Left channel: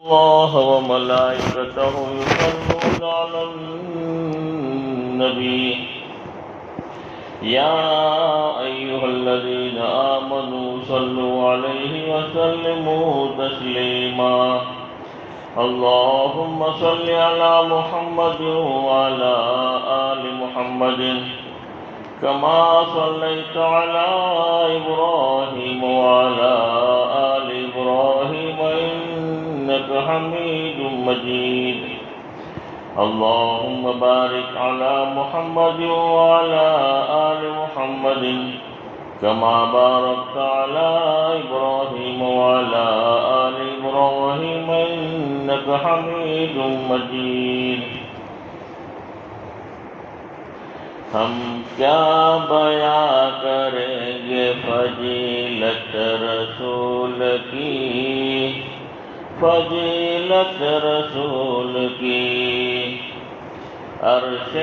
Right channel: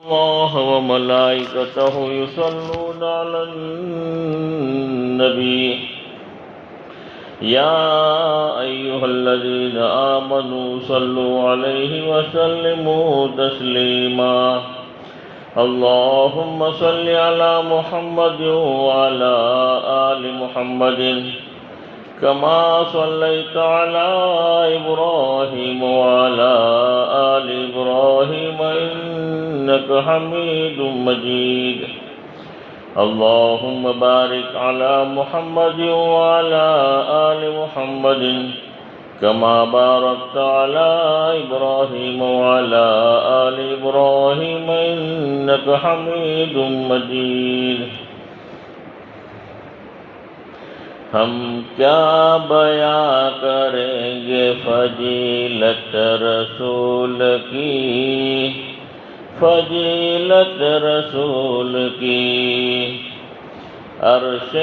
الله وملائكته يصلون على النبي يا أيها الذين آمنوا صلوا عليه وسلموا تسليما اللهم صل على محمد وعلى آل محمد كما صليت على إبراهيم وعلى آل إبراهيم إنك حميد مجيد اللهم بارك على محمد وعلى آل محمد كما باركت على إبراهيم وعلى آل إبراهيم إنك حميد مجيد ہم کیا بیان کریں گے فضیلت رسول کی فضیلت رسول کی عرش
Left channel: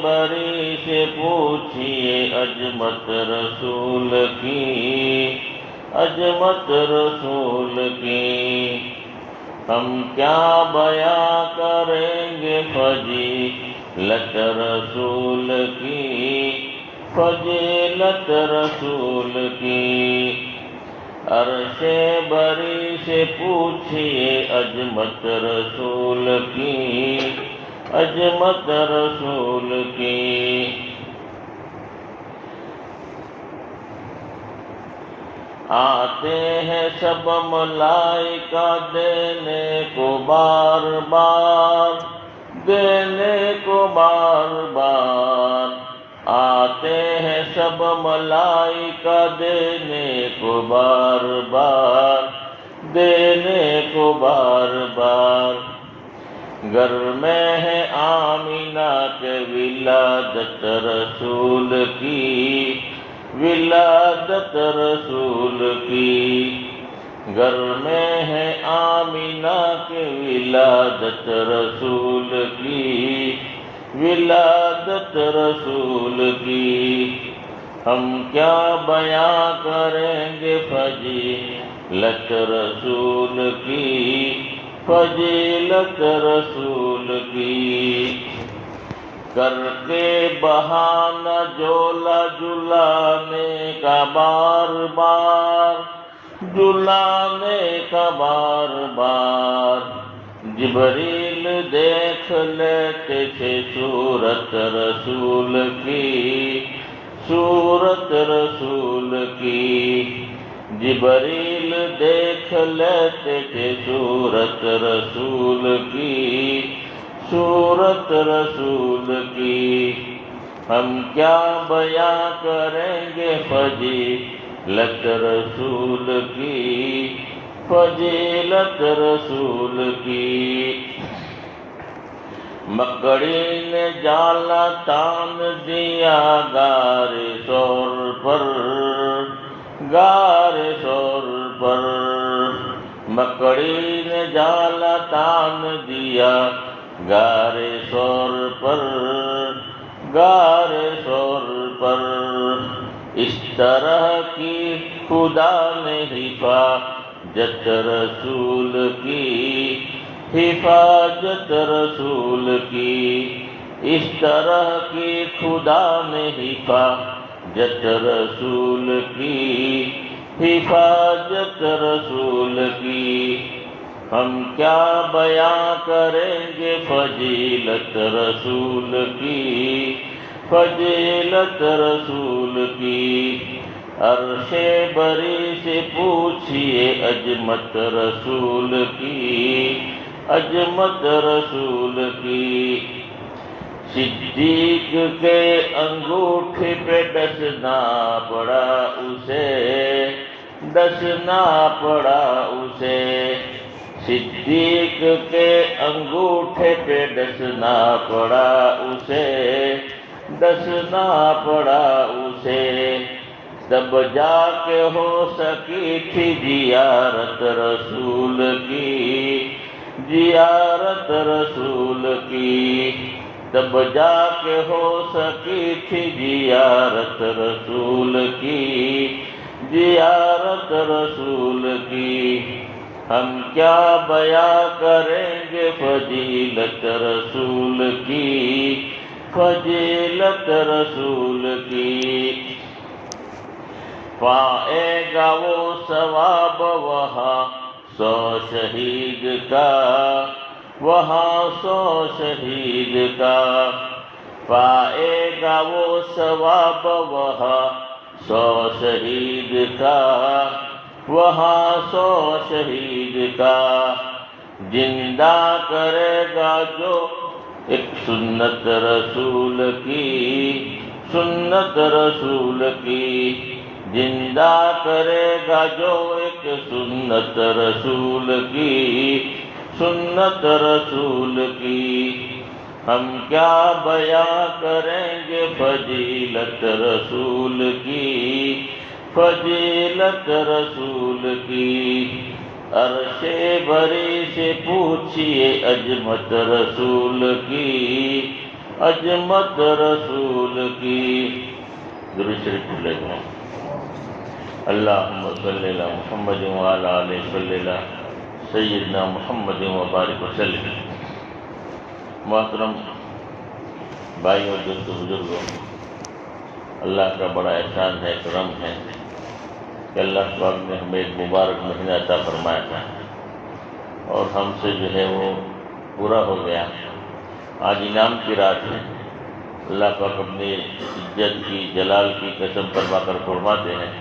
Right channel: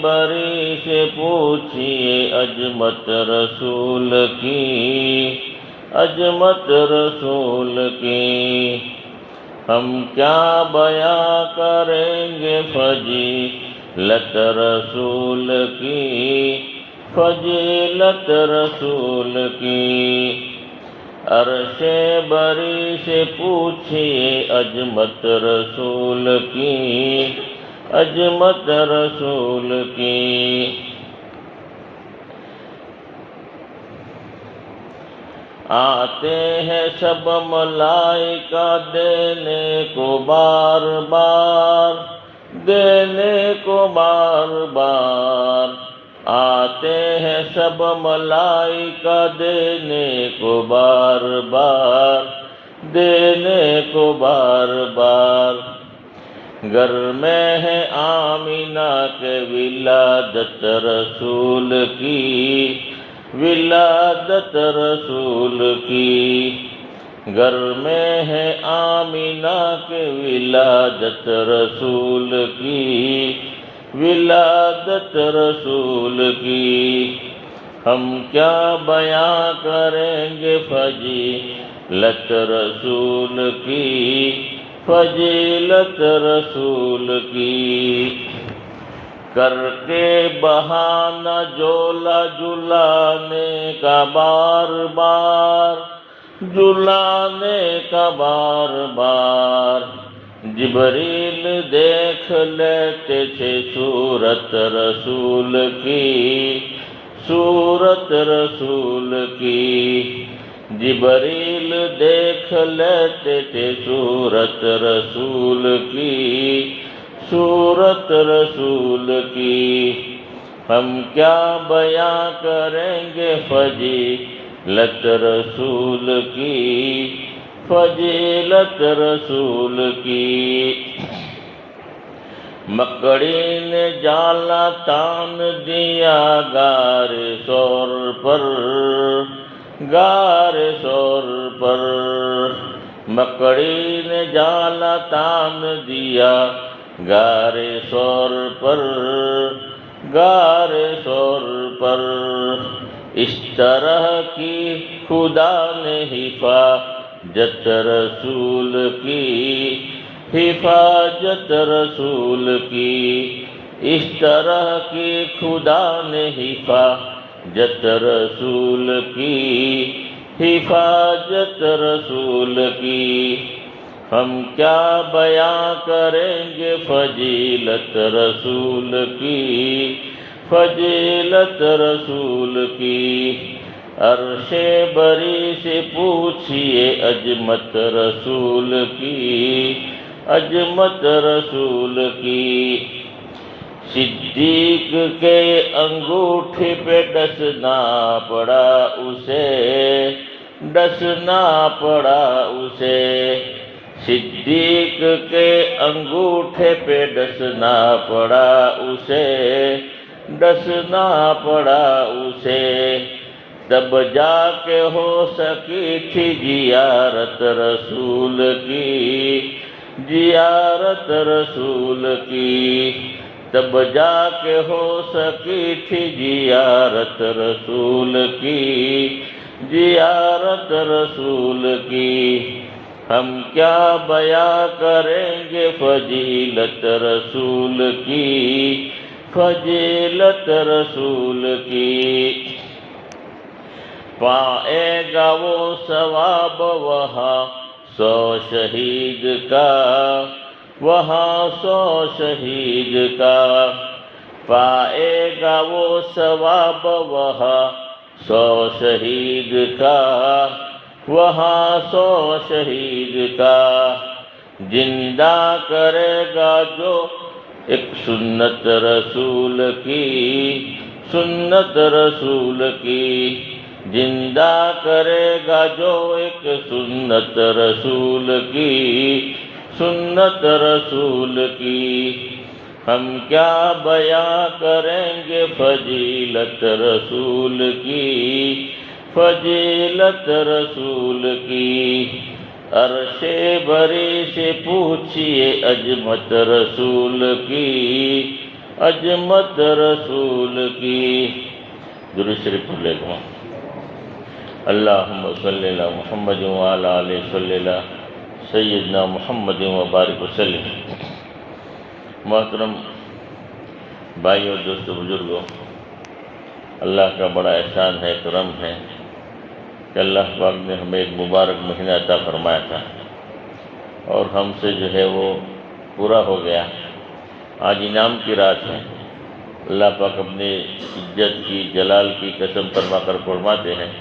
بری سے پوچھئے عظمت رسول کی عظمت رسول کی ہم کیا بیان کریں گے فضیلت رسول کی فضیلت رسول کی عرش بری سے پوچھئے عظمت رسول کی عظمت رسول کی آتے ہیں سب ملائکہ دینے کو بار بار دینے کو بار بار آتے ہیں سب ملائکہ دینے کو بار بار دینے کو بار بار گھر میں ہے آمینہ کے ولادت رسول کی ولادت رسول کی گھر میں ہے آمینہ کے ولادت رسول کی ولادت رسول کی ہم کیا بیان کریں گے فضیلت رسول کی فضیلت رسول کی کر کے بہانہ جولا جلانے کا بار بار جلانے کا بار بار جبریل دیکھ لیتے تھے صورت رسول کی صورت رسول کی جبریل دیکھ لیتے تھے صورت رسول کی صورت رسول کی ہم کیا بیان کریں گے فضیلت رسول کی فضیلت رسول کی مکڑی نے جالا تان دیا غار ثور پر غار ثور پر مکڑی نے جالا تان دیا غار ثور پر غار ثور پر اس طرح کی خدا نے حفاظت رسول کی حفاظت رسول کی اس طرح کی خدا نے حفاظت رسول کی حفاظت رسول کی ہم کیا بیان کریں گے فضیلت رسول کی فضیلت رسول کی عرش بری سے پوچھئے عظمت رسول کی عظمت رسول کی صدیق کے انگوٹھے پہ ڈسنا پڑا اسے ڈسنا پڑا اسے صدیق کے انگوٹھے پہ ڈسنا پڑا اسے ڈسنا پڑا اسے تب جا کے ہو سکی تھی زیارت رسول کی زیارت رسول کی تب جا کے ہو سکی تھی زیارت رسول کی زیارت رسول کی ہم کیا بیاں کریں گے فضیلت رسول کی، فضیلت رسول کی۔ پائے گا وہ ثواب وہاں 100 شہید کا، وہاں 100 شہید کا۔ پائے گا وہ ثواب وہاں 100 شہید کا، وہاں 100 شہید کا۔ زندہ کرے گا جو ایک سنت رسول کی، سنت رسول کی۔ زندہ کرے گا جو ایک سنت رسول کی، سنت رسول کی۔ ہم کیا بیاں کریں گے فضیلت رسول کی، فضیلت رسول کی۔ عرش بری سے پوچھئے عظمت رسول کی، عظمت رسول کی۔ درود شریف پڑھ لیتا ہوں۔ اللہم صلی علی محمد وعلی آلہ صلی علی سیدنا محمد وبارک وسلم۔ محترم بھائیوں، دوستوں، بزرگوں، اللہ کا بڑا احسان ہے، کرم ہے کہ اللہ پاک نے ہمیں ایک مبارک مہینہ عطا فرمایا تھا اور ہم سے جو ہے وہ پورا ہو گیا۔ آج انعام کی رات ہے۔ اللہ پاک اپنی عزت کی، جلال کی قسم فرما کر فرماتے ہیں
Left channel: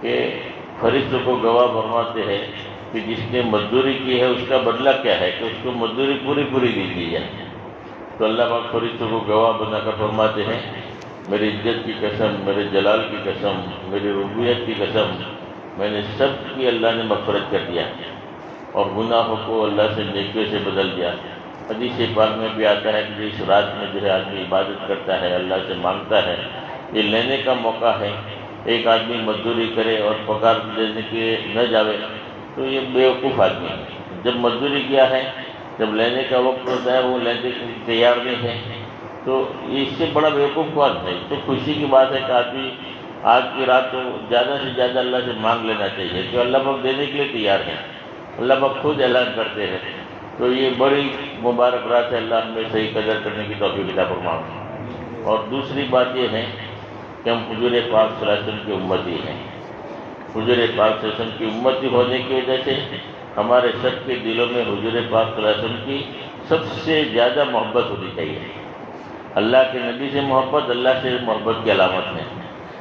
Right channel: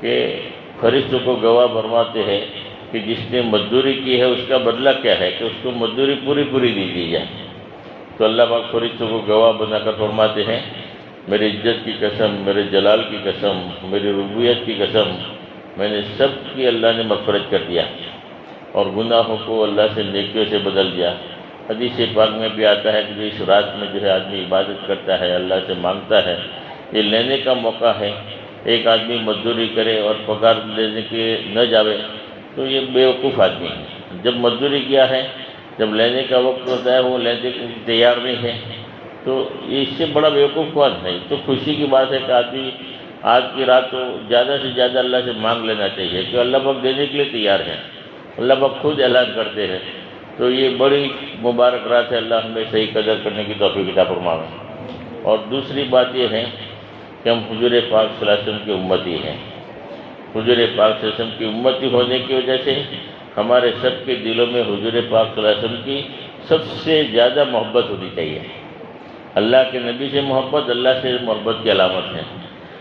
کہ فرشتوں کو گواہ فرماتے ہیں کہ جس نے مزدوری کی ہے اس کا بدلہ کیا ہے، کہ اس کو مزدوری پوری دی دی جائے۔ تو اللہ پاک فرشتوں کو گواہ بنا کر فرماتے ہیں، میری عزت کی قسم، میرے جلال کی قسم، میری ربوبیت کی قسم، میں نے سب کی اللہ نے مغفرت کر دیا اور گناہوں کو اللہ سے نیکیوں سے بدل دیا۔ حدیث پاک میں بھی آتا ہے کہ اس رات میں جو ہے آدمی عبادت کرتا ہے، اللہ سے مانگتا ہے، یہ لینے کا موقع ہے۔ ایک آدمی مزدوری کرے اور پگار لینے کے نہ جاوے تو یہ بیوقوف آدمی ہے۔ جب مزدوری کیا ہے، جب لینے کا وقت ہوتا ہے وہ لینے کے لیے تیار نہیں ہے تو اس سے بڑا بیوقوف کون ہے؟ تو خوشی کی بات ہے کہ آدمی آج کی رات تو زیادہ سے زیادہ اللہ سے مانگ لینا چاہیے کہ اللہ پاک دینے کے لیے تیار ہے۔ اللہ پاک خود اعلان کرتے ہیں۔ تو یہ بڑی مبارک رات ہے، اللہ ہمیں صحیح قدر کرنے کی توفیق عطا فرمائے۔ اور دوسری بات یہ ہے کہ ہم حضور پاک صلی اللہ علیہ وسلم کی امتی ہیں۔ حضور پاک صلی اللہ علیہ وسلم کی امتی ہونے کی وجہ سے ہمارے سب کے دلوں میں حضور پاک صلی اللہ علیہ وسلم کی سب سے زیادہ محبت ہونی چاہیے۔ اللہ کے نبی سے محبت اللہ سے محبت کی علامت ہے،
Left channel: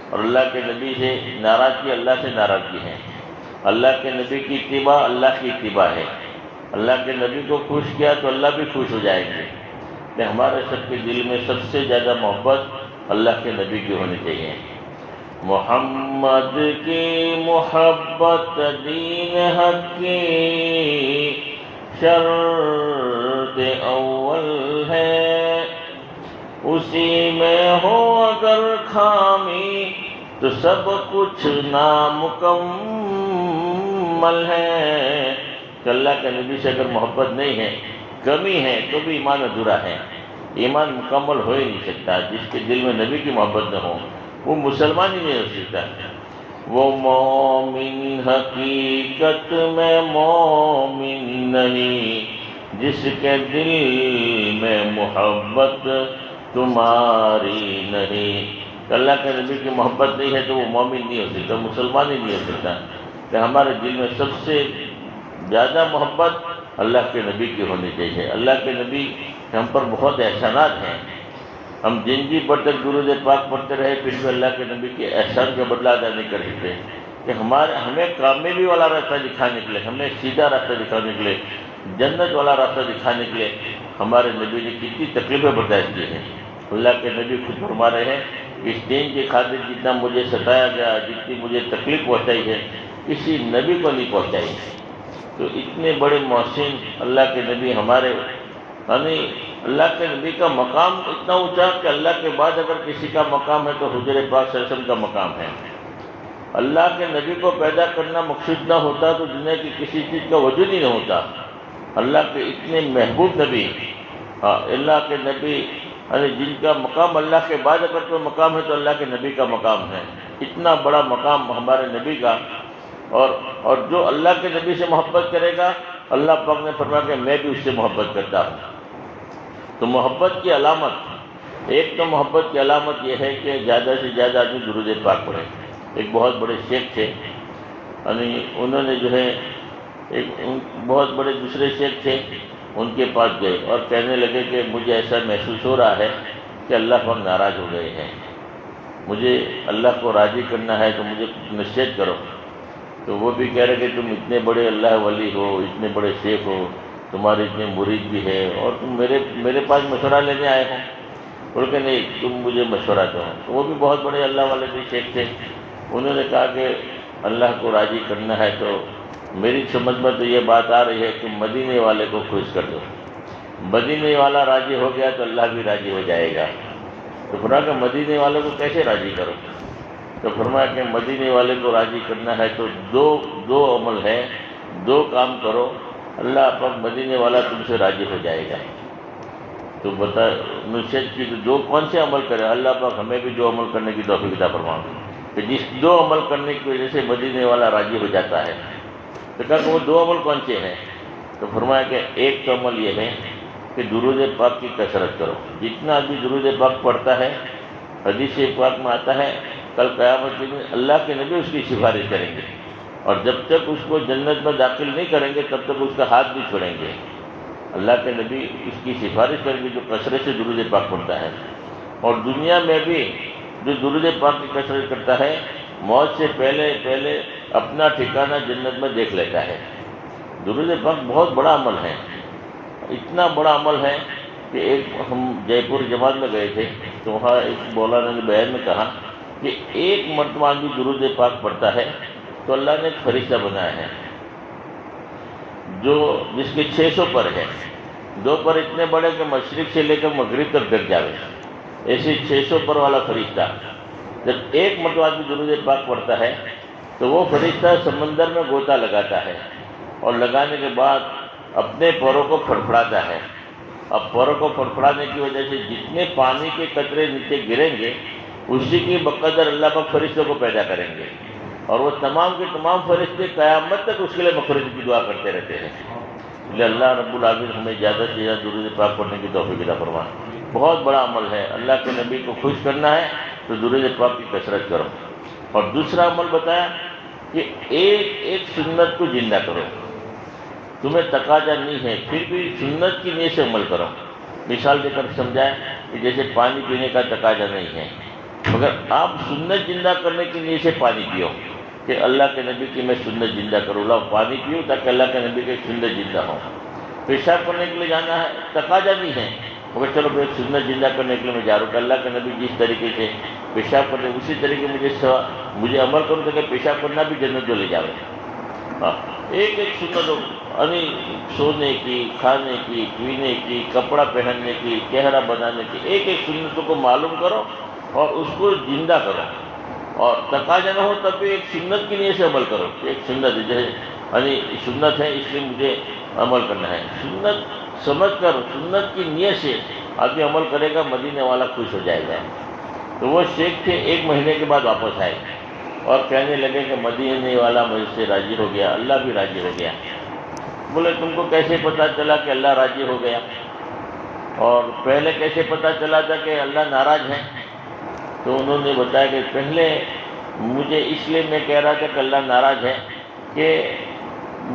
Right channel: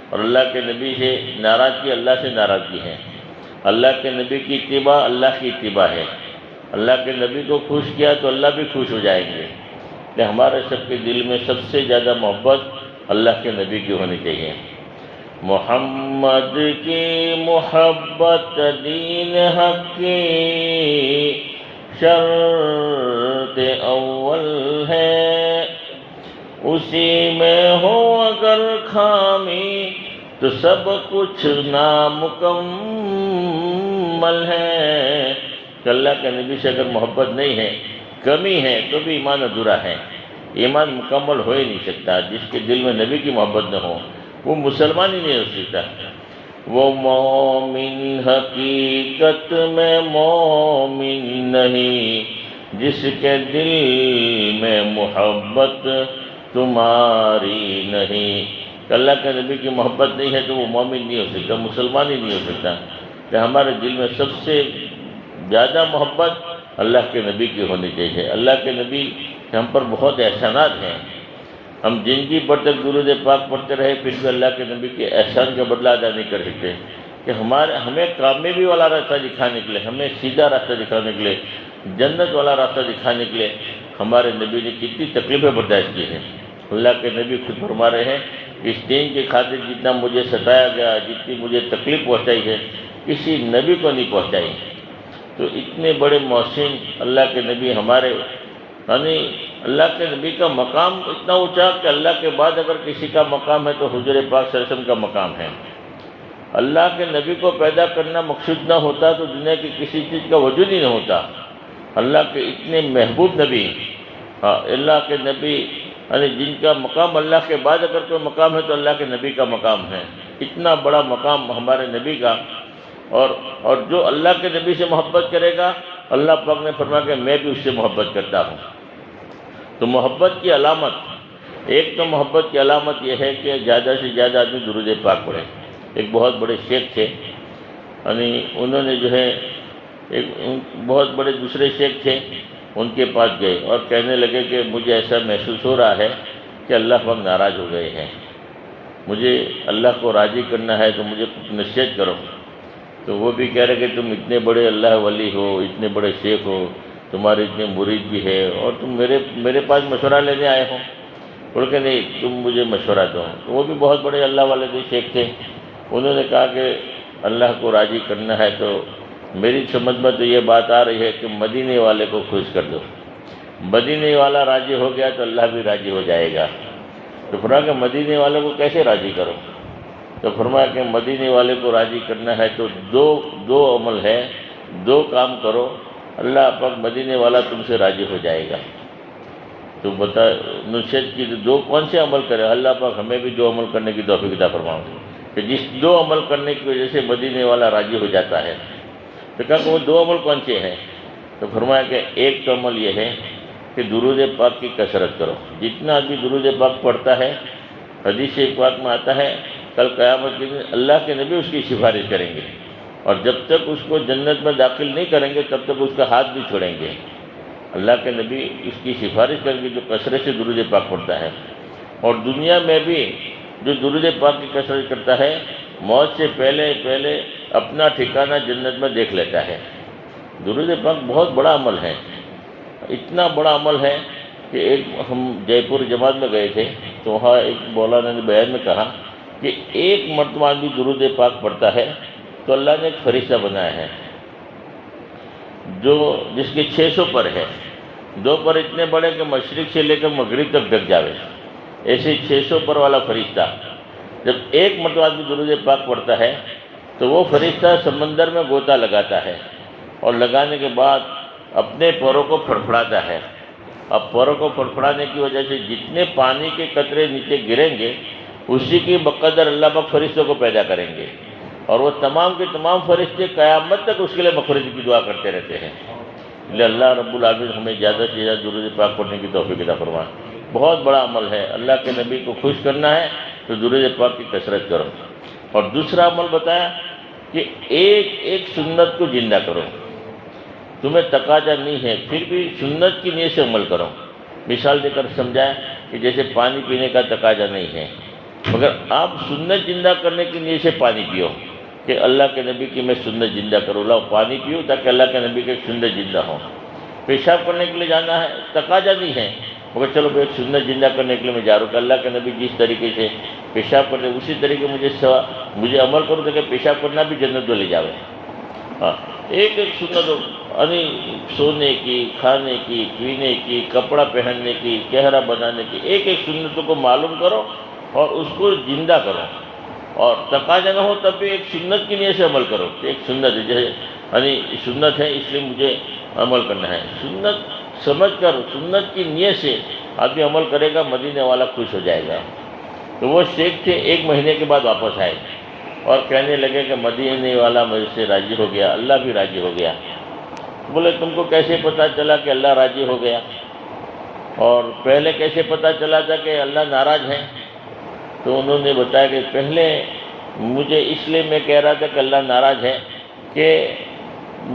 اور اللہ کے نبی سے ناراضگی اللہ سے ناراضگی ہے۔ اللہ کے نبی کی اتباع اللہ کی اتباع ہے۔ اللہ کے نبی کو خوش کیا تو اللہ بھی خوش ہو جائیں گے۔ کہ ہمارے سب کے دل میں سب سے زیادہ محبت اللہ کے نبی کی ہونی چاہیے۔ محمد کی محبت دین حق کی شرط اول ہے، اسی میں ہو اگر خامی تو سب کچھ نامکمل ہے۔ کہ اللہ کے نبی سے اگر محبت نہیں ہے، کمی ہے، تو بھی ایمان ادھورا ہے۔ ایمان مکمل ہو ہی نہیں سکتا۔ جس کے دل میں نبی کی محبت نہ ہو وہ مسلمان ہی نہیں ہو سکتا۔ وہ مومن حقیقت میں مومن نہیں، جس کے دل میں محبت تمہاری نہیں۔ اللہ کے نبی کی محبت نہیں ہے تو وہ مومن نہیں ہو سکتا، مسلمان ہی نہیں ہو سکتا۔ کہ ہمارے دل میں سب سے زیادہ محبت اللہ کے نبی کی ہونی چاہیے۔ اللہ کے نبی ہم پر بہت احسانات ہیں۔ ہم زندگی بھر تک درود پاک پڑھتے رہے پھر بھی اللہ کے نبی کے احسان کا بدلہ ادا نہیں کر سکتے۔ کہ ہمیں کامیابی والا راستہ دکھانے کے لیے، ہمیں سیدھا راستہ دکھانے کے لیے، جنت والا راستہ دکھانے کے لیے ہمارے نبی نے کتنی تکلیفیں برداشت کی ہیں۔ اللہ کے نبی خود فرما رہے ہیں، اس دین کی خاطر جتنا مجھے ستایا گیا، جتنی مجھے تکلیف پہنچائی ہے، کسی نبی کو نہیں پہنچائی۔ تو اتنے بڑے محسن اللہ کے نبی ہمارے، یعنی اللہ کے نبی کا مقام اتنا اونچا کہ اللہ کے بعد اگر کسی کا مقام ہے تو حضور پاک صلی اللہ علیہ وسلم کا مقام ہے۔ اللہ کے نبی کو پیدا کرنا مقصود نہ ہوتا تو دنیا کی کسی چیز کا وجود ہی نہ ہوتا۔ اللہ کے اتنے محبوب نبی، اللہ کے نبی، یعنی جن کا مقام اللہ کے بعد اگر کوئی مقام ہے تو اللہ کے نبی کا مقام ہے۔ اتنا بڑا مقام ہمارے نبی کا اور جو اللہ کے نبی سے محبت کرے گا اللہ پاک نے فرمایا کہ میں بھی اس سے محبت کرتا ہوں۔ تو محبت کی علامت، ایک تو محبت کی علامت یہ ہے کہ زیادہ سے زیادہ آدمی درود پاک پڑھے۔ ایک بہت بڑے شیخ تھے، یعنی انہوں نے جو ہے ایک بہت بڑے دوسرے شیخ تھے، ان کے پاس گئے اور کہنے لگے کہ مجھے ایسا محسوس ہو رہا ہے کہ اللہ پاک ناراض ہو گئے ہیں، مجھے اللہ کو راضی کرنا ہے تو مجھے کچھ نصیحت کرو۔ تو وہ بھی کہہ رہے کہ تم اتنے بڑے اللہ ولی ہو، اتنے بڑے شیخ ہو، تمہارے اتنے مرید بھی ہے اور تم میرے پاس مشورہ لینے آئے ہو؟ بول کہ نہیں، تم مجھے مشورہ دو۔ تو وہ بھی بہت بڑے اللہ والے تھے، شیخ تھے، انہوں نے کہا کہ اللہ کو راضی کرنا ہے تو میری سمجھ میں تو یہ بات آ رہی ہے کہ مدینے والے کو خوش کر دو، مدینے والا راضی ہو گیا تو اللہ بھی راضی ہو جائے گا۔ تو فرمایا کہ مدینے والوں کو کیسے راضی کرو؟ تو فرمایا کہ مدینے والے کو راضی کرنا ہے تو دو عمل ہے، دو کام کرو، اللہ پاک مدینے والا تم سے راضی ہو جائے گا۔ تو بتا نصیحت کی تو دو کون سے عمل کرے؟ اللہ پاک ہمیں بھی دو عمل کرنے کی توفیق عطا فرمائے کہ جس دو عمل کرنے کی وجہ سے مدینے والا راضی ہو جاتا ہے۔ تو کہا کہ وہ دو عمل کون سے ہیں؟ تو فرمایا کہ ایک تو عمل یہ ہے کہ درود پاک کی کثرت کرو۔ جتنا آدمی درود پاک پڑھتا ہے، حدیث پاک میں آتا ہے کل قیامت کے دن اللہ کے نبی اس کی سفارش کریں گے، اور جب تک اس کو جنت میں داخل نہیں کریں گے تب تک اس کا ہاتھ بھی چھوڑیں گے۔ اللہ کے نبی اس کی سفارش کریں گے جو کثرت سے درود پاک پڑھتا ہے۔ اور دنیا میں بھی جو درود پاک کی کثرت کرتا ہے، موت سے پہلے اپنا ٹھکانہ جنت میں دیکھ لیتا ہے۔ درود پاک بہت بڑا عمل ہے، اتنا بڑا عمل ہے کہ ایک ہم جے پور جماعت میں گئے تھے تو وہاں ایک مولانا نے بیان میں کہا کہ ایک مرتبہ آدمی درود پاک پڑھتا ہے تو اللہ نے ایک فرشتہ بنایا ہے جو جس کے 600 پر ہے، 2 پر اتنے بڑے کہ مشرق سے لے کر مغرب تک ڈھک جاوے، ایسے 600 پر والا فرشتہ جب ایک مرتبہ آدمی درود پاک پڑھتا ہے تو وہ فرشتہ سمندر میں غوطہ لگاتا ہے، اور لگانے کے بعد اپنے پوروں کو پھڑپھڑاتا ہے۔ اب پوروں کو پھڑپھڑانے کی وجہ سے جتنے پانی کے قطرے نیچے گریں گے اسی کی بقدر اللہ پاک فرشتوں کو پیدا کریں گے، اور وہ تمام کے تمام فرشتے قیامت تک اس کے لیے مغفرت کی دعا کرتے رہتے ہیں۔ لہذا اللہ رب العالمین ہمیں زیادہ سے زیادہ درود پاک پڑھنے کی توفیق عطا فرمائے۔ بہت بڑا عمل ہے، اللہ کے نبی کو خوش کرنا ہے تو درود پاک کی کثرت کرو۔ اور دوسرا عمل بتایا کہ ایک سنت کو زندہ کرو۔ تمہیں تقاضا نہیں ہے پھر بھی سنت کی نیت سے عمل کرو۔ مثال دے کر سمجھائیں کہ جیسے پانی پینے کا تقاضا نہیں ہے، مگر آپ سنت زندہ کرنے کی نیت سے پانی پیو کہ اللہ کے نبی کی میں سنت زندہ کروں، لاؤ پانی پیو تاکہ اللہ کے نبی کی سنت زندہ ہو۔ پیشاب کرنے کے لیے جانا ہے، تقاضا نہیں ہے، مگر چلو ایک سنت زندہ کرنے کے لیے میں جا رہا ہوں کہ اللہ کے نبی جس طریقے سے پیشاب کرتے اسی طریقے مجھے عمل کروں تاکہ پیشاب کرنا بھی جنت جو لے جاؤ۔ ہاں، ایک سنت یعنی سونے کی، کھانے کی، پینے کی، کپڑا پہننے کی، چہرہ بنانے کی، ایک سنتوں کو معلوم کرو اور اس کو زندہ کرو، اور تقاضا نہ ہو تب بھی ایک سنت کی نیت سے عمل کرو۔ ایک سنت ہے جیسے یعنی سنت ہے اس لیے مجھے عمل کرنا ہے، سنت سمجھ کر سنت کی نیت سے آدمی عمل کرے گا، مدینے والا خوش ہو جائے گا۔ تو وہ شیخ تھے، 1 مہینے کے بعد واپس آئے اور کہنے لگے کہ مدینے والا مجھ سے راضی ہو گیا، اللہ بھی راضی ہو گیا۔ بولے تم کو کیسے پتہ چلا کہ اللہ راضی ہو گیا، اور پہلے کیسے پتہ چلا تھا کہ اللہ ناراض ہے؟ تو انہوں نے بتایا کہ پہلے مجھے اس لیے میں کہہ رہا تھا کہ اللہ ناراض ہے کہ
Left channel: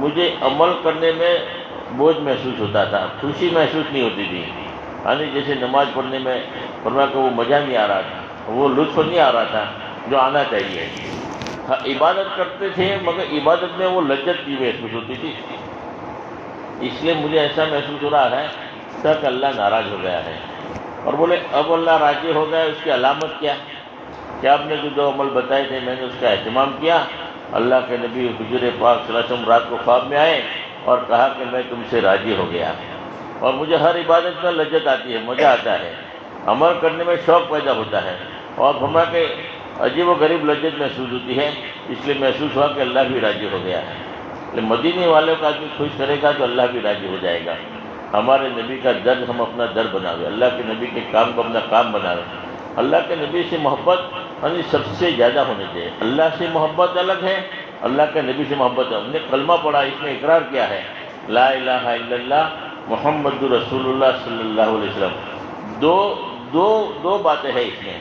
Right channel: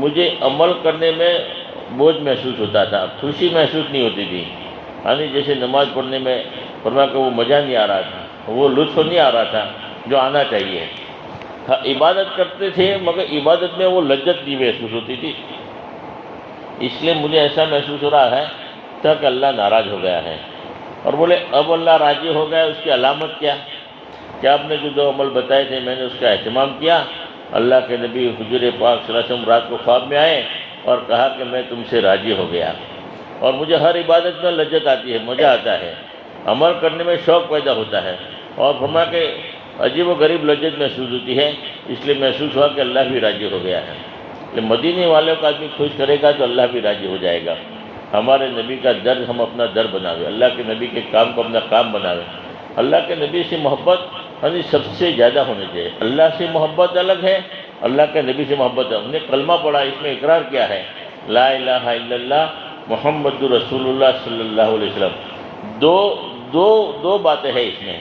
مجھے عمل کرنے میں بوجھ محسوس ہوتا تھا، خوشی محسوس نہیں ہوتی تھی، یعنی جیسے نماز پڑھنے میں فرمایا کہ وہ مزہ نہیں آ رہا تھا، وہ لطف نہیں آ رہا تھا جو آنا چاہیے۔ ہاں، عبادت کرتے تھے مگر عبادت میں وہ لذت نہیں محسوس ہوتی تھی، اس لیے مجھے ایسا محسوس ہو رہا ہے کہ اللہ ناراض ہو گیا ہے۔ اور بولے اب اللہ راضی ہو گیا، اس کی علامت کیا؟ کہ آپ نے جو 2 عمل بتائے تھے میں نے اس کا اہتمام کیا۔ اللہ کے نبی حضور پاک صلی اللہ علیہ وسلم رات کو خواب میں آئے اور کہا کہ میں تم سے راضی ہو گیا، اور مجھے ہر عبادت میں لذت آتی ہے، مزہ آتا ہے، عمل کرنے میں شوق پیدا ہوتا ہے، اور فرمایا کہ عجیب و غریب لذت محسوس ہوتی ہے، اس لیے محسوس ہوا کہ اللہ بھی راضی ہو گیا ہے۔ مدینے والوں کا آدمی خوش کرے گا تو اللہ بھی راضی ہو جائے گا۔ ہمارے نبی کا درد ہم اپنا درد بناوے، اللہ کے نبی کے کام کو اپنا کام بناوے۔ اللہ کے نبی سے محبت یعنی سب سے زیادہ ہونی چاہیے۔ اللہ سے محبت الگ ہے، اللہ کے نبی سے محبت ہے. ہم نے کلمہ پڑھا، اس میں اقرار کیا ہے لا الہ الا اللہ محمد رسول اللہ صلی اللہ علیہ وسلم. دو باتیں ہیں اس میں.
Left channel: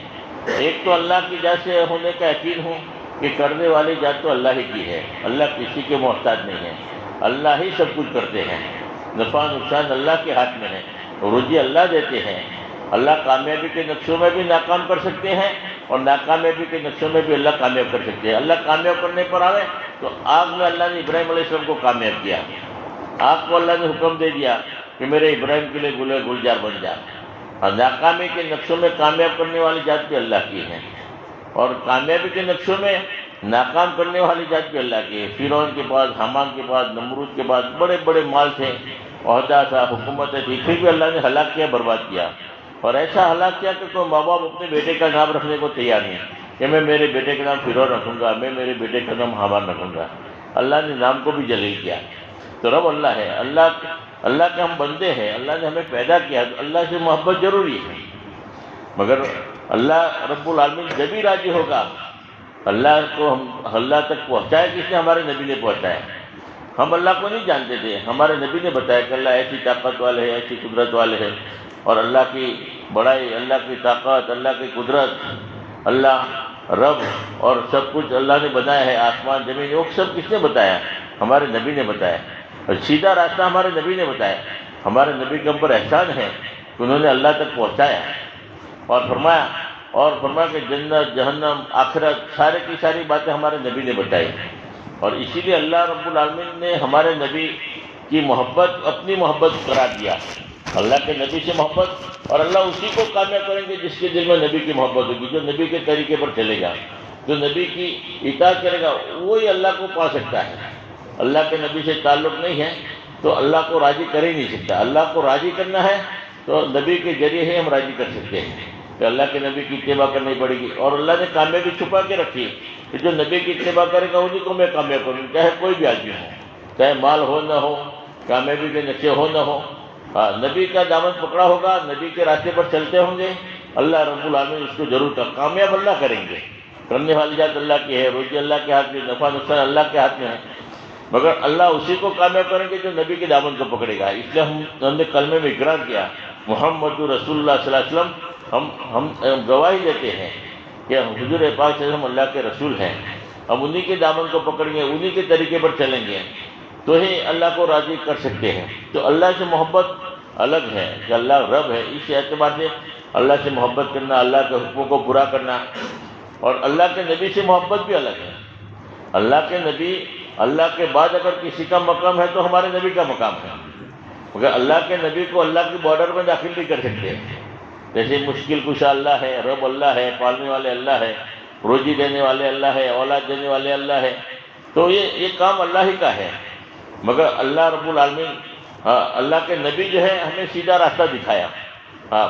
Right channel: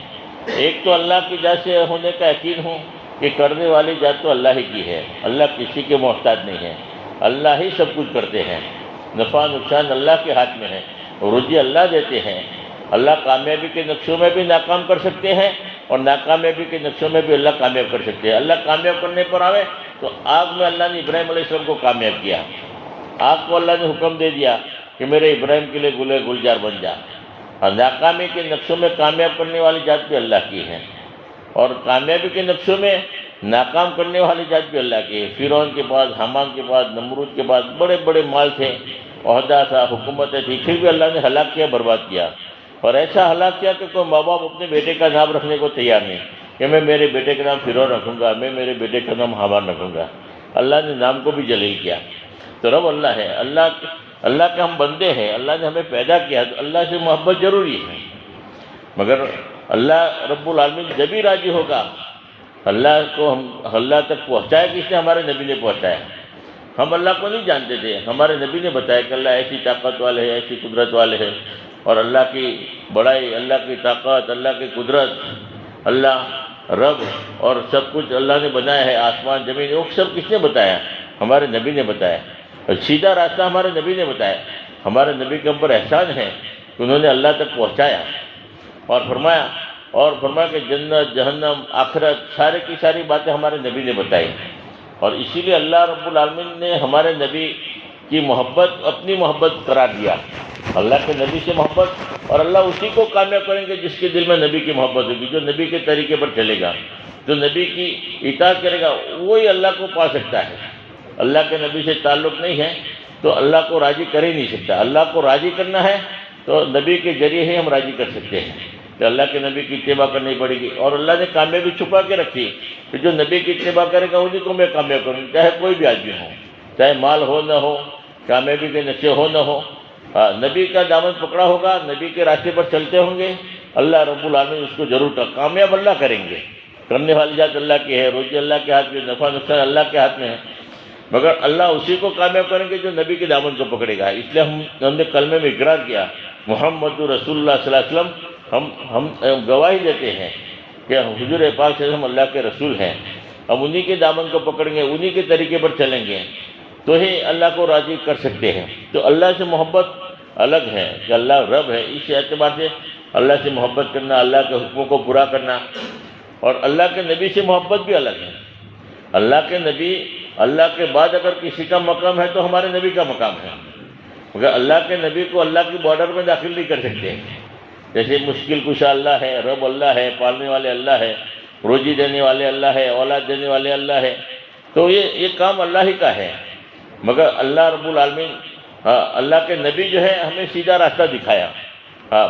ایک تو اللہ کی ذات سے ہونے کا یقین ہوں کہ کرنے والی ذات تو اللہ ہی کی ہے، اللہ کسی کے محتاج نہیں ہے، اللہ ہی سب کچھ کرتے ہیں، نفع نقصان اللہ کے ہاتھ میں ہے، روزی اللہ دیتے ہیں. اللہ کامیابی کے نقشوں میں بھی ناکام کر سکتے ہیں اور ناکامیابی کے نقشوں میں بھی اللہ کامیاب کر سکتے ہیں. اللہ کامیاب کرنے پر آوے تو آگ میں اللہ نے ابراہیم علیہ السلام کو کامیاب کیا. آگ کو اللہ نے حکم دے دیا کہ میرے ابراہیم کے لیے گلے گلزار بن جا. اور ناکامی کے نقشوں میں کامیاب کرنے والی ذات بھی اللہ کی ہے اور کامیابی کے نقشوں میں ناکام کرنے والی ذات بھی اللہ کی ہے. فرعون کے پاس، حامان کے پاس، نمرود کے پاس بڑے بڑے مال تھے، عہدہ تھا، حکومتیں تھی، پھر بھی اللہ نے ہلاک کیا، برباد کیا. اور ایسا ہلاک کیا کہ کوئی ماں باپ اپنے بیٹے کا نام رکھنے کو تیار نہیں کہ میں میرے بیٹے کا نام فرعون رکھوں گا، میں میرے بیٹے کا نام حامان رکھوں گا. اللہ نے نام کو بھی جلیل کیا. تو رب اللہ ہے، اللہ کے ہم بندے ہیں، اللہ نے ہمیں پیدا کیا، تو اللہ سے محبت ضروری ہے. مگر اللہ رب العالمین جب ہی راضی ہوگا. اللہ کو ہم اللہ تک پہنچایا کس نے؟ ہمارے نبی نے پہنچایا. ہم اللہ کو نہیں جانتے تھے، ہمارے نبی نے بتایا کہ اللہ ایسی طاقت والے ہیں، ایسی قدرت والے ہیں. اور اللہ کی بڑائی، اللہ کی طاقت، اللہ کی قدرت، اللہ رب اور سب کچھ اللہ نے بنایا ہے، آسمان زمین، وہ سب کس نے بتایا؟ ہمارے نبی نے بتایا. اور سیدھا راستہ ہمارے نبی نے بتایا. ہمارے نبی کے اوپر احسان ہے کہ انہوں نے اللہ تک پہنچایا اور فرمایا کہ جنت، جہنم، آخرت، سارے کی ساری باتیں ہمارے نبی نے بتائی. اور اسی لیے اللہ رب العالمین نے ہمارے نبی کی محبت اپنی محبت قرار دیا. اللہ کے نبی سے محبت، اور اللہ اسی کو کامیاب کریں گے جس کے دل میں نبی کی محبت ہوگی. جو نبی کے طریقے پر چلے گا، جو نبی کی اطاعت کرے گا، وہی اللہ کو پا سکتا ہے. اللہ کے نبی سے تعلق نہیں ہے تو اللہ کو راضی کر ہی نہیں سکتا. اللہ کو راضی کرنا ہے تو نبی کے ذریعے ہی ہم راضی کر سکتے ہیں کہ اللہ کے نبی کی اتباع کرنی پڑے گی. اور اللہ نے کامیابی چھپا کے رکھی کہ جو نبی کی اتباع کرے گا انہیں کو میں کامیاب کروں، چاہے کوئی بھی آدمی ہو، چاہے مال ہو نہ ہو، کامیابی کے نقشے ہو نہ ہو. نبی کا دامن پکڑا ہوگا، نبی کے راستے پر چلتے ہوں گے، اللہ رب العالمین اس کو ضرور کامیاب اللہ کریں گے. کرنے والی ذات اللہ کی ہے، روزی اللہ کے ہاتھ میں، نفع نقصان اللہ کے ہاتھ میں ہے. مگر اللہ اسی کو کامیاب کریں گے جو نبی کے دامن کو پکڑے گا. اس لیے ہم نے کلمے میں اقرار کیا محمد رسول اللہ صلی اللہ علیہ وسلم. ہم گواہی دیتے ہیں کہ حضور پاک صلی اللہ علیہ وسلم اللہ کے رسول ہیں. ہم انہی کے دامن کو پکڑیں گے، انہی کے طریقے پر چلیں گے تو ہی اللہ کو راضی کر سکتے ہیں. تو اللہ سے محبت الگ ہے کہ اللہ رب ہے. اس اعتبار سے اللہ سے محبت کرنا، اللہ کے حکموں کو پورا کرنا. اور اللہ کے نبی سے محبت بھی الگ ہے. اللہ کے نبی، اللہ کے بعد اگر کسی کا مقام ہے تو ہمارے نبی کا مقام ہے. مگر اللہ کے نبی کو اللہ کی بارڈر میں داخل نہیں کر سکتے. جیسے مشکل کشا اللہ ہے، رب اللہ ہے، پالنے والے اللہ ہے، روزی دینے والے اللہ ہے، اولاد دینے والے اللہ ہے. تو یہ کام اللہ ہی کا ہے. مگر اللہ رب العالمین، اللہ کے نبی جو ہے ہمیں سیدھا راستہ دکھایا،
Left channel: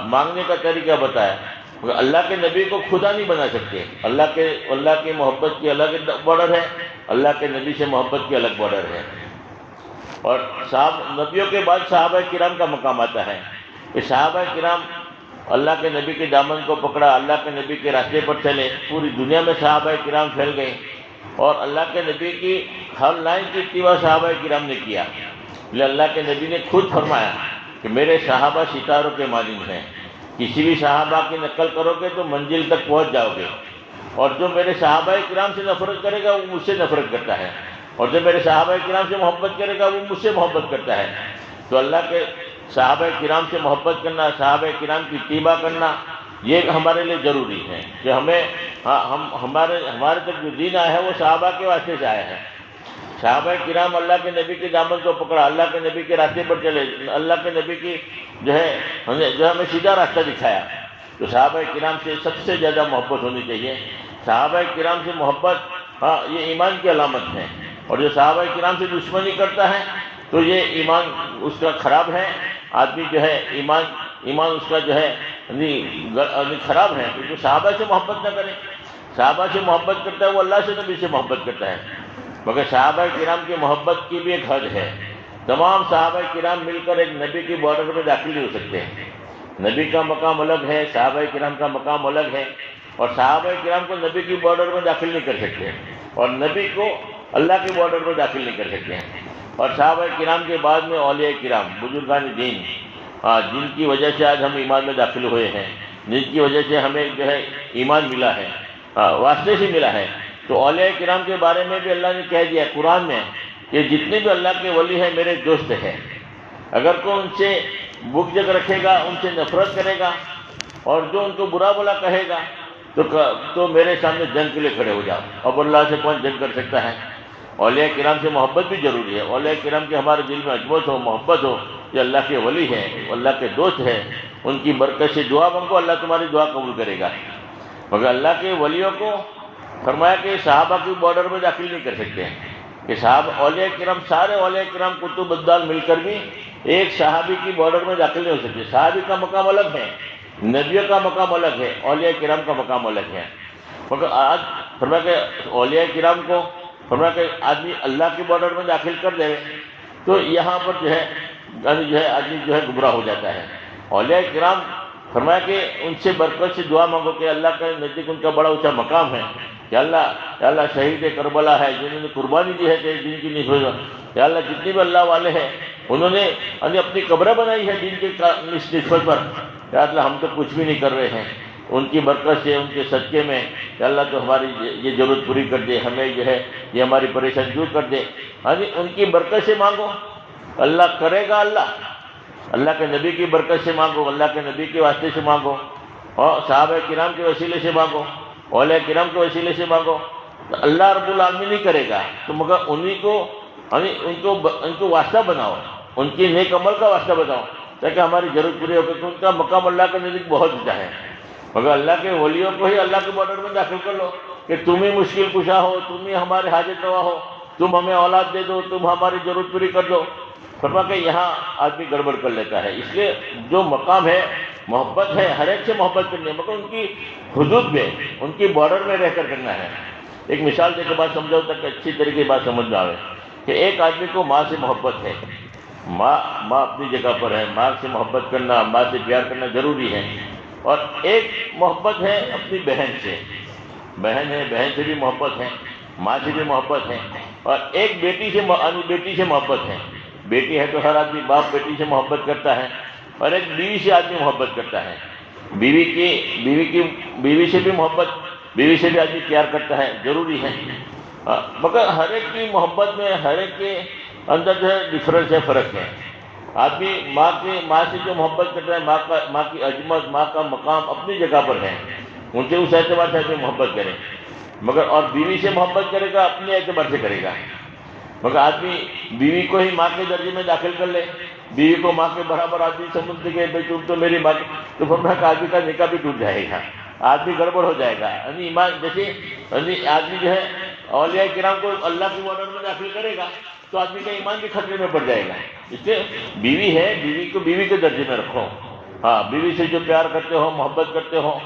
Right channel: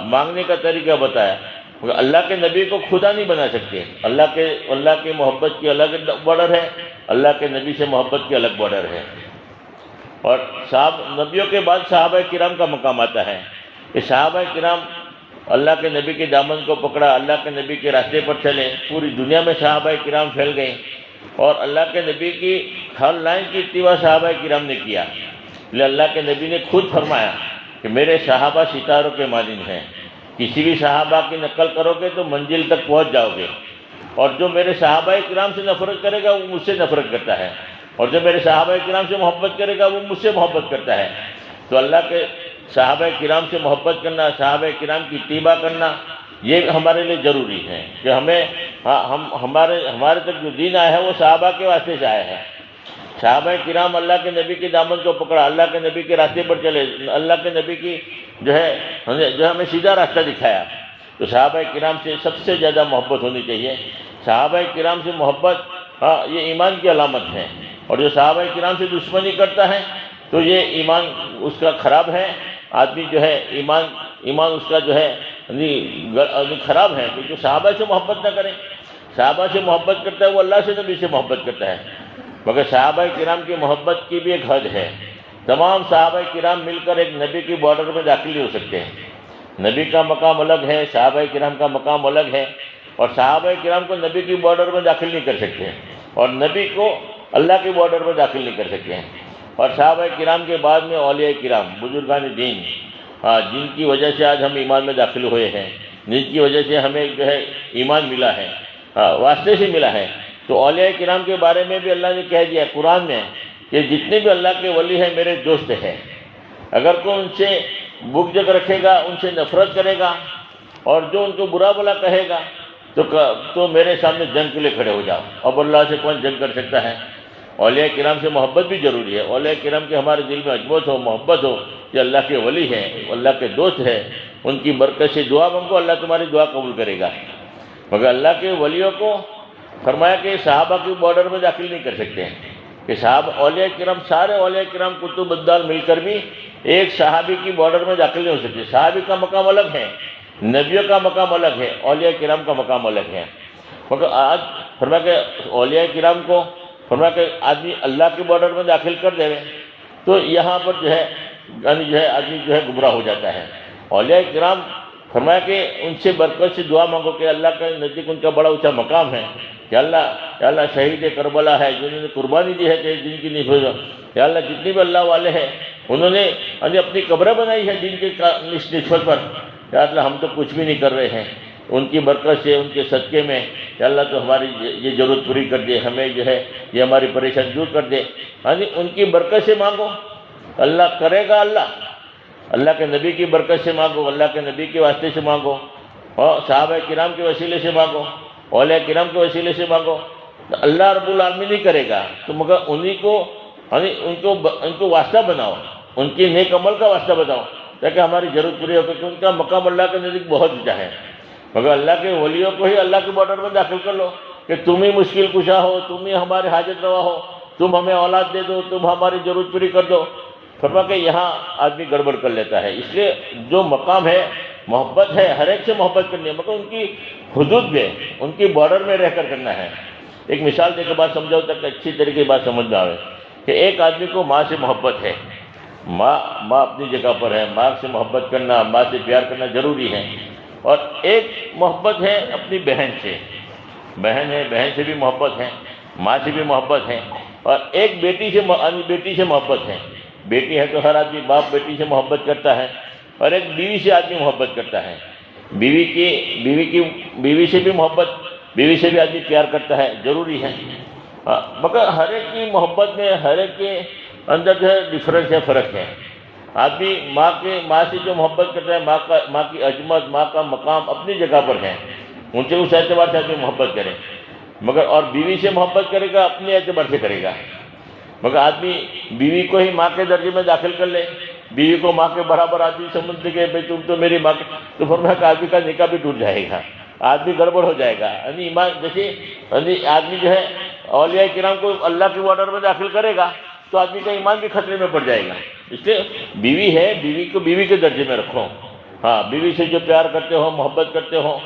مانگنے کا طریقہ بتایا. مگر اللہ کے نبی کو خدا نہیں بنا سکتے. اللہ کی محبت کی الگ بارڈر ہے، اللہ کے نبی سے محبت کی الگ بارڈر ہے. اور نبیوں کے بعد صحابہ کرام کا مقام آتا ہے کہ صحابہ کرام اللہ کے نبی کے دامن کو پکڑا، اللہ کے نبی کے راستے پر چلے. پوری دنیا میں صحابہ کرام پھیل گئے اور اللہ کے نبی کی ہر لائن کی اتباع صحابہ کرام نے کیا. اللہ کے نبی نے خود فرمایا کہ میرے صحابہ ستاروں کے مانند ہیں. کسی بھی صحابہ کی نقل کرو گے تو منزل تک پہنچ جاؤ گے. اور جو میرے صحابہ کرام سے نفرت کرے گا وہ مجھ سے نفرت کرتا ہے، اور جو میرے صحابہ کرام سے محبت کرے گا وہ مجھ سے محبت کرتا ہے. تو اللہ کے صحابہ کرام سے محبت کرنا، صحابہ کرام کی اتباع کرنا، یہ ہمارے لیے ضروری ہے کہ ہمارے تک جو دین آیا ہے وہ صحابہ کے واسطے سے آیا ہے. صحابہ کرام اللہ کے نبی کے دامن کو پکڑا، اللہ کے نبی کے راستے پر چلے، اللہ کے نبی کی جو ہمیں سیدھا راستہ دکھایا. تو صحابہ کرام سے سب سے زیادہ محبت ہونی چاہیے. صحابہ کرام سے محبت یہ ایمان کی علامت ہے. اور جو صحابہ کرام سے دشمنی کرتا ہے تو یہ ایمان اس کا خراب ہے. آدمی جو ہے ایمان اس کا جو ہے خراب ہے. تو جو صحابہ سے محبت نہ کرے، صحابہ سے محبت کرتا ہے وہ اللہ سے نبی سے محبت کرتا ہے. مگر صحابہ کرام کی محبت کی بھی ایک حد ہے. تمام صحابہ کرام مل کر ایک نبی کی بارڈر میں داخل نہیں ہو سکتے. نبی کا مقام الگ ہے، صحابہ کرام کا مقام الگ ہے. اور صحابہ کرام کو نبی کی بارڈر میں داخل نہیں کر سکتے. اور نبی کو اللہ کے بارڈر میں داخل نہیں کر سکتے ہیں۔ اور صحابہ کرام کے بعد میں اولیاء کرام، بزرگان دین، جن کی وجہ سے آج ہم ایمان میں داخل ہوئے ہیں، جن کی وجہ سے ہمیں جو ہے ایمان ملا ہے، واسطے سے ملا ہے، تو اولیاء کرام کے بارے میں بھی اللہ نے کہہ دیا قرآن میں کہ جتنے بھی اللہ کے ولی ہیں میرے دوست ہیں۔ اگر کوئی ان سے بغض رکھے گا، ان سے نفرت کرے گا اور جو ان کو برا بلا کہے گا تو میرے سامنے جنگ کے لیے کھڑے ہو جاؤ۔ اب اللہ سے کون جنگ کر سکتا ہے؟ اولیاء کرام سے محبت بھی ضروری ہے۔ اولیاء کرام کے ہمارے دل میں عظمت ہو، محبت ہو کہ اللہ کے ولی ہیں، اللہ کے دوست ہیں، ان کی برکت سے دعا مانگو، اللہ تمہاری دعا قبول کرے گا۔ مگر اللہ کے ولیوں کو فرمایا کہ صحابہ کے بارڈر میں داخل نہیں کر سکتے ہیں، کہ صحابہ اولیاء کرام، سارے اولیاء کرام کتب ابدال مل کر بھی ایک صحابی کی بارڈر میں داخل نہیں ہو سکتے۔ صحابی کا مقام الگ ہے، نبیوں کا مقام الگ ہے، اولیاء کرام کا مقام الگ ہے۔ مگر آج فرمایا کہ اولیاء کرام کو فرمایا کہ آدمی اللہ کے بارڈر میں داخل کر دے تو یہاں پر جو ہے آدمی جو ہے گمراہ ہو جاتا ہے۔ اولیاء کرام فرمایا کہ ان سے برکت سے دعا مانگو کہ اللہ کے نزدیک ان کا بڑا اونچا مقام ہے، کہ اللہ شہید کربلا ہے جنہوں نے قربانی دی ہے کہ دین کی نسبت، یا اللہ جتنے بھی اللہ والے ہیں انہوں نے اپنی قبریں بنائی ہے دین کے نسبت پر، یا اللہ ہم تو کچھ بھی نہیں کر رہے ہیں، ان کی برکت سے، ان کے صدقے میں کہ اللہ تو ہماری یہ ضرورت پوری کر دے، ہمیں جو ہے یہ ہماری پریشانی دور کر دے۔ ان کی برکت سے مانگو، اللہ کرے گا۔ اللہ کے نبی کی برکت سے مانگو، اللہ کے نبی کے واسطے سے مانگو، اور صحابہ کرام کے وسیلے سے مانگو، اولیاء کرام کے وسیلے سے مانگو، تو اللہ رب العالمین نہیں کرے گا۔ تو مگر انہی کو ان کو واسطہ بناؤ، ان کی نیک عمل کا واسطہ بناؤ تاکہ ہماری ضرورت پوری ہو، کیونکہ ان کا مقام اللہ کے نزدیک بہت اونچا ہے۔ مگر اللہ کے ولیوں کو ہی اللہ کے بارڈر میں داخل کر لو کہ تم ہی مشکل کشا ہو، تم ہی ہمارے حاجت روا ہو، تم ہمیں اولاد دے دو، تم ہماری ضرورت پوری کر دو۔ فرما کہ یہاں آدمی گڑبڑ کر لیتا ہے۔ اس لیے جو مقام ہے، محبت ہے، ہر ایک سے محبت کرنی ہے، مگر ان کی حدود میں، ان کی بارڈر میں رہ کر کرنا ہے۔ ایک مثال دے کے بات سمجھاؤ تک اچھی طریقے کی بات سمجھ میں آئے کہ ایک آدمی کو ماں سے محبت ہے، ماں اپنی جگہ پر ہے، ماں سے محبت کرنا، ماں سے پیار کرنا ضروری ہے، اور ایک محبت ہے اپنی بہن سے، بہن ہے، بہن سے بھی محبت ہے، ماں سے بھی محبت ہے، اور ایک بیٹی سے محبت ہے۔ بیٹی ہے تو ہر آدمی باپ بیٹی سے محبت کرتا ہے، اور ایک بیوی سے آدمی محبت کرتا ہے، بیوی سے بھی محبت، بیوی سے بھی آدمی پیار کرتا ہے، ضروری ہے۔ مگر ہر ایک کی محبت میں، ہر ایک کے اندر جو ہے ڈفرینس ہے، فرق ہے۔ آدمی ماں سے جو محبت کرتا ہے، ماں کی عظمت، ماں کا مقام اپنی جگہ پر ہے، ان سے اس اعتبار سے آدمی محبت کرے، مگر اور بیوی سے محبت کرے گا اپنے اعتبار سے کرے گا۔ مگر آدمی بیوی کو ہی ماں کے درجے میں داخل کر لے، بیوی کو ماں کے برابر آدمی سمجھ کے بھائی تم تو میری ماں کی، تو فرمایا کہ آدمی کا نکاح بھی ٹوٹ جائے گا، آدمی گڑبڑ ہو جائے گا۔ ایمان جیسے آدمی جو ہے اولیاء کرام کو اللہ کے بارڈر میں داخل کرے گا تو آدمی کا ایمان بھی خطرے میں پڑ جائے گا۔ اس لیے بیوی ہے، بیوی کو بیوی کے درجے میں رکھو۔ بیوی سے جو پیار کرتے ہو، محبت کرتے ہو،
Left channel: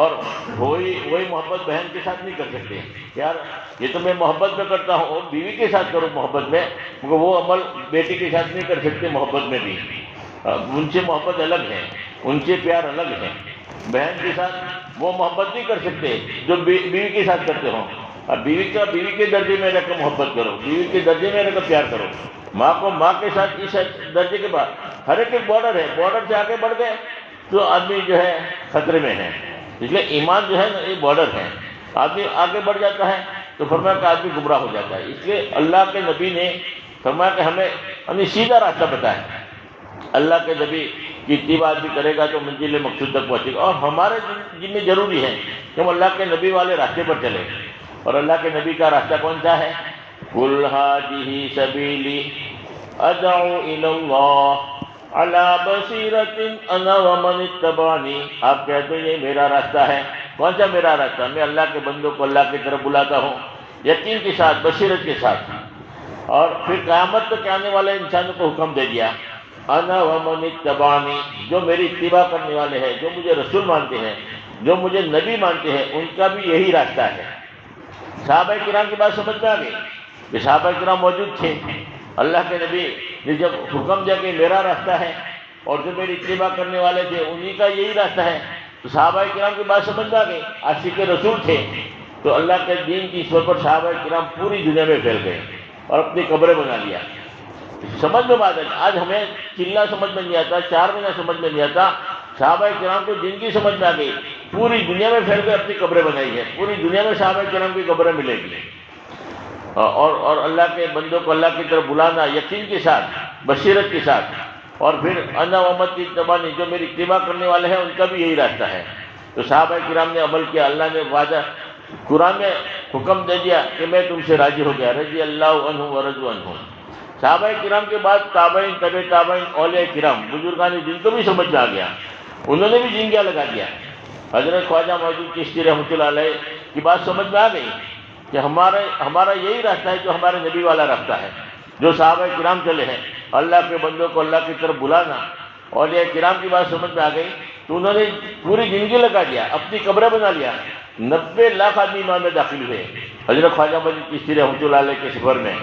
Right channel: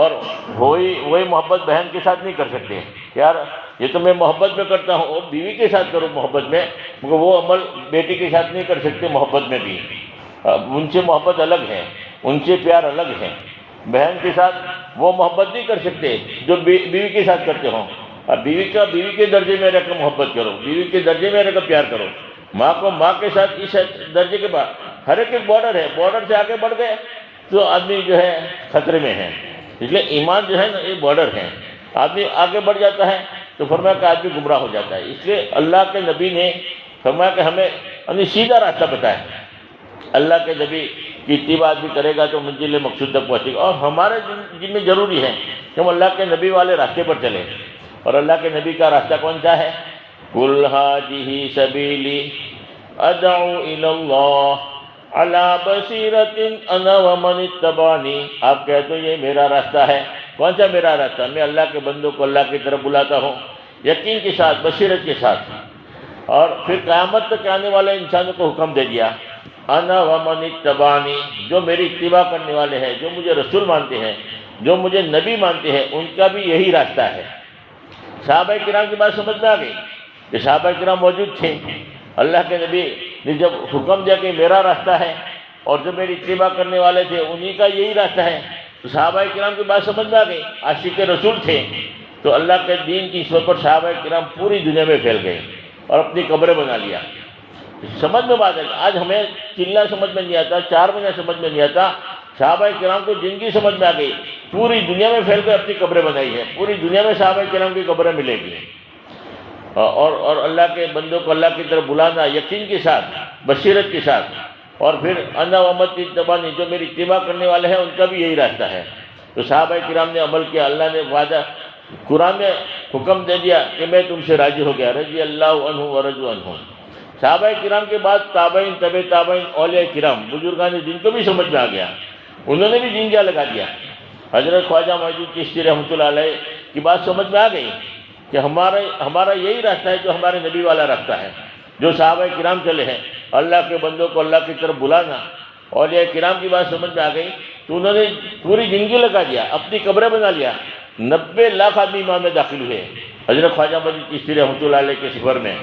اور وہی محبت بہن کے ساتھ نہیں کر سکتے۔ یار یہ تو میں محبت میں کرتا ہوں، وہ بیوی کے ساتھ کرو محبت میں، مگر وہ عمل بیٹی کے ساتھ نہیں کر سکتے محبت میں بھی۔ ان سے محبت الگ ہے، ان سے پیار الگ ہے۔ بہن کے ساتھ وہ محبت نہیں کر سکتے جو بیوی کے ساتھ کرتے ہو۔ بیوی کے درجے میں رہ کر محبت کرو، بیوی کے درجے میں رہ کر پیار کرو۔ ماں کو ماں کے ساتھ اس درجے کے بعد ہر ایک بارڈر ہے، بارڈر سے آگے بڑھ گئے تو آدمی جو ہے خطرے میں ہے۔ اس لیے ایمان جو ہے نا یہ بارڈر ہے، آدمی آگے بڑھ جاتا ہے تو فرمایا کہ آدمی گمراہ ہو جاتا ہے۔ اس لیے اللہ کے نبی نے فرمایا کہ ہمیں سیدھا راستہ بتایا۔ اللہ کے نبی کی اتباع بھی کرے گا تو منزل مقصود تک پہنچے گا، اور ہمارے ذمہ ضروری ہے کہ ہم اللہ کے نبی والے راستے پر چلیں۔ اور اللہ کے نبی کا راستہ کون سا ہے؟ قُلْ هَٰذِهِ سَبِيلِي أَدْعُو إِلَى اللَّهِ عَلَىٰ بَصِيرَةٍ أَنَا وَمَنِ اتَّبَعَنِي۔ آپ کہہ دو یہ میرا راستہ ہے۔ کون سا میرا راستہ؟ میں اللہ کے بندوں کو اللہ کی طرف بلاتا ہوں، یقین کے ساتھ، بصیرت کے ساتھ۔ اور پھر قیامت تک آنے والے انسانوں کو حکم دے دیا، انا ومن اتبعنی، جو میری اتباع کرنے والے ہیں، جو مجھے رسول مانتے ہیں، جو مجھے نبی مانتے ہیں، ان کا بھی یہی راستہ ہے۔ صحابہ کرام کی بات سمجھ میں آ گئی کہ صحابہ کرام موجود تھے، اللہ کے نبی نے جب حکم دیا کہ میرا راستہ ہے، اور جو میری اتباع کرنے والے تھے انہی کا یہی راستہ ہے، تو صحابہ کرام کی بات سمجھ میں آ گئی۔ عاشق رسول تھے، تو اللہ کے دین کی اس پر صحابہ کرام پوری دنیا میں پھیل گئے اور اپنی قبریں بنا لیا۔ سمجھ میں بات ہے، آج ہمیں چلہ سمجھ میں نہیں آتا، 4 مہینہ سمجھ میں نہیں آتا، صحابہ کرام کو جن کی سمجھ میں آ گئی، پوری دنیا میں پھیل کے اپنی قبریں بنائی ہے، پوری دنیا میں صحابہ کرام کی قبریں ملے گی۔ اور اللہ کے بندوں کو اللہ کی طرف بلانا یقین کے ساتھ، بصیرت کے ساتھ، اور پھر انا امتی اتبعنی، جو میری اتباع کرنے والے ہیں ان کا بھی یہی راستہ ہے۔ تو صحابہ کرام نے عمل کیا، اللہ نے وعدہ قرآن میں حکم دے دیا کہ میں تم سے راضی ہو گیا، رضی اللہ عنہ ورضوا عنہ۔ صحابہ کرام کے بعد تابعین، طبع تابعین، اولیاء کرام، بزرگان دین کو بھی سمجھ میں آ گیا، انہوں نے بھی جنگیا لگا دیا۔ حضرت خواجہ موجود چشتی رحمۃ اللہ علیہ کی بات سمجھ میں آ گئی کہ ہمارا یہی راستہ ہے جو ہمارے نبی والا راستہ ہے، جو صحابہ کرام چلے ہیں، اللہ کے بندوں کو اللہ کی طرف بلانا۔ اولیاء کرام کی بات سمجھ میں آ گئی تو انہوں نے پوری زندگی لگا دیا، اپنی قبریں بنا لیا۔ 90 لاکھ آدمی ایمان میں داخل ہوئے حضرت خواجہ موجود چشتی رحمۃ اللہ علیہ کے سفر میں۔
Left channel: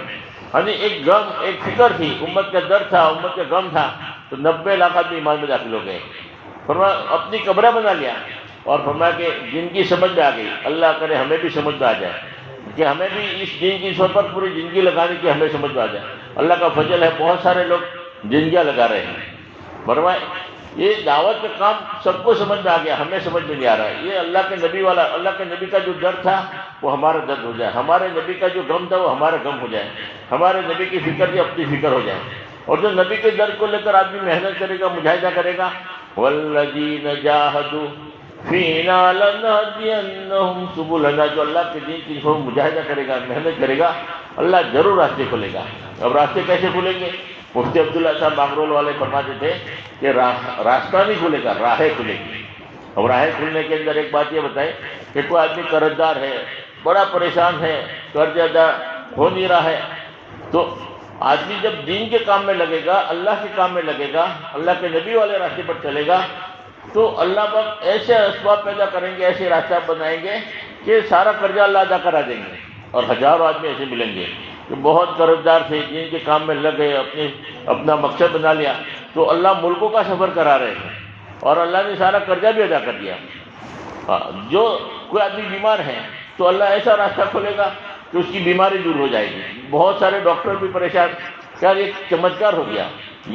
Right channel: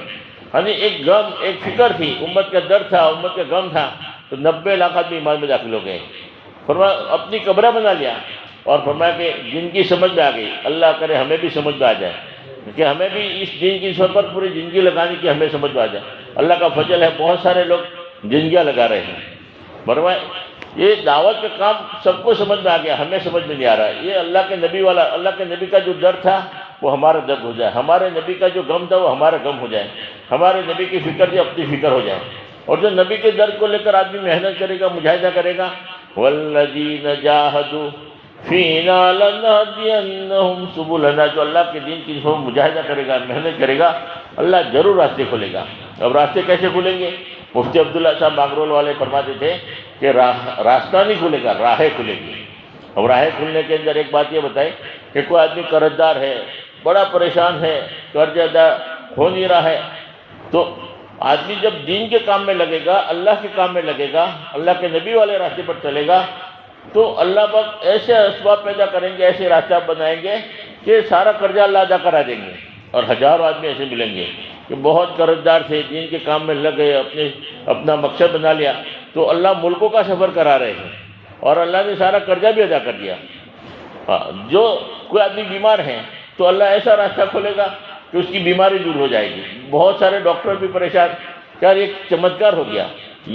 ہاں جی، ایک غم، ایک فکر تھی، امت کا درد تھا، امت کا غم تھا، تو 90 لاکھ آدمی ایمان میں داخل ہو گئے۔ فرمایا اپنی قبریں بنا لیا، اور فرمایا کہ جن کی سمجھ میں آ گئی، اللہ کرے ہمیں بھی سمجھ میں آ جائے کہ ہمیں بھی اس دین کی صورت پر پوری زندگی لگانے کی ہمیں سمجھ میں آ جائے۔ اللہ کا فضل ہے، بہت سارے لوگ زندگیاں لگا رہے ہیں۔ فرمایا یہ دعوت کا کام سب کو سمجھ میں آ گیا، ہمیں سمجھ میں نہیں آ رہا ہے۔ یہ اللہ کے نبی والا، اللہ کے نبی کا جو درد تھا وہ ہمارا درد ہو جائے، ہمارے نبی کا جو غم تھا وہ ہمارا غم ہو جائے، ہمارے نبی کی فکر جو اپنی فکر ہو جائے۔ اور جو نبی کے درد کو لے کر آدمی محنت کرے گا، مجاہدہ کرے گا، والذین جاہدوا فینا لنہدینہم سبلنا، جو اللہ کے دین کی مجاہدہ کرے گا، محنت کرے گا، اللہ ضرور راستے کھولے گا۔ اب راستے کیسے کھولیں گے؟ مفتی عبداللہ صاحب ماغرول والے فرماتے تھے کہ راستہ نہیں کھلے گا، راہیں کھلیں گی۔ اب راہیں کھلنے کے اندر ایک بات یہ بتائیں کہ کوئی آدمی قرض دار ہے، بڑا پریشان ہے، قرض ادا ہو نہیں رہا ہے، تو آدمی جب دین کے کام میں لگے گا، اللہ کے کام میں لگے گا، اللہ کے نبی والے راستے پر چلے گا، تو اللہ پاک ایسے اسباب پیدا کریں گے، ایسے راستہ بنائیں گے کہ سارا قرضہ اللہ ادا کرا دیں گے۔ اور ہزاروں آدمی ایسے ملیں گے کہ بہت قرض دار تھے، دین کے کام میں لگ گئے، اپنا مقصد بنا لیا، تو اللہ ملکوں کا سفر کرا رہے ہیں اور اللہ نے سارا قرضہ بھی ادا کر دیا۔ جو کوئی آدمی بیمار ہے تو اللہ ایسا راستہ کھولے گا کہ اس کی بیماری دور ہو جائے گی۔ بہت سارے ڈاکٹر بھی پریشان، کیا یہ چمتکار ہو گیا،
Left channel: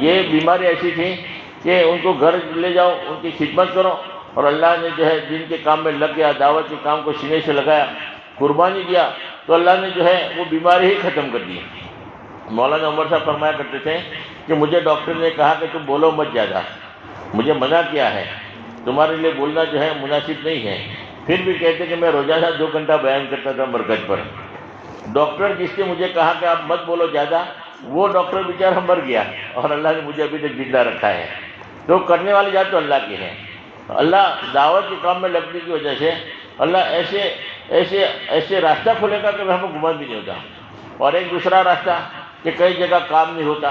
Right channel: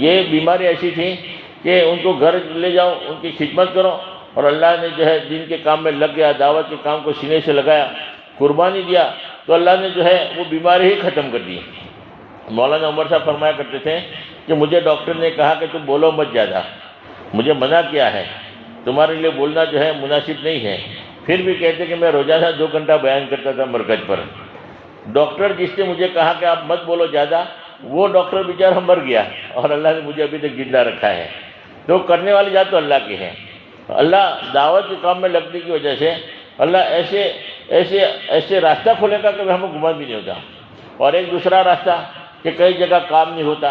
یہ بیماری ایسی تھی کہ ان کو گھر لے جاؤ، ان کی خدمت کرو، اور اللہ نے جو ہے دین کے کام میں لگ گیا، دعوت کے کام کو سینے سے لگایا، قربانی دیا، تو اللہ نے جو ہے وہ بیماری ہی ختم کر دی۔ مولانا عمر صاحب فرمایا کرتے تھے کہ مجھے ڈاکٹر نے کہا کہ تم بولو مت زیادہ، مجھے منع کیا ہے، تمہارے لیے بولنا جو ہے مناسب نہیں ہے، پھر بھی کہتے کہ میں روزانہ 2 گھنٹہ بیان کرتا تھا مرکز پر۔ ڈاکٹر جس نے مجھے کہا کہ آپ مت بولو زیادہ، وہ ڈاکٹر بیچارہ مر گیا اور اللہ نے مجھے ابھی تک زندہ رکھا ہے۔ تو کرنے والی ذات تو اللہ کی ہے۔ اللہ دعوت کے کام میں لگنے کی وجہ سے اللہ ایسے راستہ کھولے گا کہ ہمیں گمان بھی نہیں ہوتا۔ اور ایک دوسرا راستہ کہ کئی جگہ کام نہیں ہوتا،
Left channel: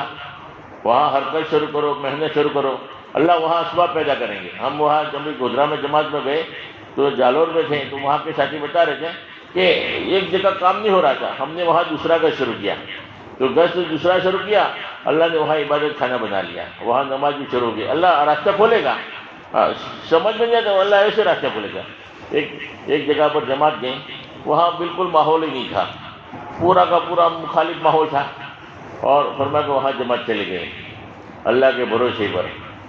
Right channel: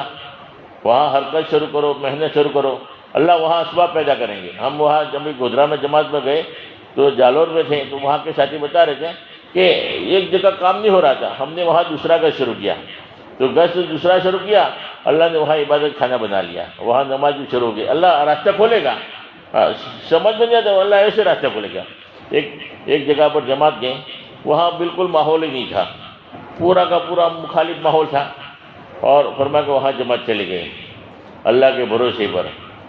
وہاں حرکت شروع کرو، محنت شروع کرو، اللہ وہاں اسباب پیدا کریں گے۔ ہم وہاں جب گودرا میں جماعت میں گئے تو جالور میں تھے، تو وہاں کے ساتھی بتا رہے تھے کہ ایک جگہ کام نہیں ہو رہا تھا، ہم نے وہاں دوسرا گز شروع کیا، تو گز دوسرا شروع کیا، اللہ نے وہاں عبادت خانہ بنا لیا، وہاں نماز بھی شروع ہو گئی۔ اللہ راستہ کھولے گا، سمجھ میں نہیں آتا اللہ ایسے راستہ کھولے گا۔ ایک جگہ پر جماعت گئے، وہاں بالکل ماحول ہی نہیں تھا، پورا کا پورا مخالف ماحول تھا، اور فرمایا کہ وہاں جماعت چلے گئے اللہ کے بھروسے پر۔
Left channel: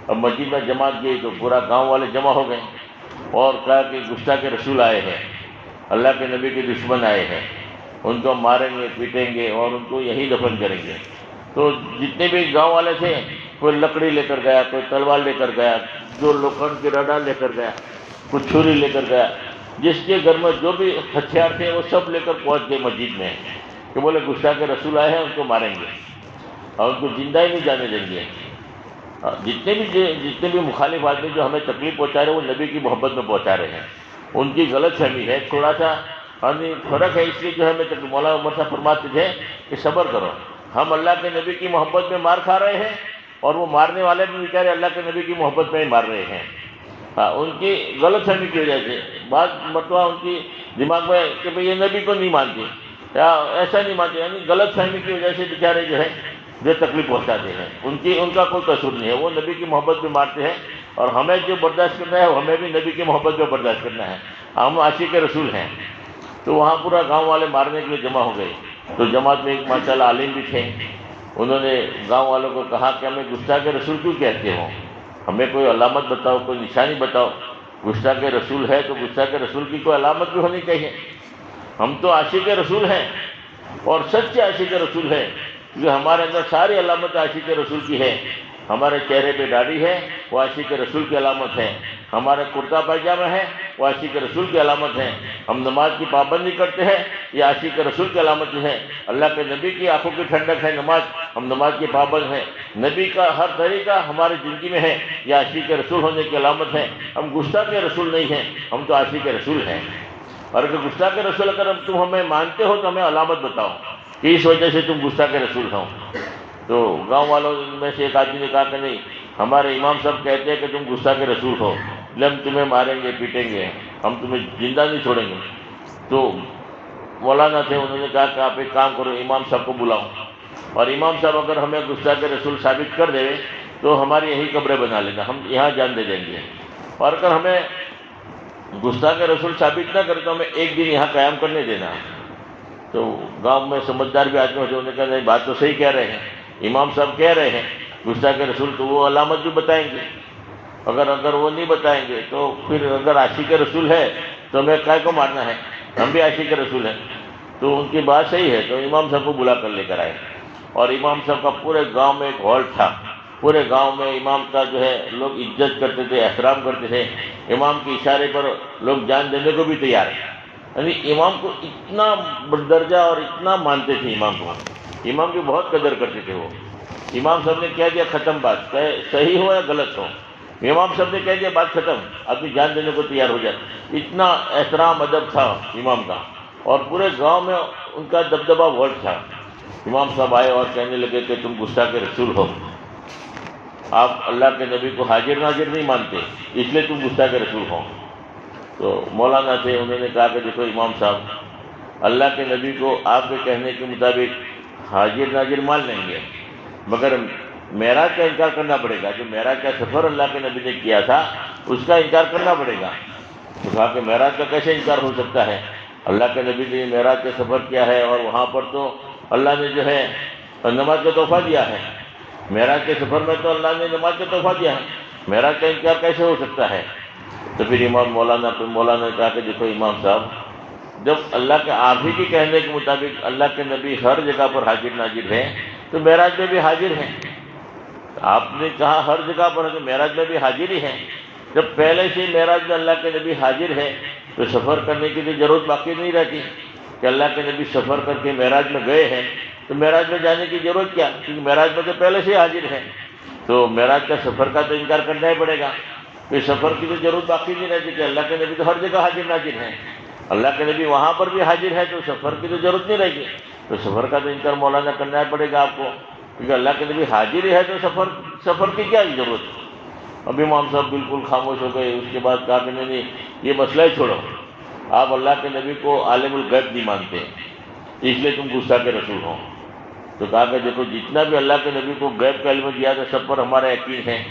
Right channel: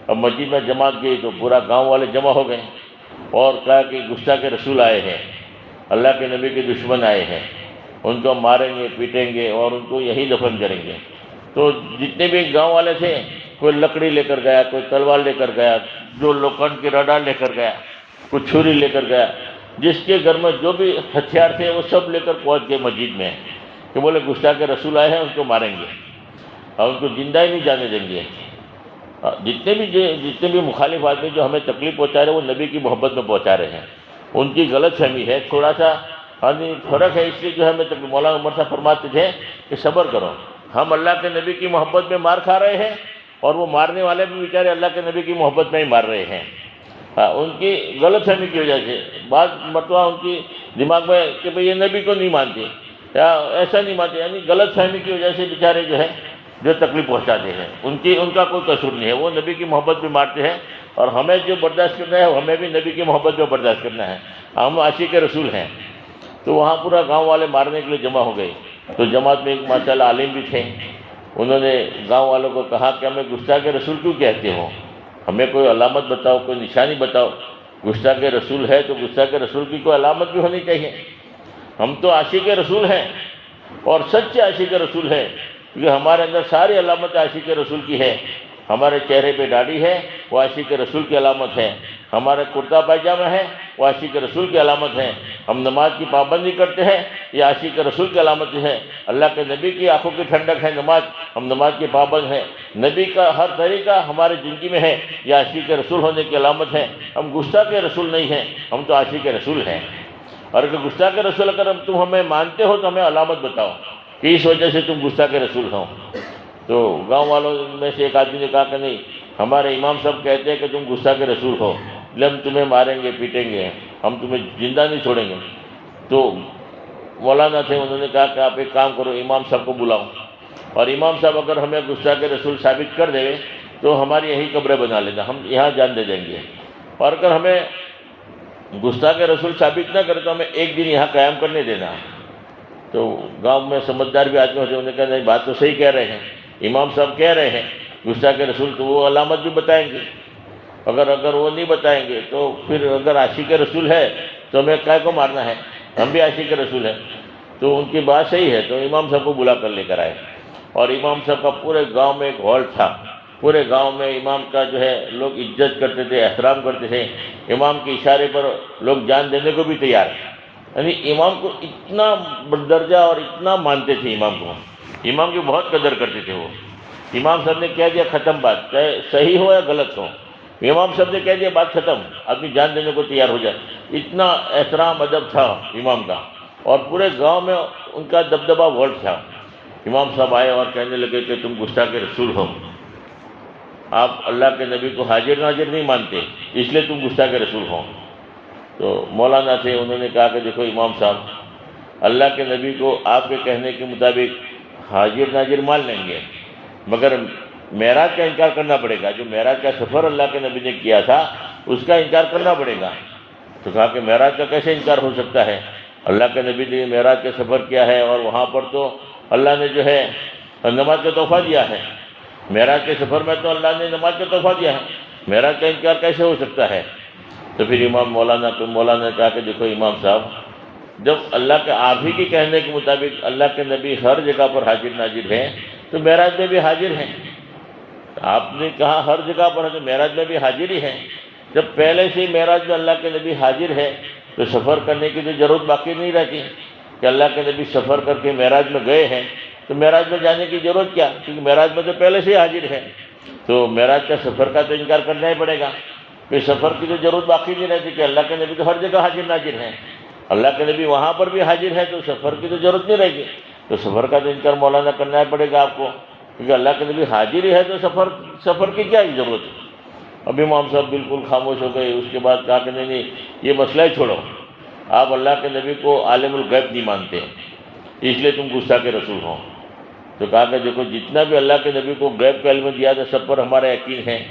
اب مسجد میں جماعت گئی تو پورا گاؤں والے جمع ہو گئے اور کہا کہ گستاخ کے رسول آئے ہیں، اللہ کے نبی کے دشمن آئے ہیں، ان کو ماریں گے، پیٹیں گے اور ان کو یہی دفن کریں گے۔ تو جتنے بھی گاؤں والے تھے، کوئی لکڑی لے کر گیا، کوئی تلوار لے کر گیا، جو لوکھنڈ کی رڈا لے کر گیا، کوئی چھری لے کر گیا، جس کے گھر میں جو بھی ہتھیار تھے وہ سب لے کر پہنچ گئے مسجد میں کہ بولے گستاخ کے رسول آئے ہیں، ان کو ماریں گے اور ان کو زندہ ہی نہیں جانے دیں گے۔ جتنے بھی مخالف آدمی جو ہمیں تکلیف پہنچا رہے ہیں، وہ نبی کی محبت میں پہنچا رہے ہیں، ان کی غلط فہمی ہے، تھوڑا سا فرق ہے، اس لیے جو ہے ہمیں مولانا عمر صاحب فرماتے تھے کہ صبر کرو، ہم اللہ کے نبی کی محبت میں مار کھا رہے ہیں اور وہ مارنے والے بھی بیچارے اللہ کے نبی کی محبت میں ہی مار رہے ہیں۔ ان کی غلط فہمی کی وجہ سے بعض مرتبہ ان کی دماغ میں کہ بھئی یہ نبی کو نہیں مانتے یا ایسا نہیں مانتے، یعنی غلط فہمی کی وجہ سے بیچارے جو ہے جو تکلیف پہنچاتے ہیں، ان کا کوئی قصور نہیں ہے، وہ نبی کی محبت میں مارتے ہیں، اور ہمیں جو برداشت کرنا ہے ہمیں بھی نبی کی محبت میں برداشت کرنا ہے، ہم عاشق رسول ہیں۔ تو وہاں پورا گاؤں والے مارنے کے لیے جمع ہو گئے. تو جماعت میں ایک ماشاءاللہ عالم بھی تھے. انہوں نے گاؤں والوں کو کہا کہ ہمیں گستاخ رسول کیوں کہتے ہو؟ ہمیں کوئی علامت بتاؤ، کوئی نشانی بتاؤ. گستاخ رسول ہے تو گستاخ رسول کی کوئی علامت بھی ہونی چاہیے. ہم تو عاشق رسول ہیں اور سچے عاشق رسول ہیں، کیونکہ ہمارے اندر ساری علامت عاشق رسول کی ہے. ہمارے چہرے پہ داڑھی ہے، وہ عاشق رسول کی علامت ہے. ہمارا کرتا پائجامہ ہے، وہ عاشق رسول کی علامت ہے. ہم نماز کی پابندی کرتے ہیں، یہ عاشق رسول کی علامت ہے. اللہ کے نبی کی آنکھوں کی ٹھنڈک ہے نماز، ہم نماز کے پابند ہیں. نبی کا ہر طریقہ ہماری زندگی میں ہے، یہ عاشق رسول ہونے کی علامت ہے. ہم گستاخ رسول نہیں ہیں، ہم تو عاشق رسول ہیں. اور اگر گستاخ رسول اگر تم ہمیں مانتے ہو تو ہمیں علامت بتاؤ کہ اس وجہ سے تم گستاخ رسول ہو. تو گاؤں والوں میں سے ایک آدمی نے کہا کہ نہیں، ہمارے امام صاحب کہتے ہیں کہ تم گستاخ رسول ہو، ہم تمہیں ماریں گے، پیٹیں گے، ہم تمہیں زندہ نہیں چھوڑیں گے. تو مولانا تھے، انہوں نے کہا کہ آپ ایک کام کرو، امام صاحب کو بلاؤ، اور امام صاحب اگر ہمیں گستاخ رسول ثابت کر دے تو ہماری یہی قبریں بنا لینا، ہم یہاں جان دے دیں گے. اور اگر ہمیں گستاخ رسول ثابت نہ کرے تو ہمیں ایک دن یہاں قیام کرنے دینا. تو گاؤں میں سمجھدار بھی آدمی ہوتے، انہوں نے کہا نہیں، بات تو صحیح کہہ رہے ہیں، امام صاحب کہہ رہے ہیں گستاخ رسول، تو وہ علامت بھی بتائیں گے. اگر وہ نہیں بتائیں گے تو پھر اگر عاشق رسول ہے تو ہمیں کائے کو مارنا ہے، ہم بھی عاشق رسول ہیں. تو ان کی بات صحیح ہے. تو امام صاحب کو بلا کر لے کر آئے، اور امام صاحب کا پورے گاؤں میں ایک ہال تھا. پورے گاؤں میں امام کا جو ہے لوگ عزت کرتے تھے، احترام کرتے تھے. امام کے اشارے پر لوگ جان دینے کو بھی تیار، یعنی امام کو اتنا درجہ اور اتنا مانتے تھے. امام کو، امام کی بہت قدر کرتے تھے. وہ امام صاحب نے کہہ دیا ختم بات، چاہے صحیح ہو یا غلط ہو، امام صاحب نے کہہ دیا بات ختم، آدمی جان دینے کو تیار ہو جائے. اتنا احترام ادب تھا امام کا، اور پورے گاؤں میں ان کا دبدبہ ورلڈ تھا. امام صاحب آئے اور کہنے لگے کہ تم گستاخ رسول ہو، آپ اللہ کے نبی کو حاضر ناظر نہیں مانتے، اس لیے تم گستاخ رسول ہو. تو مولانا تھے، انہوں نے کہا کہ دیکھو امام صاحب، اللہ کے نبی کو آپ کے کہنے کے مطابق حاضر ناظر مان لیں گے، مگر معراج کا انکار کرنا پڑے گا. جو معراج کا سفر اللہ کے نبی نے کیا تھا اس کا انکار کرنا پڑے گا. تو کہا کہ معراج کا کیسے انکار ہو سکتا ہے؟ اللہ کے نبی نے معراج کا سفر کیا ہے، اور وہاں پر تو اللہ نے جو ہے نماز کا تحفہ دیا ہے. معراج کے سفر میں تو اللہ نے نماز کا تحفہ دیا ہے، معراج کا انکار کیسے ہو سکتا ہے؟ تو پھر مولانا نے کہا کہ دیکھو امام صاحب، جب اللہ کے آپ ہی کے کہنے کے مطابق اللہ کے نبی ہر جگہ پر حاضر ناظر ہیں تو معراج میں بھی حاضر ہیں. آپ نے کہا ہر جگہ پر ہے تو معراج میں بھی حاضر ہی ہیں. جب پہلے سے معراج میں اللہ کے نبی حاضر ہے تو سفر کرنے کی تو ضرورت باقی نہیں رہتی کہ اللہ کے نبی سفر کر کے معراج میں گئے ہیں تو معراج میں جانے کی ضرورت کیا، کیونکہ معراج میں تو پہلے سے حاضر ہے. تو معراج کا سفر کا تو انکار کرنا ہی پڑے گا. پھر سفر کی تو ضرورت باقی نہیں رہتی کہ اللہ کے نبی تو ہر جگہ حاضر ناظر ہیں، اللہ کے نبی وہاں پر بھی حاضر ہے تو سفر کی تو ضرورت نہیں رہے گی. تو سفر کا تو انکار مولانا کرنا ہی پڑے گا آپ کو، کیونکہ اللہ کے نبی حاضر ہی ہے تو سفر کی کیا ضرورت ہے. ابھی امام صاحب بالکل خاموش ہو گئے. اس کے بعد کہا کہ نہیں یہ مسئلہ ہی چھوڑو، آپ اللہ کے نبی کو عالم الغیب نہیں مانتے، اس لیے تم گستاخ رسول ہو. تو کہا کہ دیکھو جتنا بھی اللہ کے نبی کو غیب کا علم دیا تھا سب پر ہمارا یقین ہے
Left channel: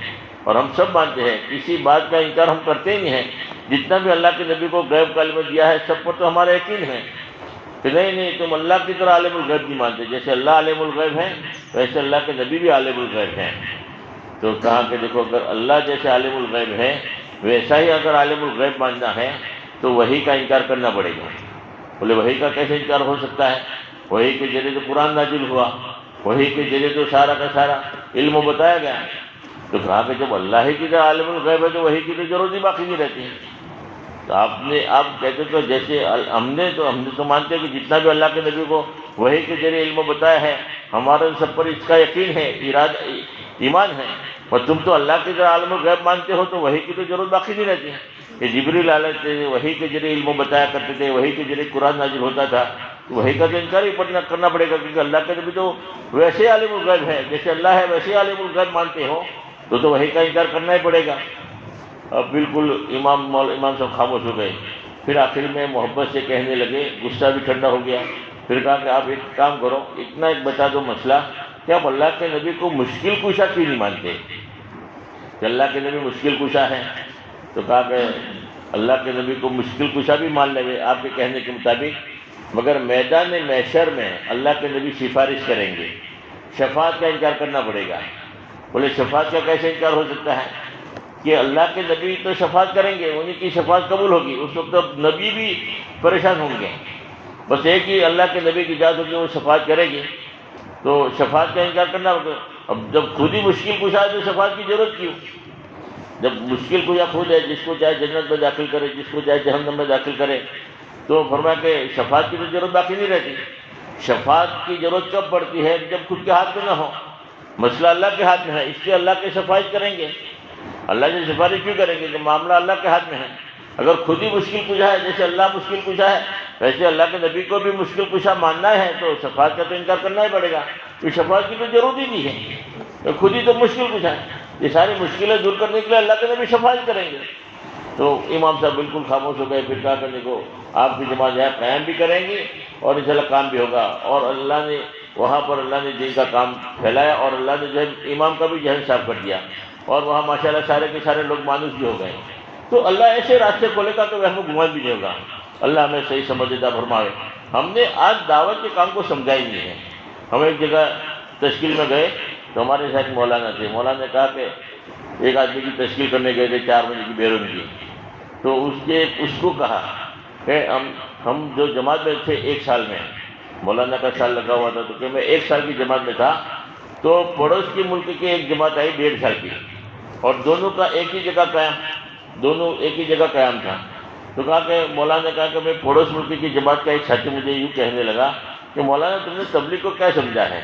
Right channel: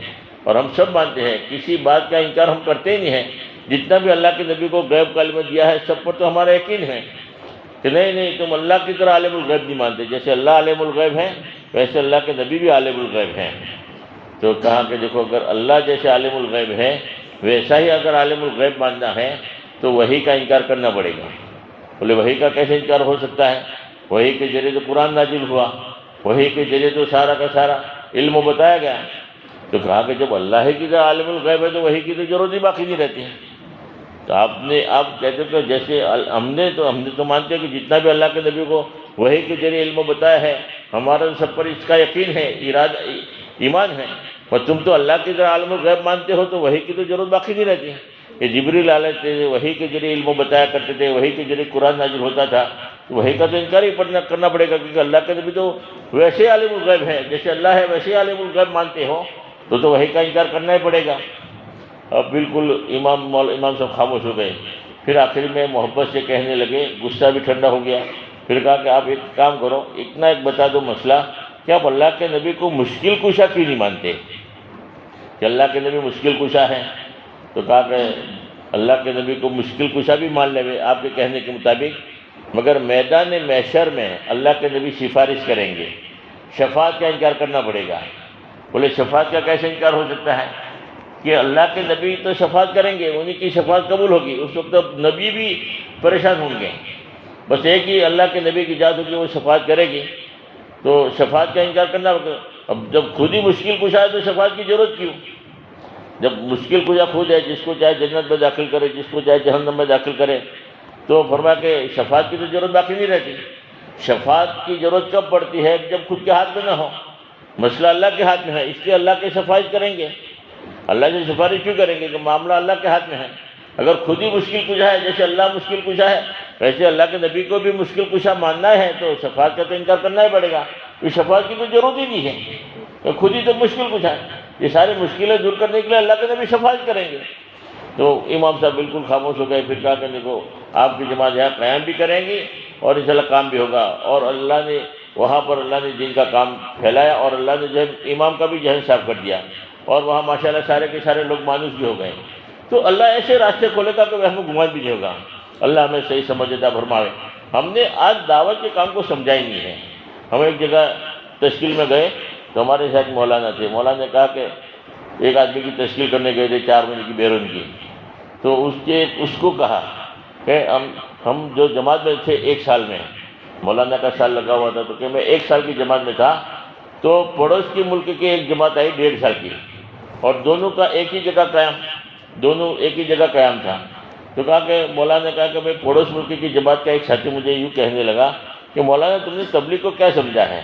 اور ہم سب مانتے ہیں، کسی بات کا انکار ہم کرتے ہی نہیں ہیں. جتنا بھی اللہ کے نبی کو غیب کا علم دیا ہے سب پر تو ہمارا یقین ہے کہ نہیں تم اللہ کی طرح عالم الغیب نہیں مانتے. جیسے اللہ عالم الغیب ہے ویسے اللہ کے نبی بھی عالم الغیب ہیں. تو کہا کہ دیکھو اگر اللہ جیسے عالم الغیب ہے ویسا ہی اگر عالم الغیب ماننا ہے تو وحی کا انکار کرنا پڑے گا. بولے وحی کا کیسے انکار ہو سکتا ہے؟ وحی کے ذریعے تو قرآن نازل ہوا، وحی کے ذریعے تو سارا کا سارا علم بتایا گیا. تو کہا کہ جب اللہ ہی کی طرح عالم الغیب ہے تو وحی کی تو ضرورت ہی باقی نہیں رہتی. تو آپ کہتے تو جیسے ہم نے تو مانتے ہیں کہ جتنا بھی اللہ کے نبی کو وحی کے ذریعے علم بتایا ہے ہمارا سب پر اس کا یقین ہے، ایمان ہے. اور تم تو اللہ کی طرح عالم الغیب مانتے ہو تو وحی کی تو ضرورت باقی نہیں رہتی ہے. یہ جبریل علیہ السلام وحی کے ذریعے علم بتایا کرتے تھے، وحی کے ذریعے قرآن نازل ہوتا تھا، تو وحی کا تو انکار ہی کرنا پڑے گا، کیونکہ اللہ کے نبی تو ویسے عالم الغیب ہے، جیسے اللہ ہے ویسے عالم الغیب مانتے ہو تو وحی کا انکار کرنا ہی پڑے گا. اب بالکل امام صاحب خاموش ہو گئے. پھر آخر میں محبت سے کہنے لگے، غصہ بھی ٹھنڈا ہو گیا. پھر کہا کہ آپ ایک کام کرو، اتنا ایک بتا دو مسئلہ کہ آپ اللہ کے نبی کو مشکل کشا کیوں نہیں مانتے کہ اللہ کے نبی مشکل کشا ہے؟ تو کہا کہ اللہ کے نبی کو مشکل کشا بھی مان لے آپ کے کہنے کے مطابق، مگر میدان محشر میں اللہ کے نبی سفارش کریں گے، شفاعت کا انکار کرنا پڑے گا۔ بولے شفاعت کا کیسے انکار ہو سکتا ہے کہ اللہ کے نبی تو شفاعت کریں گے، انہی کی شفاعت قبول ہوگی، اس وقت اب نبی بھی پریشان ہوں گے، بس ایک ہی اللہ کے نبی کی ذات ہوگی، وہ شفاعت کرے گی، تو شفاعت کا انکار کرنا ہوگا۔ اب جب خود ہی مشکل کشا ہے تو شفاعت کی ضرورت کیوں؟ جب مشکل کشا خود ہے، جس کو چاہے جنت میں داخل کرے، جس کو چاہے جہنم میں داخل کرے، تو فرمایا کہ شفاعت کی تو ضرورت باقی نہیں رہتی۔ شفاعت کی ضرورت کب پڑتی ہے؟ جب خود کے ہاتھ میں نہ ہو، مسئلہ اللہ کے ہاتھ میں ہے، اس لیے اللہ کی سفارش کریں گے۔ اللہ سے سفارش کیوں کریں گے کہ معاملہ اللہ کے ہاتھ میں ہے۔ اگر خود ہی مشکل کشا ہے، جیسے اللہ مشکل کشا ہے، ویسے اللہ کے نبی کو بھی مشکل کشا ماننا ہے، تو شفاعت کا تو انکار کرنا ہی پڑے گا، تو شفاعت کی تو ضرورت ہی نہیں ہے، کہ خود ہی تو مشکل کشا ہے۔ یہ ساری مشکلیں دور کرنے کے لیے اللہ کے نبی شفاعت کریں گے۔ تو امام صاحب بالکل خاموش ہو گئے، پھر کہا کہ دیکھو آپ کی جماعت یہاں قیام بھی کریں گی اور انشاءاللہ کام بھی ہوگا، اور اللہ نے وہاں پر اللہ نے دین کا کام پھیلایا، اور اللہ نے جو ہے امام کا بھی ذہن صاف کر دیا، اور وہاں ماشاءاللہ سارے کے سارے لوگ مانوس بھی ہو گئے۔ تو اللہ ایسے راستے کھولے گا کہ وہم گمان بھی نہیں ہوگا۔ اللہ ہمیں صحیح سمجھ عطا فرمائے۔ ہم نے آج دعوت کے کام کو سمجھا ہی نہیں ہے۔ ہم ایک جگہ تشکیل میں گئے تو ہمارے ساتھ مولانا تھے، مولانا نے کہا کہ ایک آدمی کی تشکیل کرنے گئے تھے 4 مہینے کی بیرون کی، تو اس کو کہا کہ ہم جو جماعت میں تھے 1 سال میں، مولانا کا سال لگا ہوا تھا، تو کہ میں 1 سال کی جماعت میں تھا، تو پڑوس کے ملک کی ایک جماعت آئی 1.5 سال کی، اور دونوں کا ایک ہی جگہ قیام، دونوں ایک ہی جگہ قیام تھا۔ تو کہا کہ مولانا نے کہا کہ میں پڑوس ملک کی جماعت کا ایک ساتھی مجھے یوں کہنے لگا کہ مولانا تم نے تبلیغ کو کیا سمجھا ہے؟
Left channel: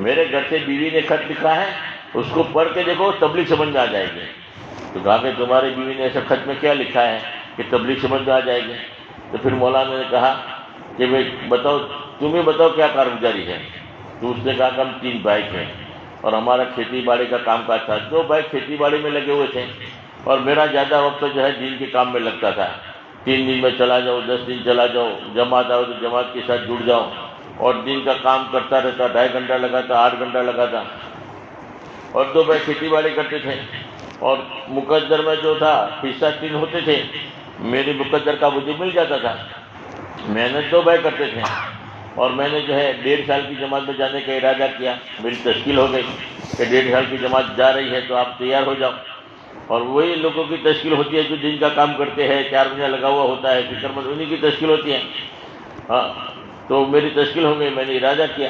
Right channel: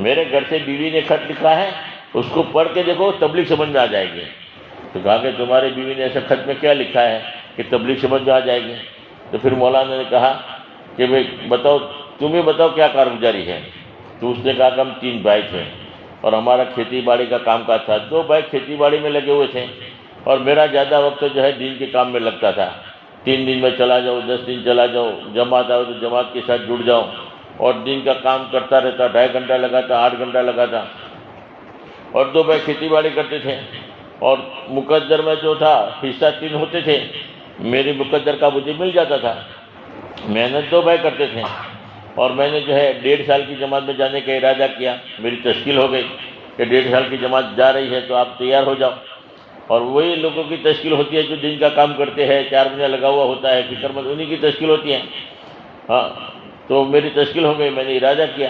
میرے گھر سے بیوی نے خط لکھا ہے، اس کو پڑھ کے دیکھو تبلیغ سمجھ میں آ جائے گی۔ تو کہا کہ تمہاری بیوی نے ایسا خط میں کیا لکھا ہے کہ تبلیغ سمجھ میں آ جائے گی؟ تو پھر مولانا نے کہا کہ بھائی بتاؤ، تم ہی بتاؤ کیا کارگزاری ہے؟ تو اس نے کہا کہ ہم 3 بھائی تھے اور ہمارا کھیتی باڑی کا کام کاج تھا، 2 بھائی کھیتی باڑی میں لگے ہوئے تھے، اور میرا زیادہ وقت جو ہے دین کے کام میں لگتا تھا۔ 3 دن میں چلا جاؤ، 10 دن چلا جاؤ، جماعت آؤ تو جماعت کے ساتھ جڑ جاؤ، اور دن کا کام کرتا رہتا، 2.5 گھنٹہ لگاتا، 8 گھنٹہ لگاتا، اور 2 بھائی کھیتی باڑی کرتے تھے، اور مقدر میں جو تھا حصہ 3 ہوتے تھے، میری مقدر کا مجھے مل جاتا تھا۔ محنت 2 بھائی کرتے تھے، اور میں نے جو ہے 1.5 سال کی جماعت میں جانے کا ارادہ کیا، میری تشکیل ہو گئی کہ 1.5 سال کی جماعت جا رہی ہے تو آپ تیار ہو جاؤ، اور وہی لوگوں کی تشکیل ہوتی ہے جو دن کا کام کرتے ہیں، 4 مہینہ لگا ہوا ہوتا ہے، فکر مند انہی کی تشکیل ہوتی ہے۔ ہاں، تو میری تشکیل ہو گئی، میں نے ارادہ کیا،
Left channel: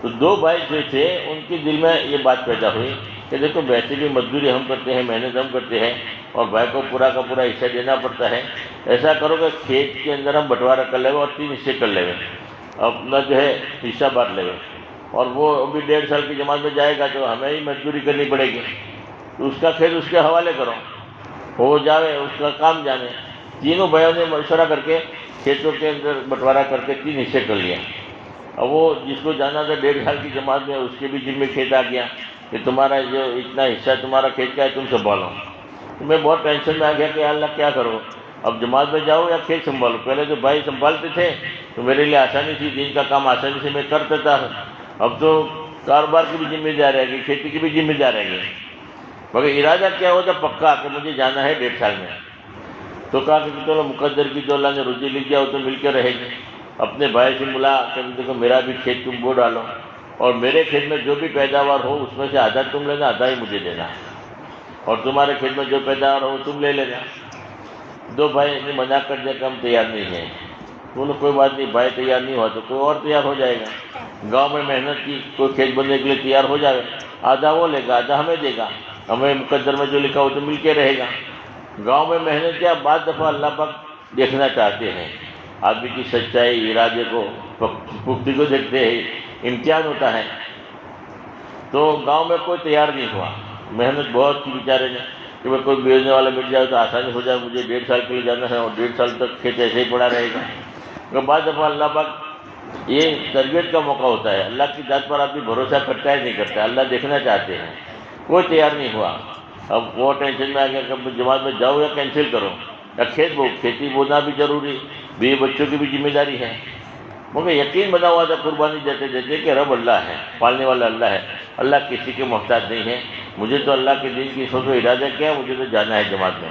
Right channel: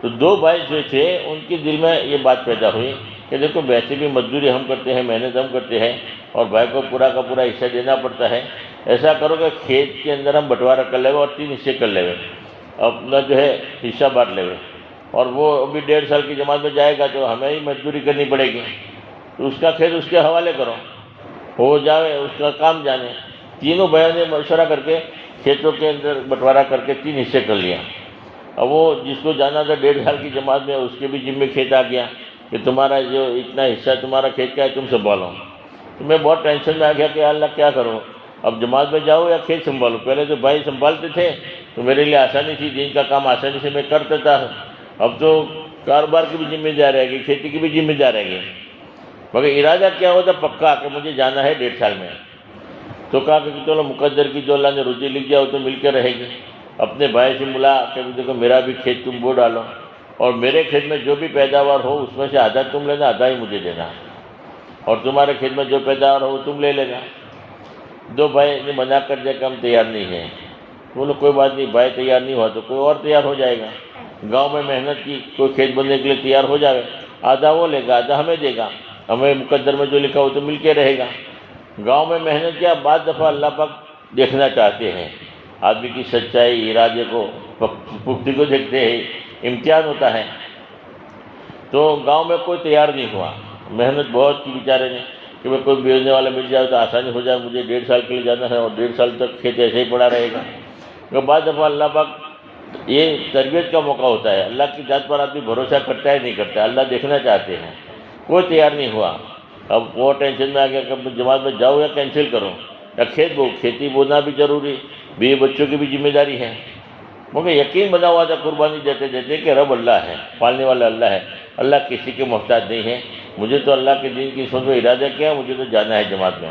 تو 2 بھائی جو تھے ان کے دل میں یہ بات پیدا ہوئی کہ دیکھو ویسے بھی مزدوری ہم کرتے ہیں، محنت ہم کرتے ہیں، اور بھائی کو پورا کا پورا حصہ دینا پڑتا ہے، ایسا کرو کہ کھیت کے اندر ہم بٹوارہ کر لے اور 3 حصے کر لے، اپنا جو ہے حصہ بانٹ لے، اور وہ ابھی 1.5 سال کی جماعت میں جائے گا تو ہمیں ہی مزدوری کرنی پڑے گی، تو اس کا کھیت اس کے حوالے کرو، ہو جائے اس کا کام جانے۔ تینوں بھائیوں نے مشورہ کر کے کھیتوں کے اندر بٹوارہ کر کے 3 حصے کر لیے۔ اب وہ جس کو جانا تھا 1.5 سال کی جماعت میں، اس کے بھی ذمہ کھیت آ گیا کہ تمہارا جو اتنا حصہ تمہارا کھیت کا ہے تم سنبھالو۔ تو میں بہت ٹینشن میں آ گیا کہ اللہ کیا کرو، اب جماعت میں جاؤ یا کھیت سنبھالو؟ پہلے تو بھائی سنبھالتے تھے تو میرے لیے آسانی تھی، دین کا کام آسانی سے میں کرتا تھا، اب تو کاروبار کی بھی ذمہ داری رہے گی، کھیتی کی بھی ذمہ داری رہے گی، مگر ارادہ کیا ہوتا پکا کہ مجھے جانا ہے 1.5 سال میں۔ تو کہا کہ چلو مقدر کی جو اللہ نے روزی لکھ دیا وہ تو مل کے رہے گی۔ اپنے بھائی سے ملا کہ دیکھو میرا بھی کھیت تم بو ڈالو، اور میرے کھیت میں جو بھی پیداوار ہو اس میں سے آدھا تم لینا، آدھا ہی مجھے دینا، اور تمہارے کھیت میں جو پیداوار ہو وہ تم لے لینا۔ 2 بھائی نے منع کر دیا کہ ہم تیار نہیں ہیں۔ بولے کوئی بات نہیں، بھائی تیار نہیں ہوا تو کوئی اور تیار ہو جائے گا، گاؤں میں محنت کی، کوئی کھیت بننے کے لیے تیار ہو جائے گا، آدھا وہ لے گا آدھا ہمیں دے گا، ہمیں مقدر میں جو لکھا وہ تو مل کے رہے گا۔ گاؤں میں محنت کیا، بعض دفعہ اللہ پاک دیکھنا چاہتے ہیں آدمی کی سچائی، ارادے کو، پختگی کو دیکھتے ہیں، امتحان ہوتا ہے۔ تو گاؤں میں کوئی تیار نہیں ہوا، محنت بہت کی بیچارے نے کہ میں کوئی بیچنے والا مل جائے تو آسانی ہو جائے، مجھے 1.5 سال کے لیے جانا ہے اور 1.5 سال تک کھیت ایسے ہی پڑا رہے گا۔ مگر بعض دفعہ اللہ پاک یہ تربیت کا موقع ہوتا ہے، اللہ کی ذات پر آدمی بھروسہ کرتا ہے نہیں کرتا، اللہ دیکھنا چاہتے ہیں۔ کوئی تیار نہیں ہوا، اب وہ ٹینشن میں آ گیا کہ جماعت میں جاؤ یا کینسل کرو، یا کھیت بو، کھیتی بونا بھی ضروری، بیوی بچوں کی بھی ذمہ داری ہے۔ مجھے یقین بنا ہوا تھا قربانی دیتے دیتے کہ رب اللہ ہے، پالنے والا اللہ ہے، اللہ کسی کے محتاج نہیں ہے، مجھے تو اللہ کے دین کی سوچ و ارادہ کیا، مجھے تو جانا ہے جماعت میں۔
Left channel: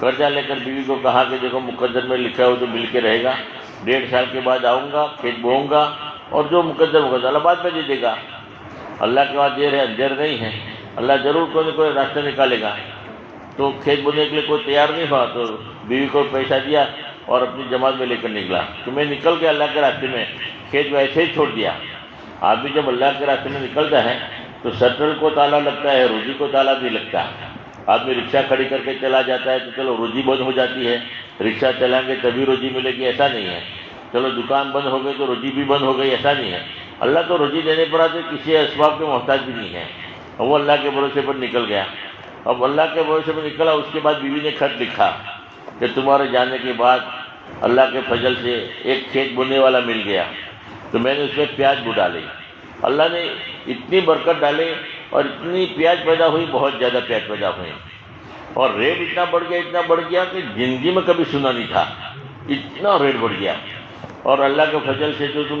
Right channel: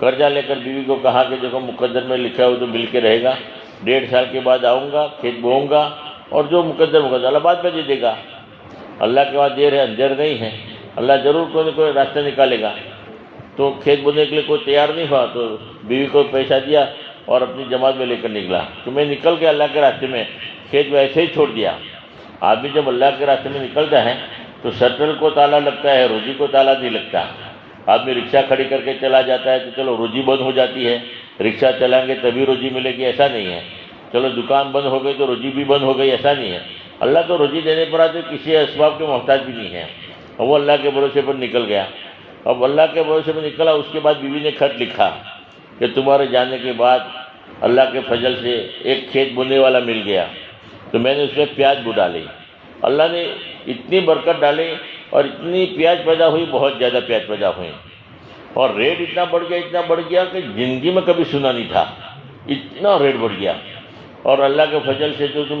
قرضہ لے کر بیوی کو کہا کہ دیکھو مقدر میں لکھا ہو تو مل کے رہے گا، 1.5 سال کے بعد آؤں گا، کھیت بوؤں گا، اور جو مقدر اللہ بعد میں دے دے گا. اللہ کے بعد دیر ہے اندھیر نہیں ہے، اللہ ضرور کوئی نہ کوئی راستہ نکالے گا. تو کھیت بونے کے لیے کوئی تیار نہیں ہوا تو بیوی کو پیسہ دیا اور اپنی جماعت میں لے کر نکلا. تو میں نکل کے اللہ کے راستے میں کھیت میں ایسے ہی چھوڑ دیا. آدمی جب اللہ کے راستے میں نکلتا ہے تو شٹل کو تالا لگتا ہے، روزی کو تالا نہیں لگتا. آدمی رکشہ کھڑی کر کے چلا جاتا ہے تو چلو روزی بند ہو جاتی ہے، رکشہ چلائیں گے تبھی روزی ملے گی، ایسا نہیں ہے. چلو دکان بند ہو گئی تو روزی بھی بند ہو گئی، ایسا نہیں ہے. اللہ تو روزی دینے پر آتے کسی اسباب کے محتاج بھی نہیں ہے. اور وہ اللہ کے بھروسے پر نکل گیا. اب اللہ کے بھروسے پر نکلا، اس کے بعد بیوی نے خط لکھا کہ تمہارے جانے کے بعد اللہ کے فضل سے ایک کھیت بونے والا مل گیا، تو میں نے اس میں پیاز بو ڈالی. اللہ نے اتنی برکت ڈالی اور اتنی پیاز پیدا ہوئی، بہت زیادہ پیاز پیدا ہوئے، اور ریٹ اتنا بڑھ گیا کہ زندگی میں کبھی سنا نہیں تھا، اتنا ریٹ بڑھ گیا. اور اللہ کے فضل سے جو تم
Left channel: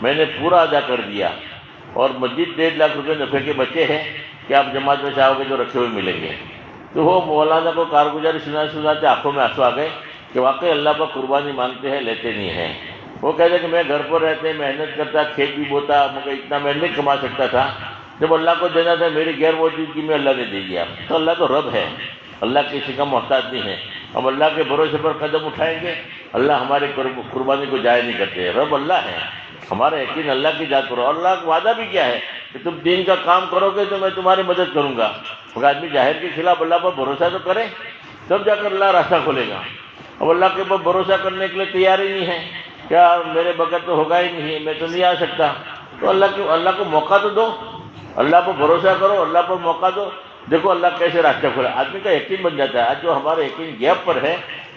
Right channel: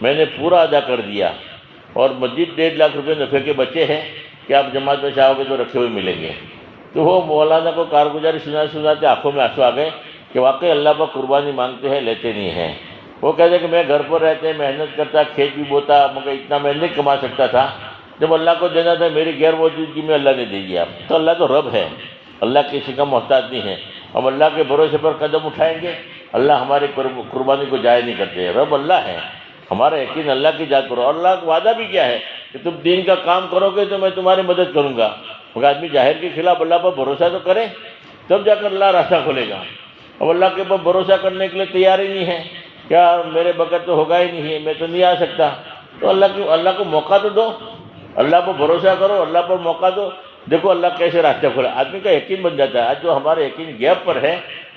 میں نے پورا ادا کر دیا، اور مزید 1.5 لاکھ روپے نفع کے بچے ہیں کہ آپ جماعت میں چاہو گے تو رکھے ہوئے ملیں گے. تو وہ مولانا کو کارگزاری سناتے آنکھوں میں آنسو آ گئے کہ واقعی اللہ پر قربانی مانگتے ہیں، لیتے نہیں ہیں. وہ کہتے ہیں کہ میں گھر پر رہتے محنت کرتا، کھیت بھی بوتا، مگر اتنا میں نہیں کما سکتا تھا. جب اللہ کو دینا تھا میری غیر موجودگی میں اللہ نے دے دیا. تو اللہ تو رب ہے، اللہ کسی کا محتاج نہیں ہے. ہم اللہ کے بھروسے پر قدم اٹھائیں گے، اللہ ہماری قربانی کو ضائع نہیں کرتے. رب اللہ ہے، ہمارا یقین اللہ کی ذات کرو. اور اللہ کا وعدہ بھی کیا ہے کہ تم دین کا کام کرو گے تو میں تمہاری مدد کروں گا. مگر آدمی ظاہر کے خلاف اللہ پر بھروسہ تو کرے تب جا کر اللہ راستہ کھولے گا. اب اللہ کے اوپر بھروسہ کرنے کے لیے تیار ہی نہیں ہے، کیا میرے بغیر تو ہوگا ہی نہیں ہے، میں تو نہیں آ سکتا. تو اللہ کو موقع تو دو، اللہ پر بھروسہ کرو، اللہ پر موقع دو. دیکھو اللہ کیسے راستہ کھولا. آدمی کا یقین بن جاتا ہے. آج جو ہمارا یقین گیپ پر ہے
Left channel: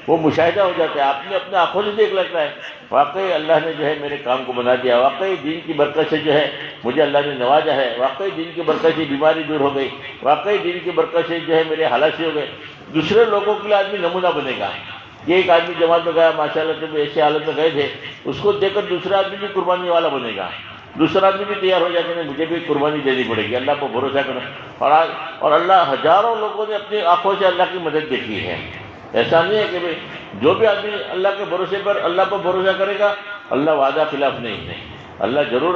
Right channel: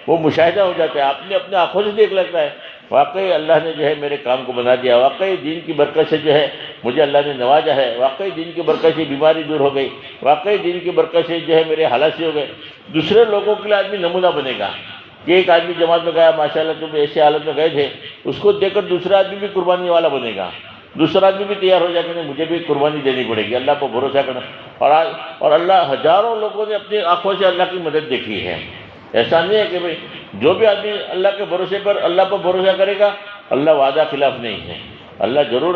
وہ مشاہدہ ہو جاتا ہے، آپ نے اپنے آنکھوں سے دیکھ لیتا ہے واقعی اللہ نے جو ہے میرے کام کو بنا دیا، واقعی دین کی برکت سے جو ہے مجھے اللہ نے نوازا ہے، واقعی دین کی برکت سے بیماری دور ہو گئی، واقعی دین کی برکت سے جو ہے میرے حالات سے ہو گئے. دوسرے لوگوں کے لیے آدمی نمونہ بنے گا کہ ایک آدمی جماعت میں گیا ماشاءاللہ جب ایسے حالت میں گئے تھے، اس کو دیکھ کر دوسرا آدمی بھی قربانی والا بنے گا، دوسرا آدمی بھی تیار ہو جائے کہ مجھے بھی قربانی دینی پڑے گی. اللہ کو بھروسہ کرنا. اور اللہ ہزاروں لوگوں نے اپنی آنکھوں سے اللہ کی مدد دیکھی ہے. ایسا نہیں ہے کہ بھئی جو بھی آدمی اللہ کے بھروسے پر اللہ پر بھروسہ کرے گا اللہ وعدہ خلاف نہیں ہے. اللہ ضرور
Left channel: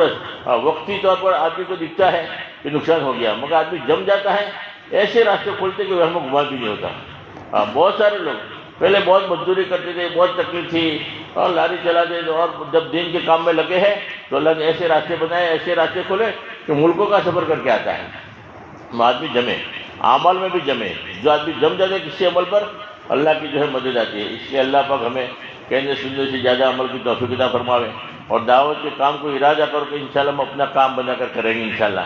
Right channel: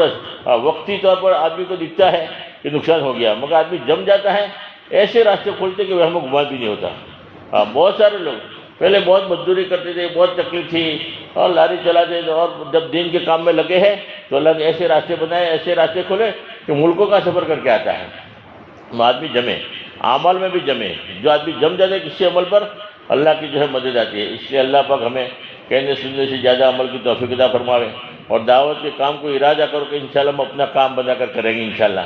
وقتی طور پر آدمی کو دکھتا ہے کہ نقصان ہو گیا، مگر آدمی جم جاتا ہے ایسے راستے کھولتے کہ وہ ہمیں گمان بھی نہیں ہوتا. بہت سارے لوگ پہلے بہت مزدوری کرتے تھے، بہت تکلیف تھی اور لاری چلاتے تھے، اور جب دین کے کام میں لگے ہیں تو اللہ نے ایسے راستے بنائے، ایسے راستے کھولے کہ ملکوں کا سفر کر کے آتا ہے. آدمی جمے، اعمال میں بھی جمے. جو آدمی جم جاتے کسی عمل پر اللہ کی جو ہے مدد آتی ہے. اس لیے اللہ پاک ہمیں کہنے سننے سے زیادہ عمل کی توفیق عطا فرماوے، اور دعوت کے کام کو ارادہ کر کے انشاءاللہ ہم اپنا کام بنا کر کریں گے. انشاءاللہ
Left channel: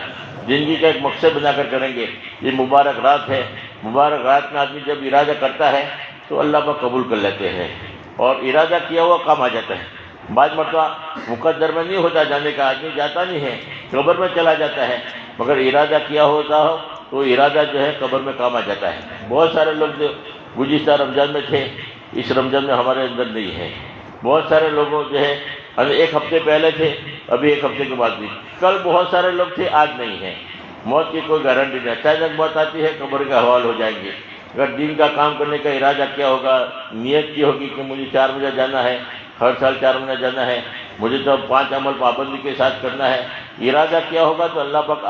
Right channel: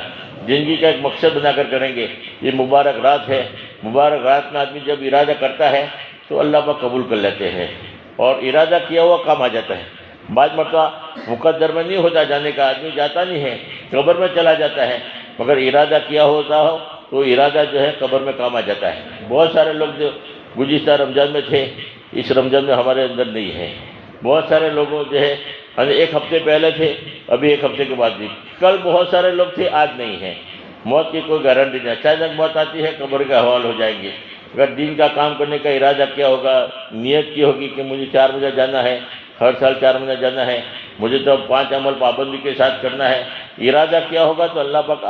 زندگی کا ایک مقصد بنا کر کریں گے. یہ مبارک رات ہے، مبارک رات میں آدمی جب ارادہ کرتا ہے تو اللہ پاک قبول کر لیتے ہیں، اور ارادہ کیا ہوا کام آ جاتا ہے. بعض مرتبہ مقدر میں نہیں ہوتا جانے کا، آدمی جاتا نہیں ہے، قبر میں چلا جاتا ہے، مگر ارادہ کیا ہوتا ہو تو ارادہ جو ہے قبر میں کام آ جاتا ہے. بہت سارے لوگ جو گزشتہ رمضان میں تھے اس رمضان میں ہمارے اندر نہیں ہے. بہت سارے لوگوں جو ہے ایک ہفتے پہلے تھے، ابھی ایک ہفتے کے بعد بھی. کل بہت سارے لوگ تھے، آج نہیں ہے. موت کی کوئی گارنٹی نہیں. اچانک موت آتی ہے، قبر کا حوال ہو جائیں گے. اگر دین کا کام کرنے کا ارادہ کیا ہوگا، نیت کی ہوگی کہ مجھے 4 بجے جانا ہے، ہر سال 4 مہینہ جانا ہے، مجھے تو 5 عمل پابندی کے ساتھ کرنا ہے، ارادہ کیا ہوگا تو اللہ پاک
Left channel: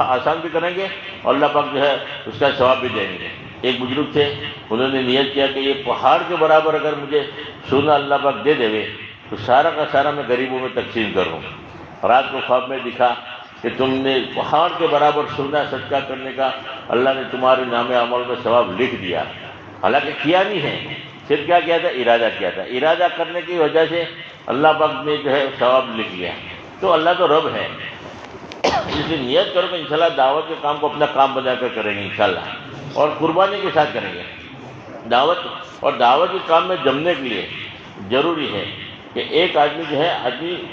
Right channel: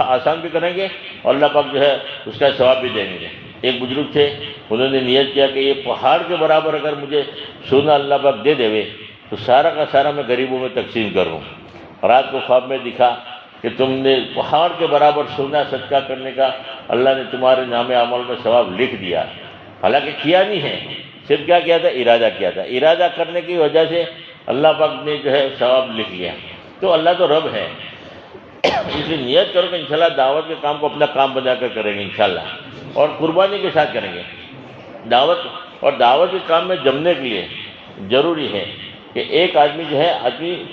آسان بھی کریں گے اور اللہ پاک جو ہے اس کا ثواب بھی دیں گے. ایک بزرگ تھے، انہوں نے نیت کیا کہ یہ پہاڑ کے برابر اگر مجھے سونا اللہ پاک دے دے تو سارا کا سارا میں غریبوں میں تقسیم کروں. رات کو خواب میں دکھا کہ تم نے پہاڑ کے برابر سونا صدقہ کرنے کا اللہ نے تمہارے نام اعمال میں ثواب لکھ دیا. حالانکہ کیا نہیں ہے، صرف کیا کیا تھا، ارادہ کیا تھا. ارادہ کرنے کی وجہ سے اللہ پاک نے جو ہے ثواب لکھ لیا. تو اللہ تو رب ہے، اس لیے نیت کرو کہ انشاءاللہ دعوت کے کام کو اپنا کام بنا کر کریں گے انشاءاللہ، اور قربانی کے ساتھ کریں گے. دعوت کے کام میں جمنے کے لیے ضروری ہے کہ ایک آدمی جو ہے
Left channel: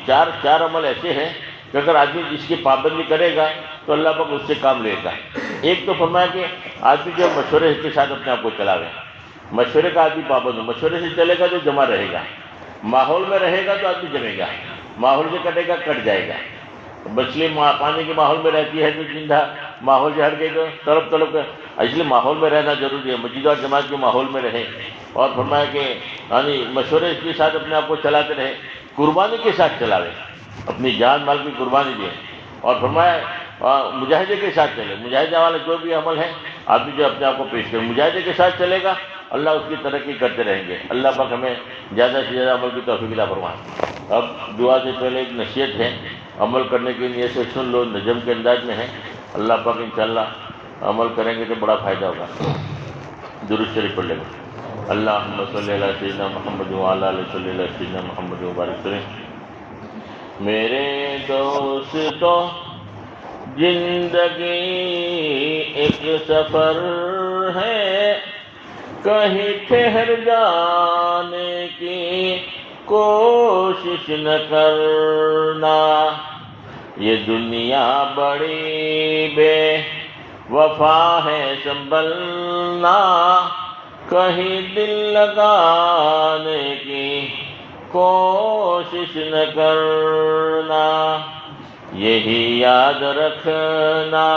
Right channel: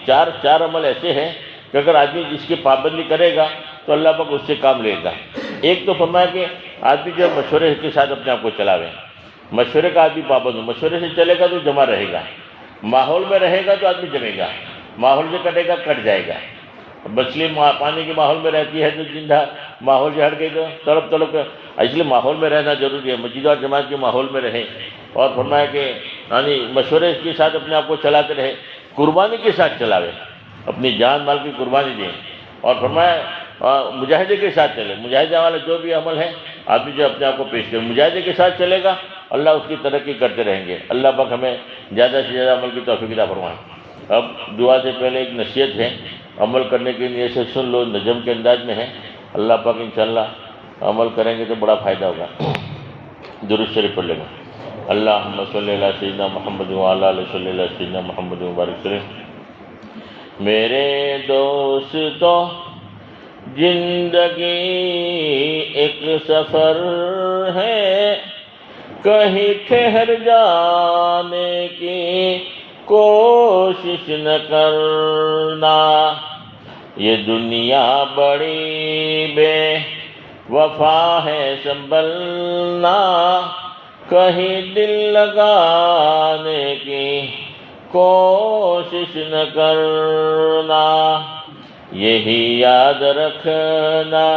چار عمل ایسے ہیں کہ اگر آدمی جس کی پابندی کرے گا تو اللہ پاک اس سے کام لے گا. ایک تو فرمایا کہ آدمی جو مشورے کے ساتھ اپنے آپ کو چلاوے، مشورے کا آدمی پابند ہو، مشورے سے چلے گا تو جمع رہے گا، ماحول میں رہے گا تو آدمی جمے گا، ماحول سے کٹے گا کٹ جائے گا. مچھلی پانی کے ماحول میں رہتی ہے تو زندہ، ماحول سے ہٹ گئی تو تڑپ تڑپ کے، اس لیے ماحول میں رہنا ضروری ہے، مسجد اور جماعت کے ماحول میں رہیں، اور فرمایا کہ یعنی مشورے کے ساتھ اپنے آپ کو چلاتے رہے، قربانی کے ساتھ چلاوے، اپنی جان مال کی قربانی دیں، اور فرمایا مجاہدے کے ساتھ چلے، مجاہدے والا جو بھی عمل ہے آدمی جو اپنے آپ کو پیش کرے مجاہدے کے ساتھ چلے گا، اللہ اس کی ترقی کرتے رہیں گے۔ اللہ پاک ہمیں زیادہ سے زیادہ عمل کی توفیق عطا فرمائے۔ اب دعا سے پہلے ایک نصیحت ہے، عمل کرنے کے لیے سے سن لو، نظم کے انداز میں ہے، اللہ پاک انشاءاللہ عمل کریں گے تو بڑا فائدہ ہوگا۔ درود شریف پڑھ لیں گے۔ اللہم صلی علی سیدنا محمد وعلی آلہ صلی علی سیدنا محمد وبارک وسلم۔ میرے دوستو زندگی ایک سفر ہے، کہیں ٹھہر جانے کی کوشش نہ کرنا، یہ دنیا بڑی بے وفا ہے سنبھلنا، کہیں دل لگانے کی کوشش نہ کرنا، یہی یاد رکھنا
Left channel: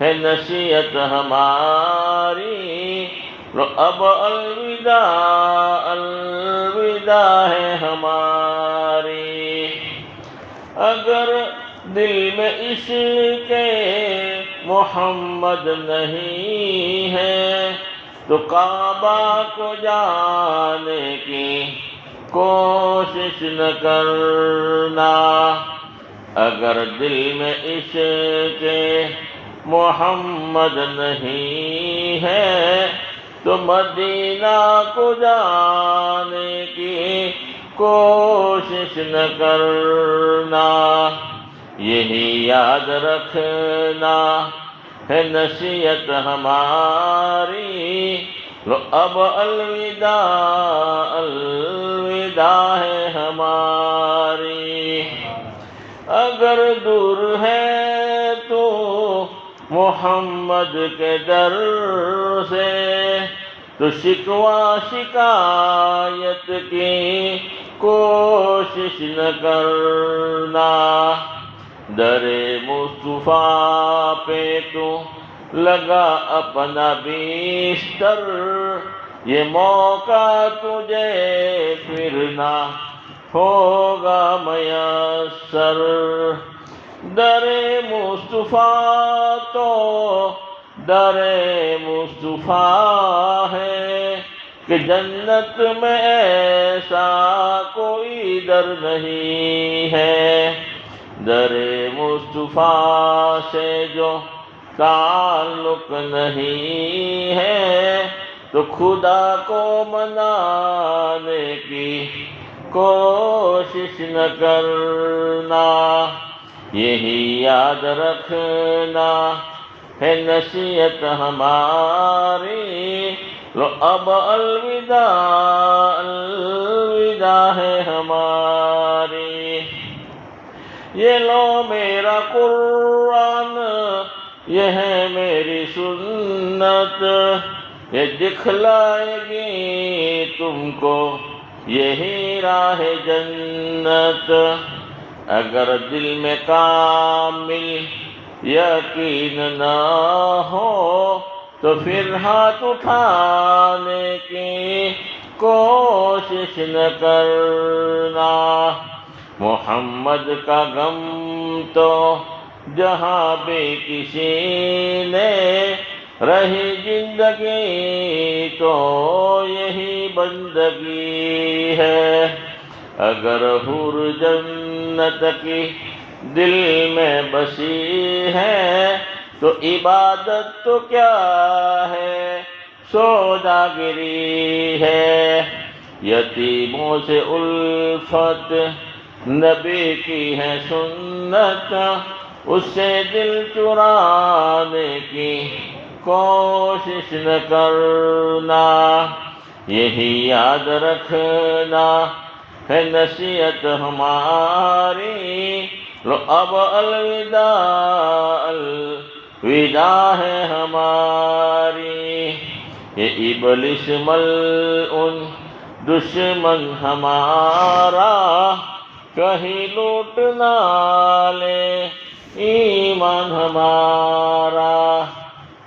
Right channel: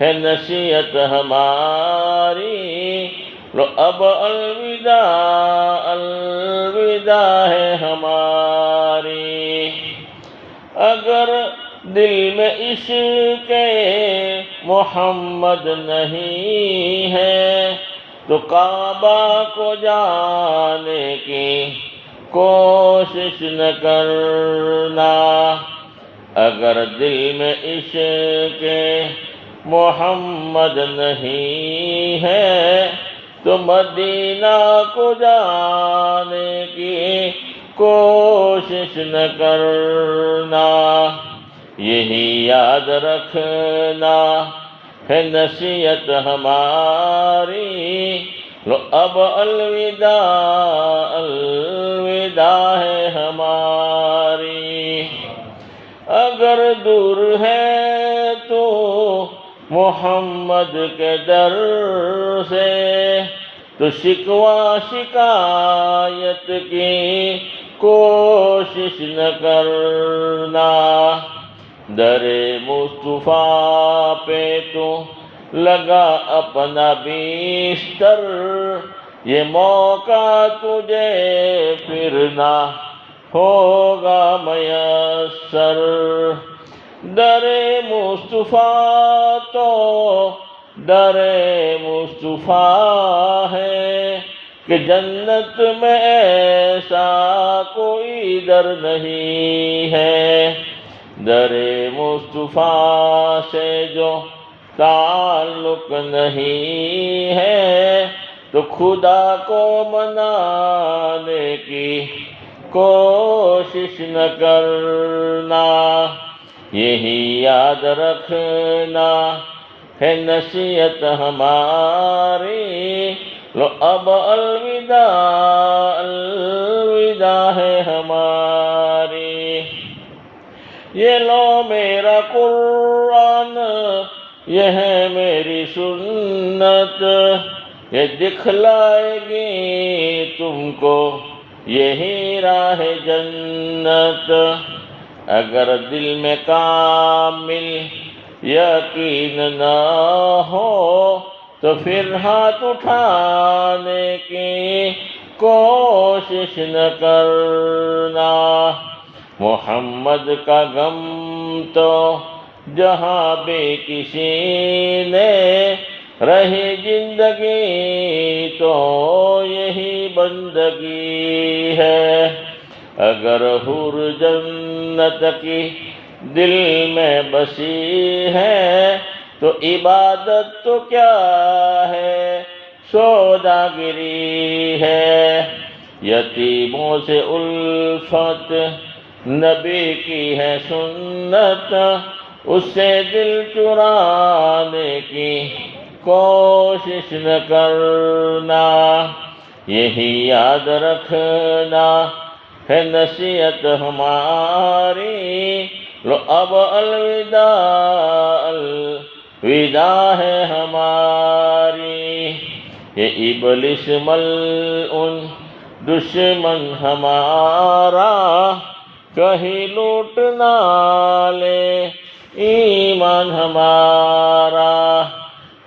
ہے نصیحت ہماری، لو اب الوداع الوداع ہے ہماری، اگر دل میں عشق محمد نہیں ہے تو کعبہ کو جانے کی کوشش نہ کرنا، اگر دل میں عشق محمد نہیں ہے تو مدینہ کو جانے کی کوشش نہ کرنا، یہی یاد رکھنا ہے نصیحت ہماری، لو اب الوداع الوداع ہے ہماری، اگر دور ہے تو محمد کے در سے تو شکوہ شکایت کی کوشش نہ کرنا، در مصطفیٰ پہ تو لگا اپنا بیستر، یہ موقع تجھے پھر نہ ہوگا میسر، در مصطفیٰ تو در مصطفیٰ ہے کہ جنت میں ایسا کوئی در نہیں ہے، در مصطفیٰ سے جو تعلق نہیں ہے تو خدا کو منانے کی کوشش نہ کرنا، یہی یاد رکھنا ہے نصیحت ہماری، لو اب الوداع الوداع ہے ہماری، یہ لو میرا قرآن یہ ہے میری سنت، یہ دکھلائے گی تم کو یہی راہ جنت، اگر دل میں کامل یقین نہ ہو تو پھر ہاتھ اٹھانے کی کوشش نہ کرنا، محمد کا غم تو جہاں بھی کسی نے رہی زندگی تو یہی بندگی ہے، اگر حور جنت کی دل میں بسی ہے تو عبادت تو کیا ہے سوداگری ہے، یتیموں سے الفت نبی کی ہے سنت، اس سے دل چرانے کی کوشش نہ کرنا، یہی یاد رکھنا ہے نصیحت ہماری، لو اب الوداع الوداع ہے ہماری، یہ ابلیس ملعون دشمن ہمارا کہیں لوٹ نہ لے ایمان ہمارا،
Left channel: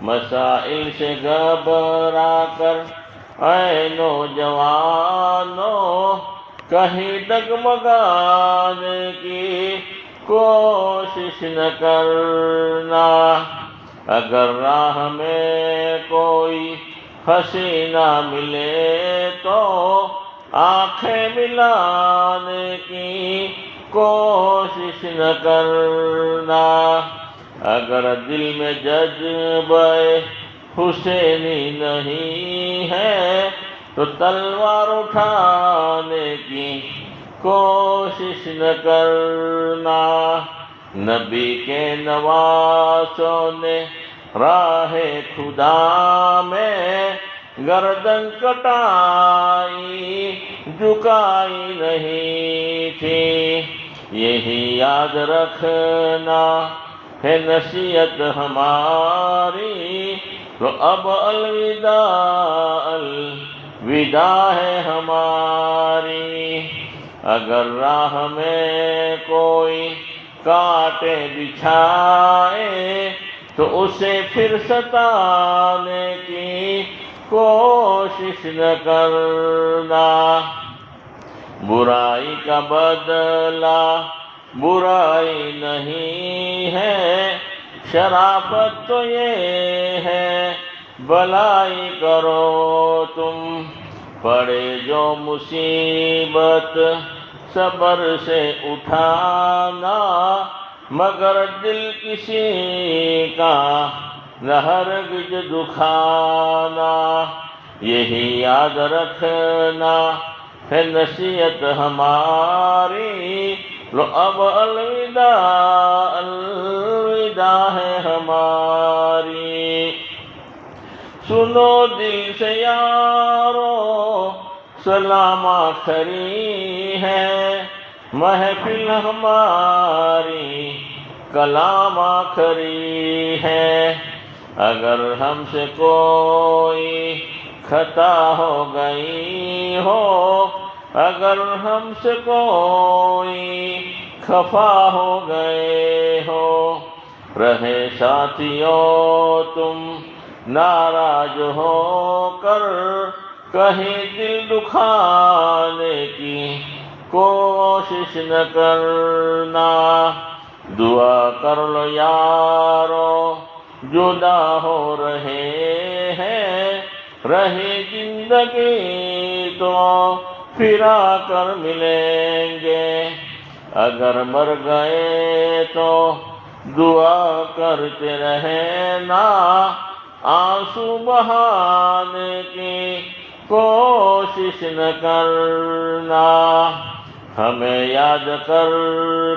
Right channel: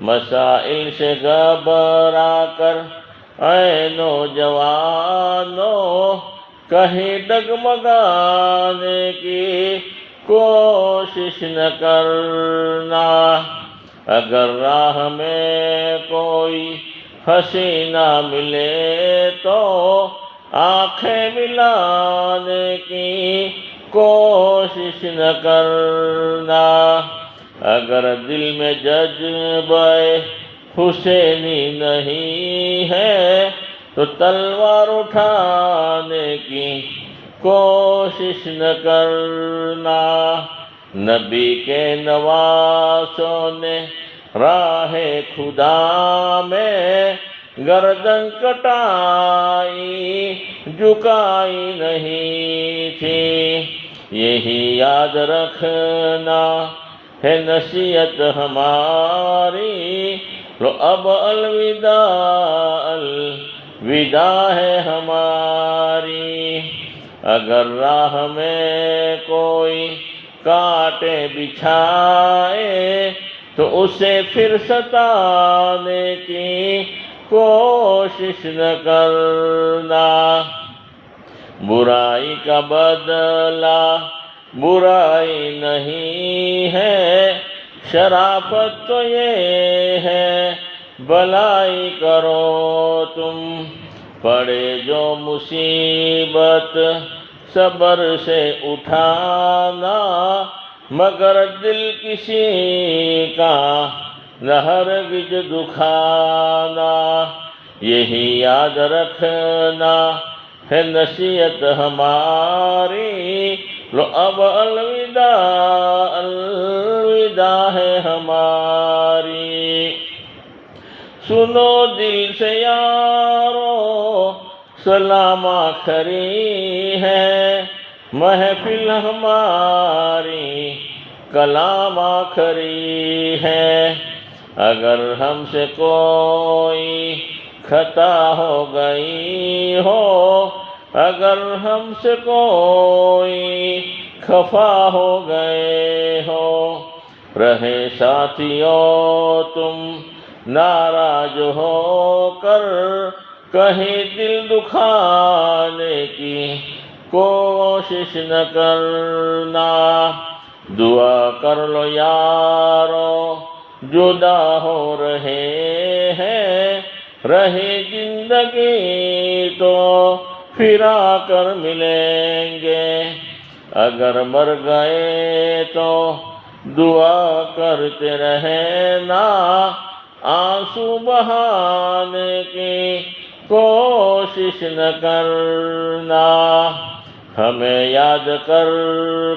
مسائل سے گھبرا کر اے نوجوانوں کہیں ڈگمگانے کی کوشش نہ کرنا، اگر راہ میں کوئی حسینہ ملے تو آنکھیں ملانے کی کوشش نہ کرنا، اگر دل میں جذبہ حسینی نہیں ہے تو تلوار اٹھانے کی کوشش نہ کرنا، نبی کے نواسوں نے راہ خدا میں گردن کٹائی جھکائی نہیں تھی، یہی یاد رکھنا ہے نصیحت ہماری، لو اب الوداع الوداع ہے ہماری، اگر راہ میں کوئی کانٹے بچھائے تو اسے پھر ستانے کی کوشش نہ کرنا، برائی کا بدلہ برائی نہیں ہے، شرافت تو یہ ہے بھلائی کرو تم، پڑے جو مصیبت صبر سے اٹھانا، مگر دل کسی کا نہ ہرگز دکھانا، یہی یاد رکھنا ہے نصیحت ہماری، لو اب الوداع الوداع ہے ہماری، سنو دل سے یارو سلام آخری ہے، محفل ہماری کلام آخری ہے، اگر ہم سے کوئی خطا ہو گئی ہو، اگر ہم سے کوئی خفا ہو گئے ہو، رہے ساتھیوں تم ناراض ہو کر کہیں دل دکھانے کی کوشش نہ کرنا، دعا کر لو یارو جدا ہو رہے ہیں، رہے زندگی تو پھر آ کر ملیں گے، اگر مر گئے تو دعا کرتے رہنا، آنسو بہانے کی کوشش نہ کرنا، ہمیں یاد کر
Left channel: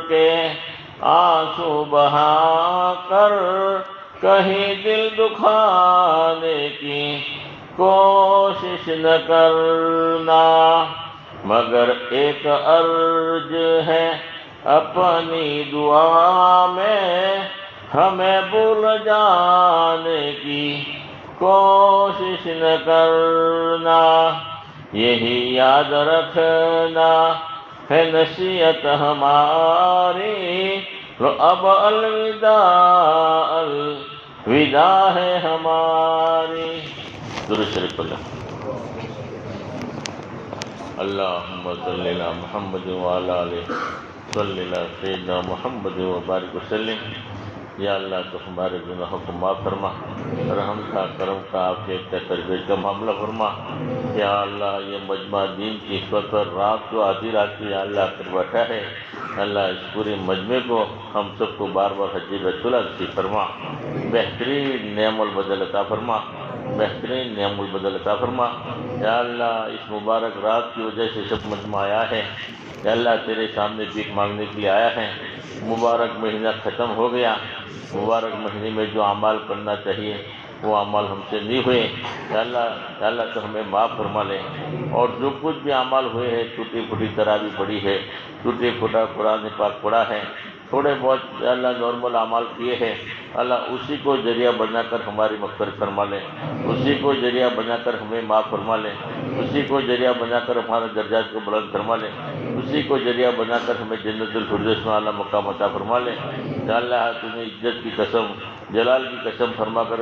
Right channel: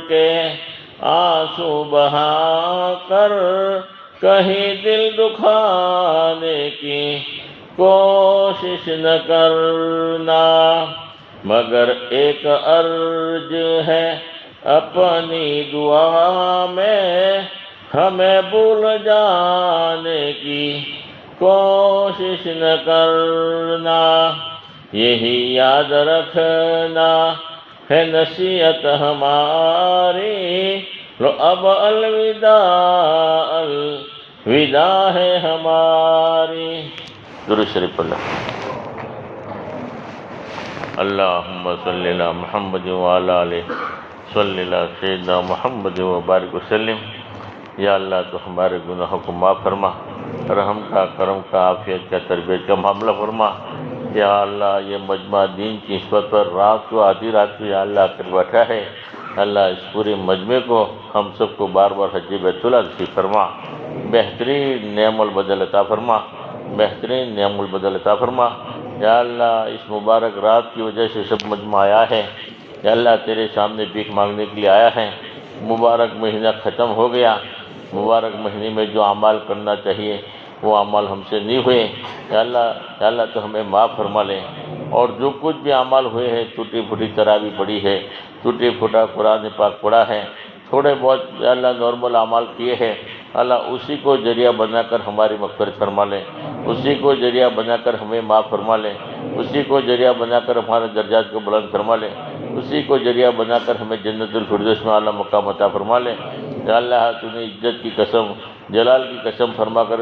کے آنسو بہا کر کہیں دل دکھانے کی کوشش نہ کرنا، مگر ایک عرض ہے اپنی دعا میں، ہمیں بھول جانے کی کوشش نہ کرنا، یہی یاد رکھنا ہے نصیحت ہماری، لو اب الوداع الوداع ہے ہماری، درود شریف پڑھیں۔ اللہم صلی علی محمد وعلی آلہ صلی علی سیدنا محمد وبارک وسلم۔ یا اللہ تو ہمارے گناہوں کو معاف فرما، رحم کا، کرم کا، عافیت کا، تربیت کا معاملہ فرما۔ یا اللہ یہ مجمع دین کی نسبت پر رات کو آدھی رات کو یا اللہ کر بیٹھا ہے، اللہ اس پورے مجمع کو ہم سب کو بار بار حج بیت اللہ نصیب فرما، بہترین نعم البدل عطا فرما، بہترین نعم البدل عطا فرما۔ یا اللہ اس مبارک رات کی وجہ سے سب مجمع آیا ہے، یا اللہ تیرے سامنے بھیک مانگنے کے لیے آیا ہے، مبارک مہینہ ختم ہو گیا، مبارک مہینے میں جو اعمال کرنا چاہیے وہ اعمال ہم سے نہیں ہوئے، یا اللہ تو ہمیں معاف فرما لے، اور جو کچھ بھی اعمال ہوئے ہیں، ٹوٹی پھوٹی تراویح پڑی ہے، ٹوٹی پھوٹا قرآن پاک پڑھا ہے، تھوڑے بہت یا اللہ نارمل اعمال کیے ہیں، اللہ اسی کو ذریعہ بنا کر ہماری مغفرت فرما لیں، اسی کو ذریعہ بنا کر ہمیں معاف فرما لیں، اسی کو ذریعہ بنا کر ہمارے درجات کو بلند فرما لیں، اسی کو ذریعہ بنا کر ہمیں جنت الفردوس میں اعلیٰ مقام عطا فرما لیں۔ یا اللہ تو نے عزت کی قسم، جلال کی قسم فرما کر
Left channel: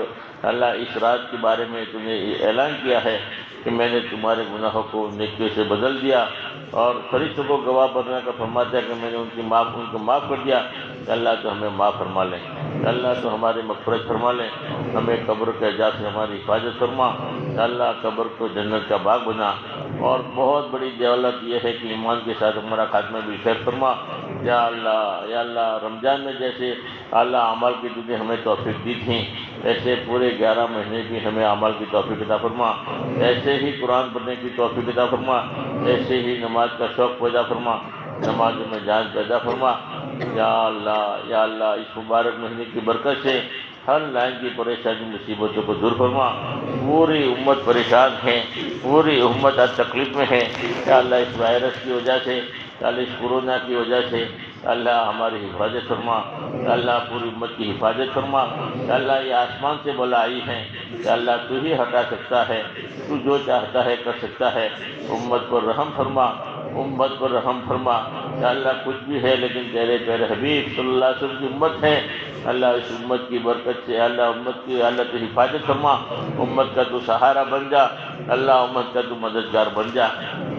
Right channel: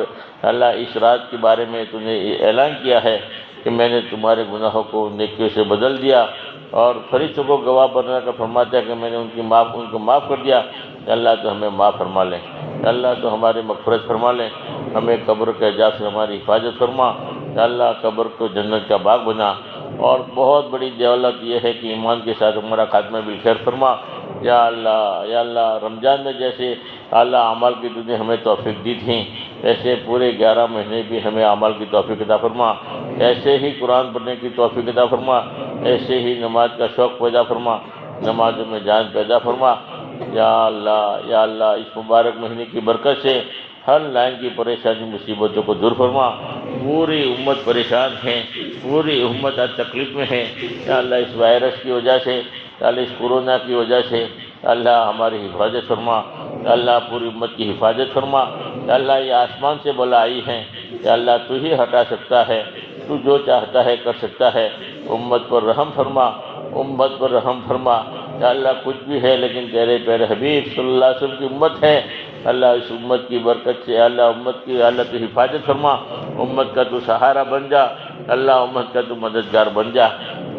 اللہ اس رات کے بارے میں تو نے اعلان کیا ہے کہ میں نے تمہارے گناہوں کو نیکیوں سے بدل دیا، اور فرشتوں کو گواہ بنا کر فرماتا ہے کہ میں نے ان کو معاف کر دیا۔ کہ اللہ تو ہمیں معاف فرما لیں، کہ اللہ تو ہماری مغفرت فرما لیں، ہمیں قبر کے عذاب سے ہماری حفاظت فرما، کہ اللہ قبر کو جنت کا باغ بنا، اور بہت بڑی دولت یہ ہے کہ ایمان کے ساتھ ہمارا خاتمہ بالخیر فرما۔ یا اللہ رمضان میں جیسے اللہ اعمال کی تو نے ہمیں توفیق دی تھی، ایسے پورے 11 مہینے بھی ہمیں اعمال کی توفیق عطا فرما، ایسے ہی قرآن پڑھنے کی توفیق عطا فرما، ایسے ہی نماز کا شوق پیدا فرما، نمازوں میں جان پیدا فرما۔ یا اللہ اس مبارک مہینے کی برکت سے ہر لائن کی پریشانی مصیبتوں کو دور فرما۔ پوری امت پریشان ہے، پوری امت ہر تکلیف میں ہے۔ یا اللہ اس وائرس کی وجہ سے، یا اللہ اس کورونا کی وجہ سے اللہ ہماری حفاظت فرما، یا اللہ پوری امت کی حفاظت فرما۔ یا اللہ یہ آسمان سے بلا آئی ہیں، یا اللہ تو ہی ہٹا سکتا ہے، تو جو چاہتا ہے کر سکتا ہے۔ امت پر رحم فرما، امت پر رحم فرما۔ یا اللہ کچھ بھی ہے لیکن تیرے پیارے حبیب صلی اللہ علیہ وسلم کی امت ہے، اللہ اس امت کی برکت سے اللہ امت کی اللہ تو حفاظت فرما، امت کا تو سہارا بن جا، اللہ امت کا تو مددگار بن جا۔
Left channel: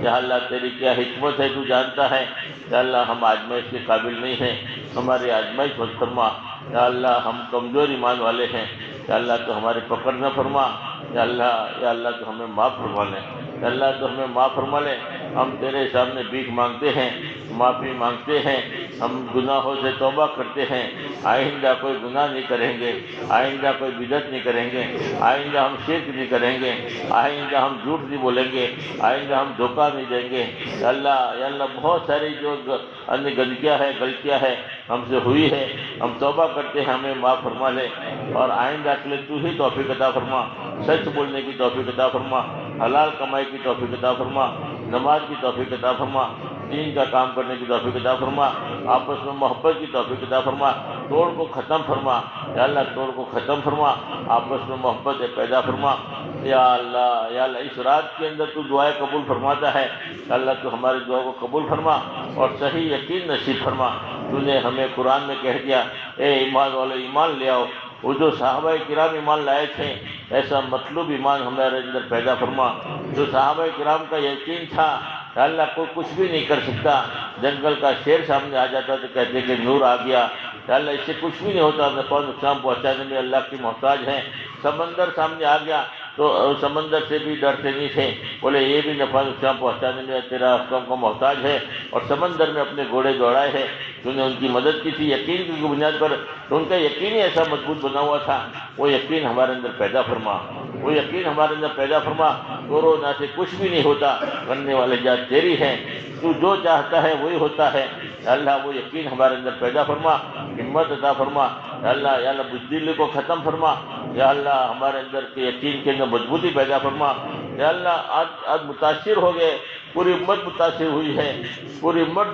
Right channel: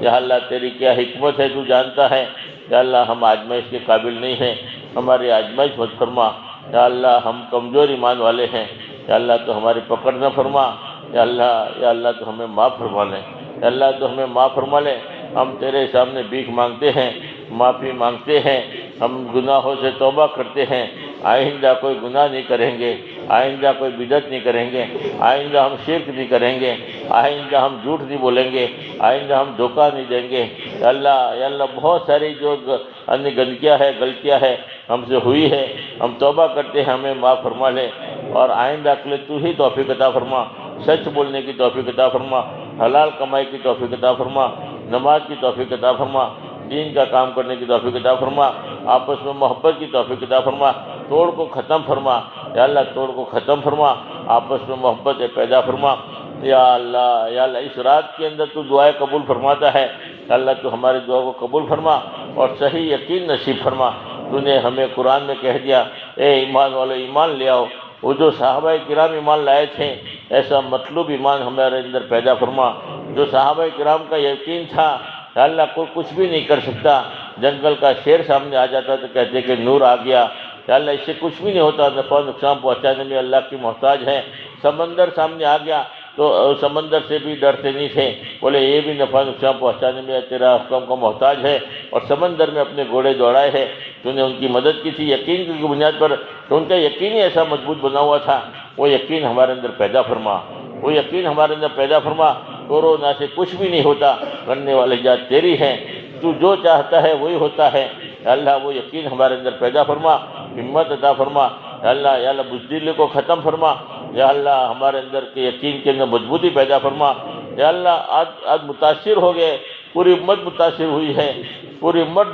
یا اللہ تیری کیا حکمت ہے تو جانتا ہے۔ یا اللہ ہم آزمائش کے قابل نہیں ہیں، ہماری آزمائش مت فرما۔ یا اللہ ہم کمزور ایمان والے ہیں، یا اللہ تو ہماری پکڑ نہ فرما۔ یا اللہ تو ہمیں معاف فرما لے، یا اللہ تو ہمیں معاف فرما لے۔ ہم تیرے سامنے بھیک مانگتے ہیں، معافی مانگتے ہیں، ہم گناہوں سے توبہ کرتے ہیں، آئندہ کوئی گناہ نہیں کریں گے، آئندہ کوئی بدعت نہیں کریں گے، آئندہ ہم شرک نہیں کریں گے، آئندہ ہم جھوٹ نہیں بولیں گے، آئندہ ہم دھوکہ نہیں دیں گے۔ یا اللہ بہت ساری جو گندگیاں ہے، غلطیاں ہے ہم سے ہوئی ہے، ہم توبہ کرتے ہیں، ہمیں معاف فرما لے، اور آئندہ کے لیے تو ہی توفیق عطا فرما، سچ بولنے کی توفیق عطا فرما، حلال کمائی کی توفیق عطا فرما، نماز کی توفیق عطا فرما، دین کا کام کرنے کی توفیق عطا فرما، آپس میں محبت کی توفیق عطا فرما، توڑ کو ختم فرما۔ یا اللہ توڑ کو ختم فرما، آپس میں محبت پیدا فرما۔ یا اللہ اس رات کے اندر تو دعائیں قبول فرماتا ہے، اللہ تو ہماری دعا کو قبول فرما اور صحیح یقین نصیب فرما۔ تو نے ہمیں قرآن میں کہہ دیا اے ایمان والو ایمان لے آؤ، وہ جو صحابہ کرام ایمان لائے تھے ایسا مطلوب ایمان ہمارے اندر پیدا فرما۔ جو صحابہ کرام کا یقین تھا کہ اللہ کو کچھ بھی نہیں کر سکتا، جنگل کا شیر سامنے آ جاتا تو کہتے کہ نور آ گیا، کہ اللہ اس سے کچھ بھی نہیں ہوتا، نفع نقصان پہنچانے میں اللہ کی محتاج ہے۔ سمندر سامنے آ گیا تو سمندر سے بھی ڈرتے نہیں تھے، بولے یہ بھی نفع نقصان پہنچانے میں تیرا حکم کا محتاج ہے، اور سمندر میں اپنے گھوڑے دوڑائے ہیں، تو نے ان کی مدد کی تھی یقین کی بنیاد پر، تو ان کا یقین ہی ایسا مضبوط بنا ہوا تھا۔ وہ یقین ہمارے اندر پیدا فرما، وہ یقین ہمارے اندر پیدا فرما۔ کورونا سے کچھ بھی نہیں ہوتا، کرنے والی ذات تیری ہے، تو جو چاہتا ہے وہی ہوتا ہے۔ اللہ وہ یقین ہمارے اندر پیدا فرما، ہمت عطا فرما۔ یا اللہ بزدلی کو ختم فرما۔ یا اللہ ہمارے اندر کے یقین کے اندر مضبوطی پیدا فرما۔ یا اللہ آج متاثر ہو گئے، پوری امت متاثر ہوئی ہے، پوری امت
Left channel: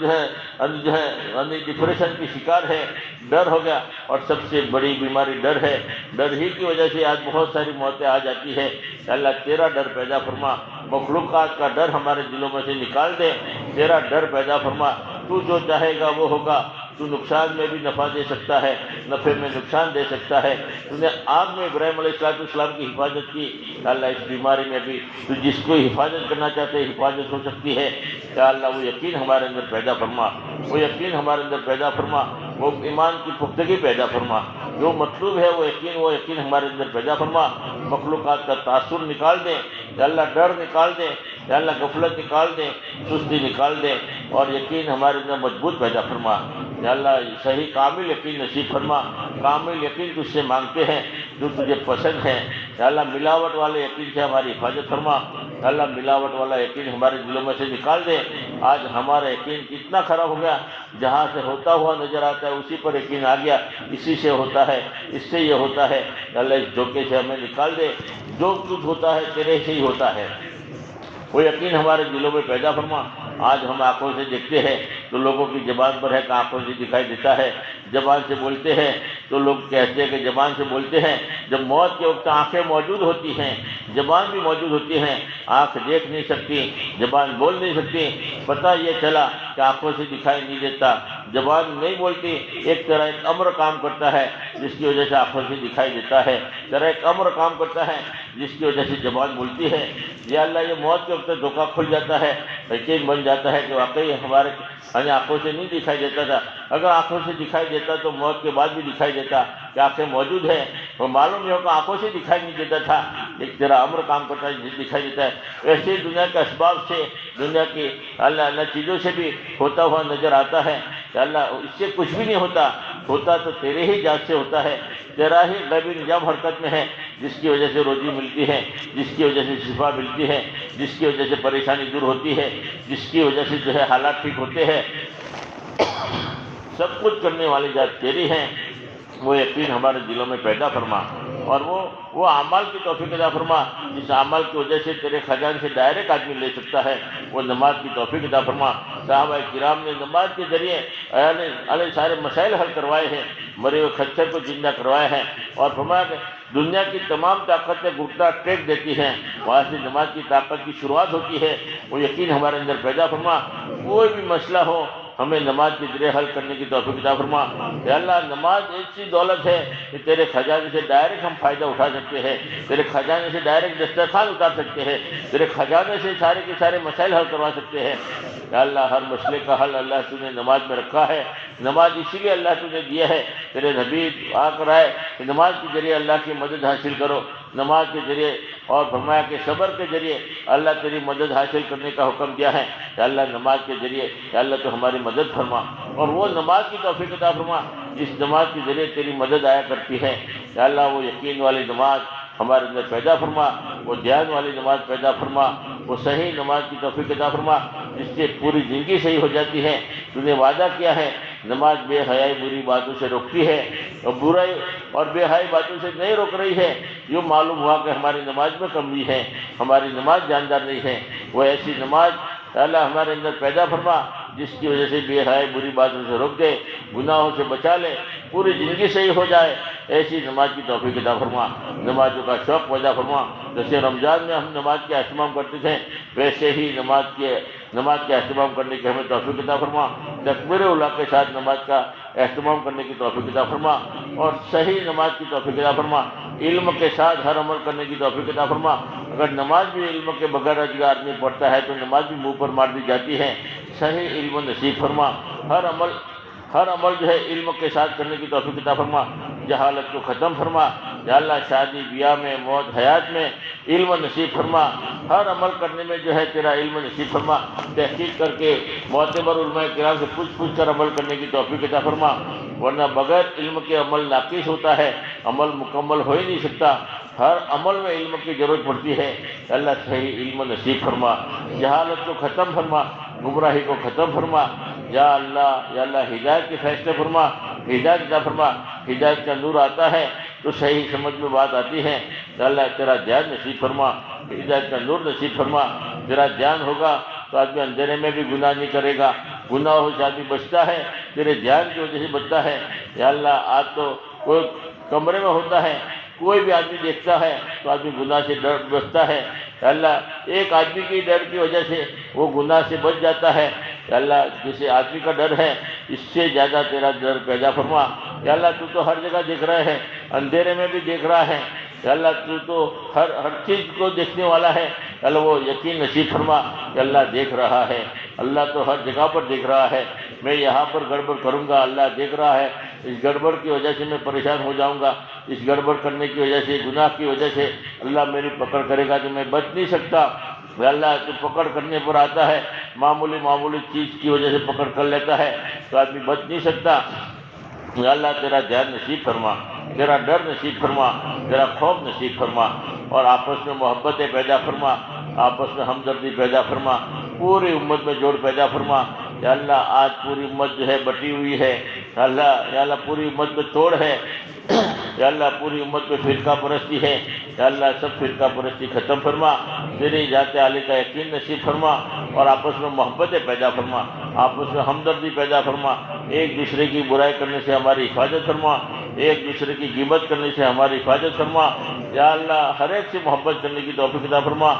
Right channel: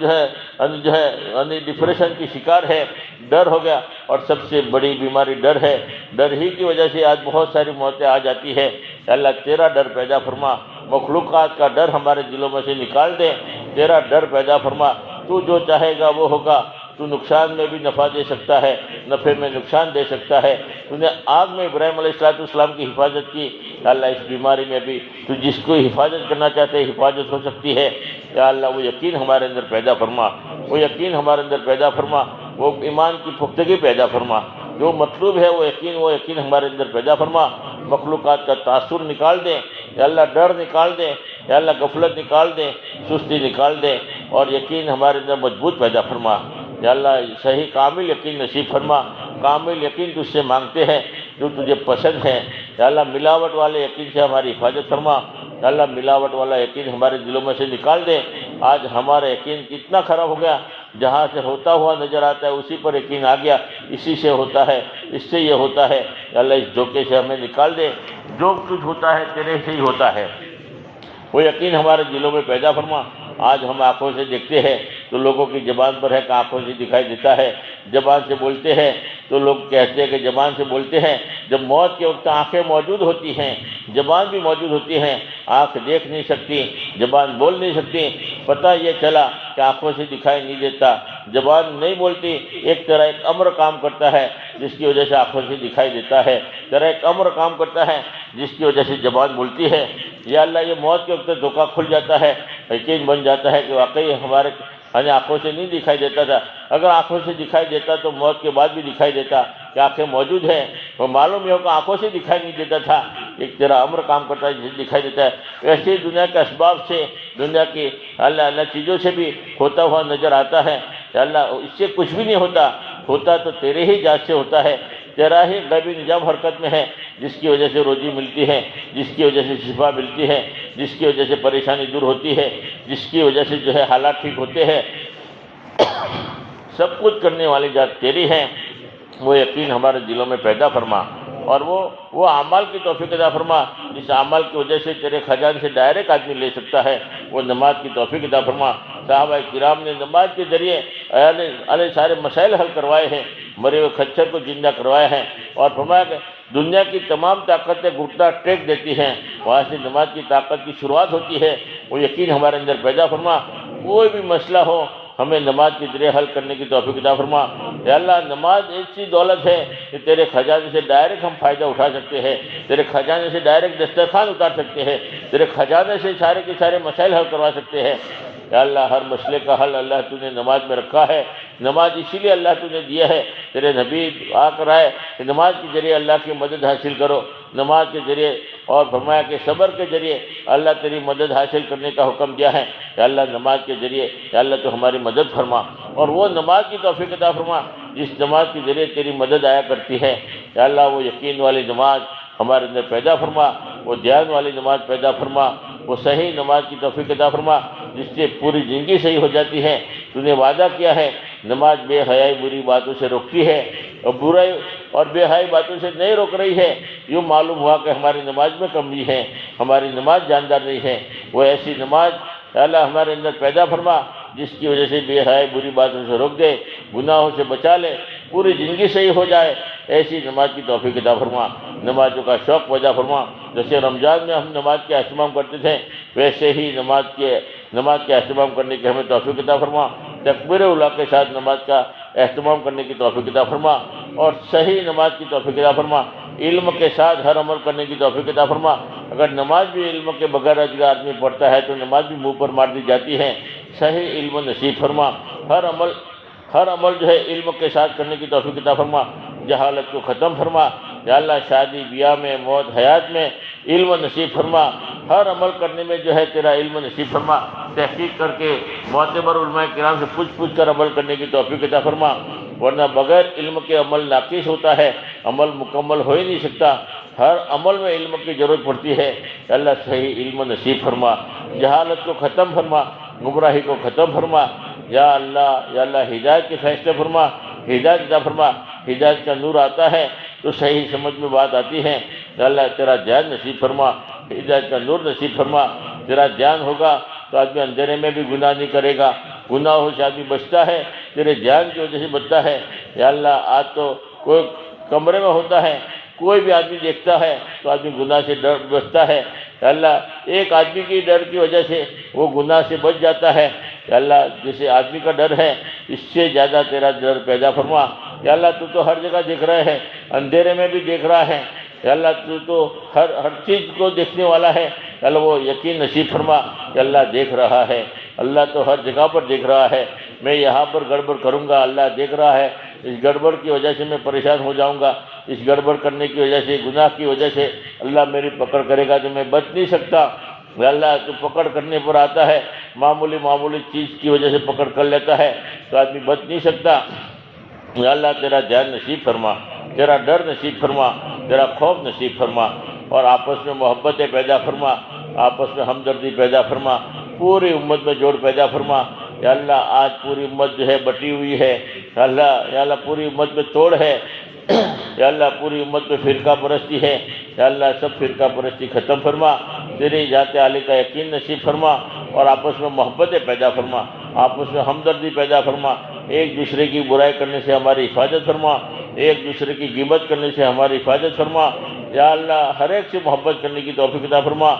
جو ہے ڈپریشن کی شکار ہے، ڈر ہو گیا، اور سب سے بڑی بیماری ڈر ہے۔ ڈر ہی کی وجہ سے آج بہت ساری موتیں آ جاتی ہے۔ اللہ تیرا ڈر پیدا فرما، مخلوقات کا ڈر ہمارے دلوں میں سے نکال دے، تیرا ڈر پیدا فرما۔ تو جو چاہے گا وہ ہوگا، تو نقصان میں بھی نفع دے سکتا ہے، نفع میں نقصان دے سکتا ہے۔ تو نے آگ میں ابراہیم علیہ السلام کی حفاظت کی، اللہ اس بیماری میں بھی تو جس کو حفاظت کرنا چاہتے ہیں حفاظت ہو سکتی ہے۔ یا اللہ وہ یقین ہمارے اندر پیدا فرما، وہ یقین ہمارے اندر پیدا فرما، وہ ایمان کی پختگی پیدا فرما، جو مطلوب ہے وہ یقین ہمارے اندر پیدا فرما۔ مخلوقات کا تاثر نکال دے، یا اللہ ڈر نکال دے، یا اللہ غفلت نکال دے، سستی نکال دے، اور یقین ہمارے اندر مضبوط پیدا فرما۔ یا اللہ صحیح کامل یقین نصیب فرما، کامل یقین تجھ سے مانگتے ہیں جو تجھے پسند ہے۔ یا اللہ ملاوٹ والے یقین سے ہماری حفاظت فرما۔ یا اللہ ملاوٹ والا یقین ہمارے دلوں میں سے نکال دے۔ آج ہمارا یقین کتنا خراب ہو گیا، جہاں سے ہوتا ہوا نظر آتا ہے اسی پر یقین آ گیا، اسی سے ہوتا ہے، اس سے یہ ہوتا ہے۔ یا اللہ اس دھوکے سے ہمیں نکال دے، جو کچھ ہوتا ہے تیرے سے ہی ہوتا ہے، وہ یقین ہمارے دلوں میں پیدا فرما۔ آج ہم آنکھوں سے دیکھتے ہیں تو لوگوں کی زبان پر ہے کہ آنکھوں سے دکھائی دیتا ہے، زبان سے بولتے ہیں تو لوگ کہتے ہیں کہ زبان سے بولتے ہیں، جب موت کے وقت آنکھیں موجود ہوتی ہیں، زبان بھی موجود ہوتی ہیں، آنکھ دیکھ نہیں سکتی، زبان بول نہیں سکتی، پتہ یہ چلا کہ آنکھوں سے دکھائی نہیں دیتا، زبان نہیں بولتی، ایک طرح ایک امر کام کرتا ہے جس کی وجہ سے آنکھوں سے دکھائی دیتا ہے، طرح ایک امر کام کرتا ہے جس کی وجہ سے زبان بولتی ہے۔ یا اللہ یہ موت کے وقت دھوکہ کھل جاتا ہے، یقین بن جاتا ہے کہ واقعی ہمارے آنکھوں سے نہیں دکھائی دیتا تھا، اگر آنکھوں سے دکھائی دیتا تو موت کے بعد بھی دکھائی دیتا کہ آنکھیں موجود ہیں، وہ معلوم یہ ہو کہ آنکھوں سے دکھائی نہیں دیتا تھا، ایک طرح امر کام کرتا ہے جسے دکھائی دیتا ہے۔ ویسے ہی دنیا کے اسباب سے، دنیا کی اللہ چیزوں سے بھی ہوتا ہوا نظر آتا ہے کہ اللہ اس سے کچھ بھی نہیں ہوتا، ہوتا تو تیرے ہی ذات سے ہوتا ہے، تیرا ہی غیبی نظام حرکت میں ہے، جس کی وجہ سے روزی ملتی ہے، جس کی وجہ سے شفا ملتی ہے، جس کی وجہ سے پریشانی دور ہوتی ہے، جس کی وجہ سے جو ہے حالات ٹھیک ہوتے ہیں، سب کچھ کرنے والی ذات تیری ہے، وہ یقین ہمارے دلوں میں پیدا فرما، اور وہ اعمال کی توفیق عطا فرما جس اعمال کی وجہ سے تیرے خزانے سے ڈائریکٹ آدمی لے سکتا ہے، وہ نماز کی توفیق عطا فرما۔ صحابہ کرام نے نماز کے ذریعے علیہ سارے مسائل حل کروائے ہیں، مرے ہوئے خچر کو زندہ کروایا ہے، اور فرمایا کہ دنیا کی تمام طاقتیں گھٹنا ٹیک دیتی ہیں، وہاں سے نماز کی طاقت کی شروعات ہوتی ہے، وہ یقین ہمارے اندر پیدا فرما۔ کوئی بھی مسئلہ ہو ہمیں نماز کے ذریعے حل کرنے کی توفیق عطا فرما۔ یا اللہ نماز ایسی دولت ہے کہ تیرے خزانے سے ڈائریکٹ ہم فائدہ اٹھا سکتے ہیں، تیرے خزانے سے ڈائریکٹ دسترخوان اتار سکتے ہیں، تیرے خزانے سے سارے کے سارے مسائل حل کروا سکتے ہیں۔ یا اللہ ہر مسئلے کا حل اللہ تو نے نماز میں رکھا ہے، نماز اسی لیے اللہ تو نے دیا ہے، تیرے نبی آ کر آئے کہ نماز کے ذریعے اللہ کی مدد حاصل کرو، نماز کے ذریعے، اور فرمایا کہ صبر کے ذریعے اللہ تیری مدد حاصل کرنے کا حکم دیا ہے۔ یا اللہ نماز کے ذریعے یا اللہ تو ہماری مدد فرما، اور وہ نماز کی توفیق عطا فرما جس نماز کے ذریعے تیری مدد آیا کرتی ہے۔ یا اللہ وہ یقین والی نماز ہمارے اندر پیدا فرما، وہ دھیان والی نماز پیدا فرما، وہ صحیح نماز کی توفیق عطا فرما جس سے پوری زندگی صحیح ہو جاتی ہے۔ تو نے وعدہ کیا ہے نماز بے حیائی بری باتوں سے روکتی ہے، اور برائی اور بے حیائی باتوں سے نہیں روک رہی ہے، یوں معلوم ہوا کہ ہماری نماز میں کمی ہے، ہماری نماز جاندار نہیں ہے۔ وہ ایسی نماز اللہ ہمارے اندر پیدا فرما جس کی وجہ سے بے حیائی بری باتوں سے روک دے، گناہوں سے بچا لے، پوری زندگی صحیح ہو جائے، ایسی نماز کی توفیق عطا فرما۔ نمازوں کا شوق پیدا فرما، جیسے رمضان میں ہم نماز کا اہتمام کرتے تھے ویسے ہی نماز کے اہتمام کرنے کی ہمیں توفیق عطا فرما، تکبیر اولیٰ کے ساتھ نماز کا اہتمام کرنے کی توفیق عطا فرما، اور صحیح نماز کی توفیق عطا فرما، علم کے ساتھ ہر عمل کرنے کی توفیق عطا فرما۔ اگر نماز بھی علم کے بغیر اگر آدمی پڑھتا ہے تو نماز بھی منہ پر مار دی جاتی ہے، صحیح علم نصیب فرما، ہر عمل جو ہے علم کے ساتھ کرنے کی توفیق عطا فرما، جہالت کو ختم فرما۔ یا اللہ شادی بیاہ میں، موت حیات میں علم نصیب فرما، ہر عمل کرنے میں جو ہے تیرا علم نصیب فرما، تحقیق کر کے معتبر علماء کرام سے پوچھ کر عمل کرنے کی توفیق عطا فرما، ورنہ بغیر علم کے عمل ناقص ہوتا ہے، عمل مکمل ہو ہی نہیں سکتا، ہر عمل میں علم کی ضرورت پڑتی ہے۔ اللہ صحیح علم نصیب فرما، جہالت کو ختم فرما، گمراہی کو ختم فرما۔ یا اللہ ہدایت کے فیصلے فرما، ہدایت عطا فرما، ہدایت کا نور آتا ہے تو صحیح سمجھ میں بات آتی ہے۔ یا اللہ تیرا دھیان نصیب فرما، ہدایت کا نور نصیب فرما، تیرا دھیان ہوگا تو آدمی اندھیرے میں بھی گناہ نہیں کرے گا، گناہوں سے آدمی بچتا ہے، تیرے دھیان کی وجہ سے بچتا ہے۔ یا اللہ آج تو کوئی کمرے میں ہوتا ہے، کوئی بھی آدمی دیکھتا ہے تو آدمی گناہ سے ڈر بچتا ہے، یا اللہ ایک آدمی کی ڈر کی وجہ سے وہ گناہ سے بچ جاتا ہے۔ یا اللہ جسے آدمی کا ڈر ہے اس سے زیادہ تیرا ڈر پیدا فرما۔ یا اللہ تو ہر جگہ دیکھ رہا ہے، اندھیرے میں بھی دیکھ رہا ہے، یا اللہ تو ہر چیز کو دیکھنے والا ہے۔ یا اللہ وہ یقین نصیب فرما کہ اللہ دیکھ رہا ہے، اللہ تو ہر جگہ پر دیکھ رہا ہے، میں یہاں پر گڑبڑ کروں گا اللہ دیکھ رہا ہے، اس گڑبڑ کی وجہ سے میں پریشان ہو جاؤں گا، اس گڑبڑ کرنے کی وجہ سے گناہ کی وجہ سے اللہ میری پکڑ کرے گا تو میں بچ نہیں سکتا۔ یا اللہ تو پکڑ کرنے پر آتا ہے، معمولی چیز کی وجہ سے پکڑ کر لیتا ہے تو آدمی بچ نہیں سکتا۔ یا اللہ تیرا دھیان نصیب فرما، تیرا ڈر نصیب فرما، تیرا خوف نصیب فرما، اور آپس میں محبتیں پیدا فرما، آپس میں ہمدردی پیدا فرما، پوری امت میں جوڑ پیدا فرما۔ یا اللہ آج پوری امت جو ہے بٹی ہوئی ہے، یا اللہ پوری امت میں توڑ ہے، یا اللہ پوری امت پہ فرقہ پرستی ہے، یا اللہ سب فرقہ پرستی ختم فرما، تیری ذات عالی کا یقین نصیب فرما، اور آپس میں محبتیں پیدا فرما، آپس میں ہمدردی پیدا فرما، ایک دوسرے کی برائی کرنے سے ہماری حفاظت فرما، ایک دوسرے کی غیبت کرنے سے ہماری حفاظت فرما، یا اللہ ہر ایک سے محبت کرنے کی توفیق عطا فرما۔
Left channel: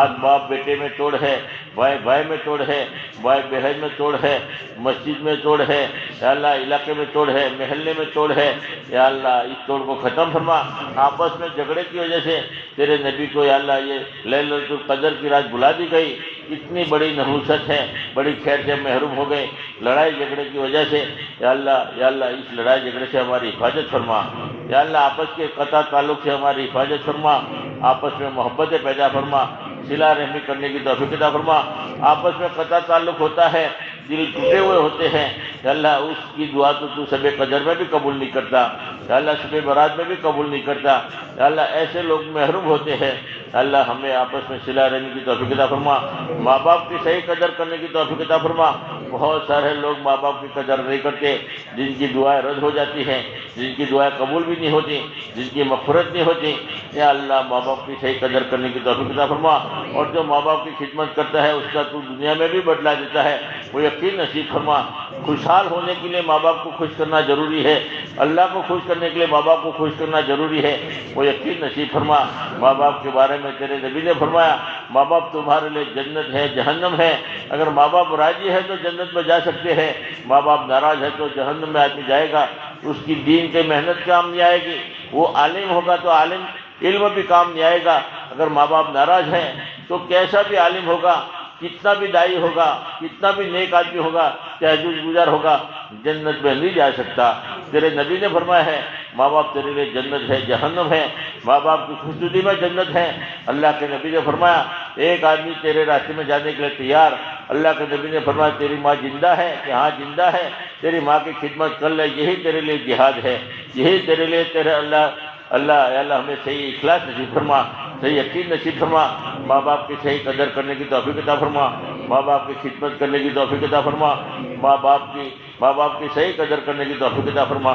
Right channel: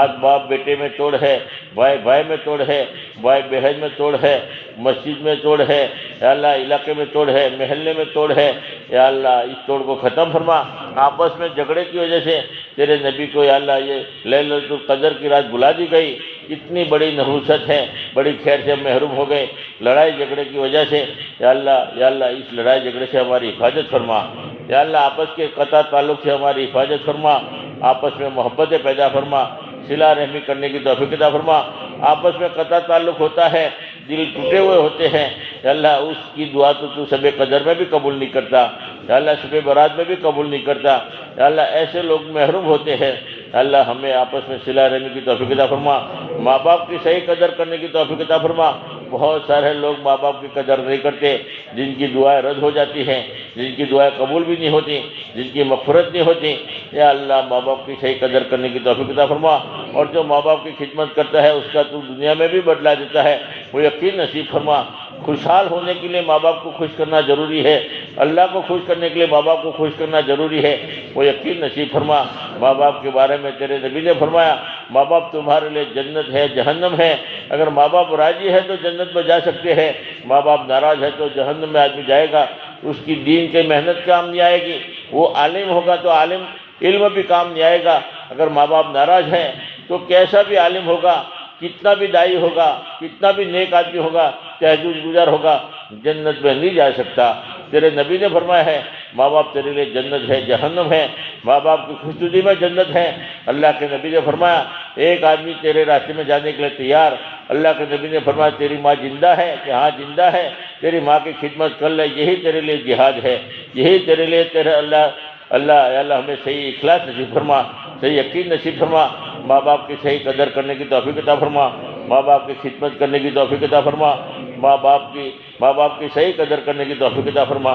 آج باپ بیٹے میں توڑ ہے، بھائی بھائی میں توڑ ہے، بھائی بہن میں توڑ ہے، مسجد میں توڑ ہے، یا اللہ علاقے میں توڑ ہے، محلے میں توڑ ہے، یا اللہ اس توڑ کو ختم فرما۔ آپس میں جھگڑے کی وجہ سے تیرے نبی کو یا اللہ یہ لیلۃ القدر کی رات بلا دی گئی، کتنی بڑی نحوست ہے، بڑی خیر سے ہم محروم ہو گئے لڑائی جھگڑے کی وجہ سے، یا اللہ اس لڑائی جھگڑے سے ہماری حفاظت فرما، یا اللہ آپس کے قطع تعلق سے ہماری حفاظت فرما، آپس میں محبتیں پیدا فرما، صلہ رحمی کرنے کی توفیق عطا فرما۔ آپس میں قطع تعلق ہوتا ہے، دل ٹوٹے ہوئے ہوتے ہیں، یا اللہ اس کی دعا تو شب قدر میں بھی قبول نہیں کرتا، یا اللہ شب برات میں بھی قبول نہیں کرتا، یا اللہ ایسے لوگ محروم ہوتے ہیں، اللہ ہمیں آپس میں صلہ رحمی کی توفیق عطا فرما، ماں باپ کی صحیح قدر کرنے کی توفیق عطا فرما۔ بہت سارے لوگ ماں باپ کی قدر نہیں کرتے، جن کی دعائیں رد ہو جاتی ہیں، جن کی دعائیں قبول بھی نہیں ہوتی، جن کی مغفرت نہیں ہوتی، یا اللہ ماں باپ کی صحیح قدر کرنے کی توفیق عطا فرما، اور جو ماں باپ کی خدمت کرتا ہے اس کا تو دنیا میں بھی بدلا دیتا ہے، وہ یقین نصیب فرما۔ خوشحال ہونے کے لیے ماں باپ کو خوش کرنا ضروری ہے، اللہ کو خوش کرنے کے لیے ماں باپ کو خوش کرنا ضروری ہے، وہ یقین نصیب فرما۔ ماں باپ کے بارے میں تیرے نبی نے فرمایا ماں باپ تمہارے لیے جنت ہے جہنم ہے، اگر ماں باپ راضی ہے تو جنت میں جا سکتے ہیں، ماں باپ ناراض ہے تو جہنم میں آدمی جائے گا، اس کی دین کے محنت کام نہیں آئے گی، وہ عالم ہوگا تو عالم علم بھی کام نہیں آئے گا، اگر ماں باپ ناراض ہیں تو کیسا بھی عالم ہوگا، کتنا بھی دائی ہوگا، کتنا بھی نیک آدمی ہوگا، تہجد گزار ہوگا، جنت میں نہیں جا سکتا۔ تیرے نبی نے فرمایا ہے ماں باپ تیرے لیے جنت ہے جہنم ہے، ماں باپ کی خوشنودی میں جنت ہے۔ اللہ کے نبی نے فرمایا ایک آدمی تیرے راستے میں جانے کے لیے تیار، اللہ کے نبی نے فرمایا تیری ماں زندہ ہے کہ ہاں زندہ ہے، تیری ماں کی خدمت کر لے، یہی تیرے لیے جہاد ہے، یہی تیرے لیے تیرے اللہ ہمیں صحیح اخلاص نصیب فرما، صحیح یقین نصیب فرما، ماں باپ کی صحیح قدر کرنے کی توفیق عطا فرما، ماں باپ کی خدمت کرنے کی توفیق عطا فرما، ماں باپ کی صحیح قدر کرنے کی توفیق عطا فرما۔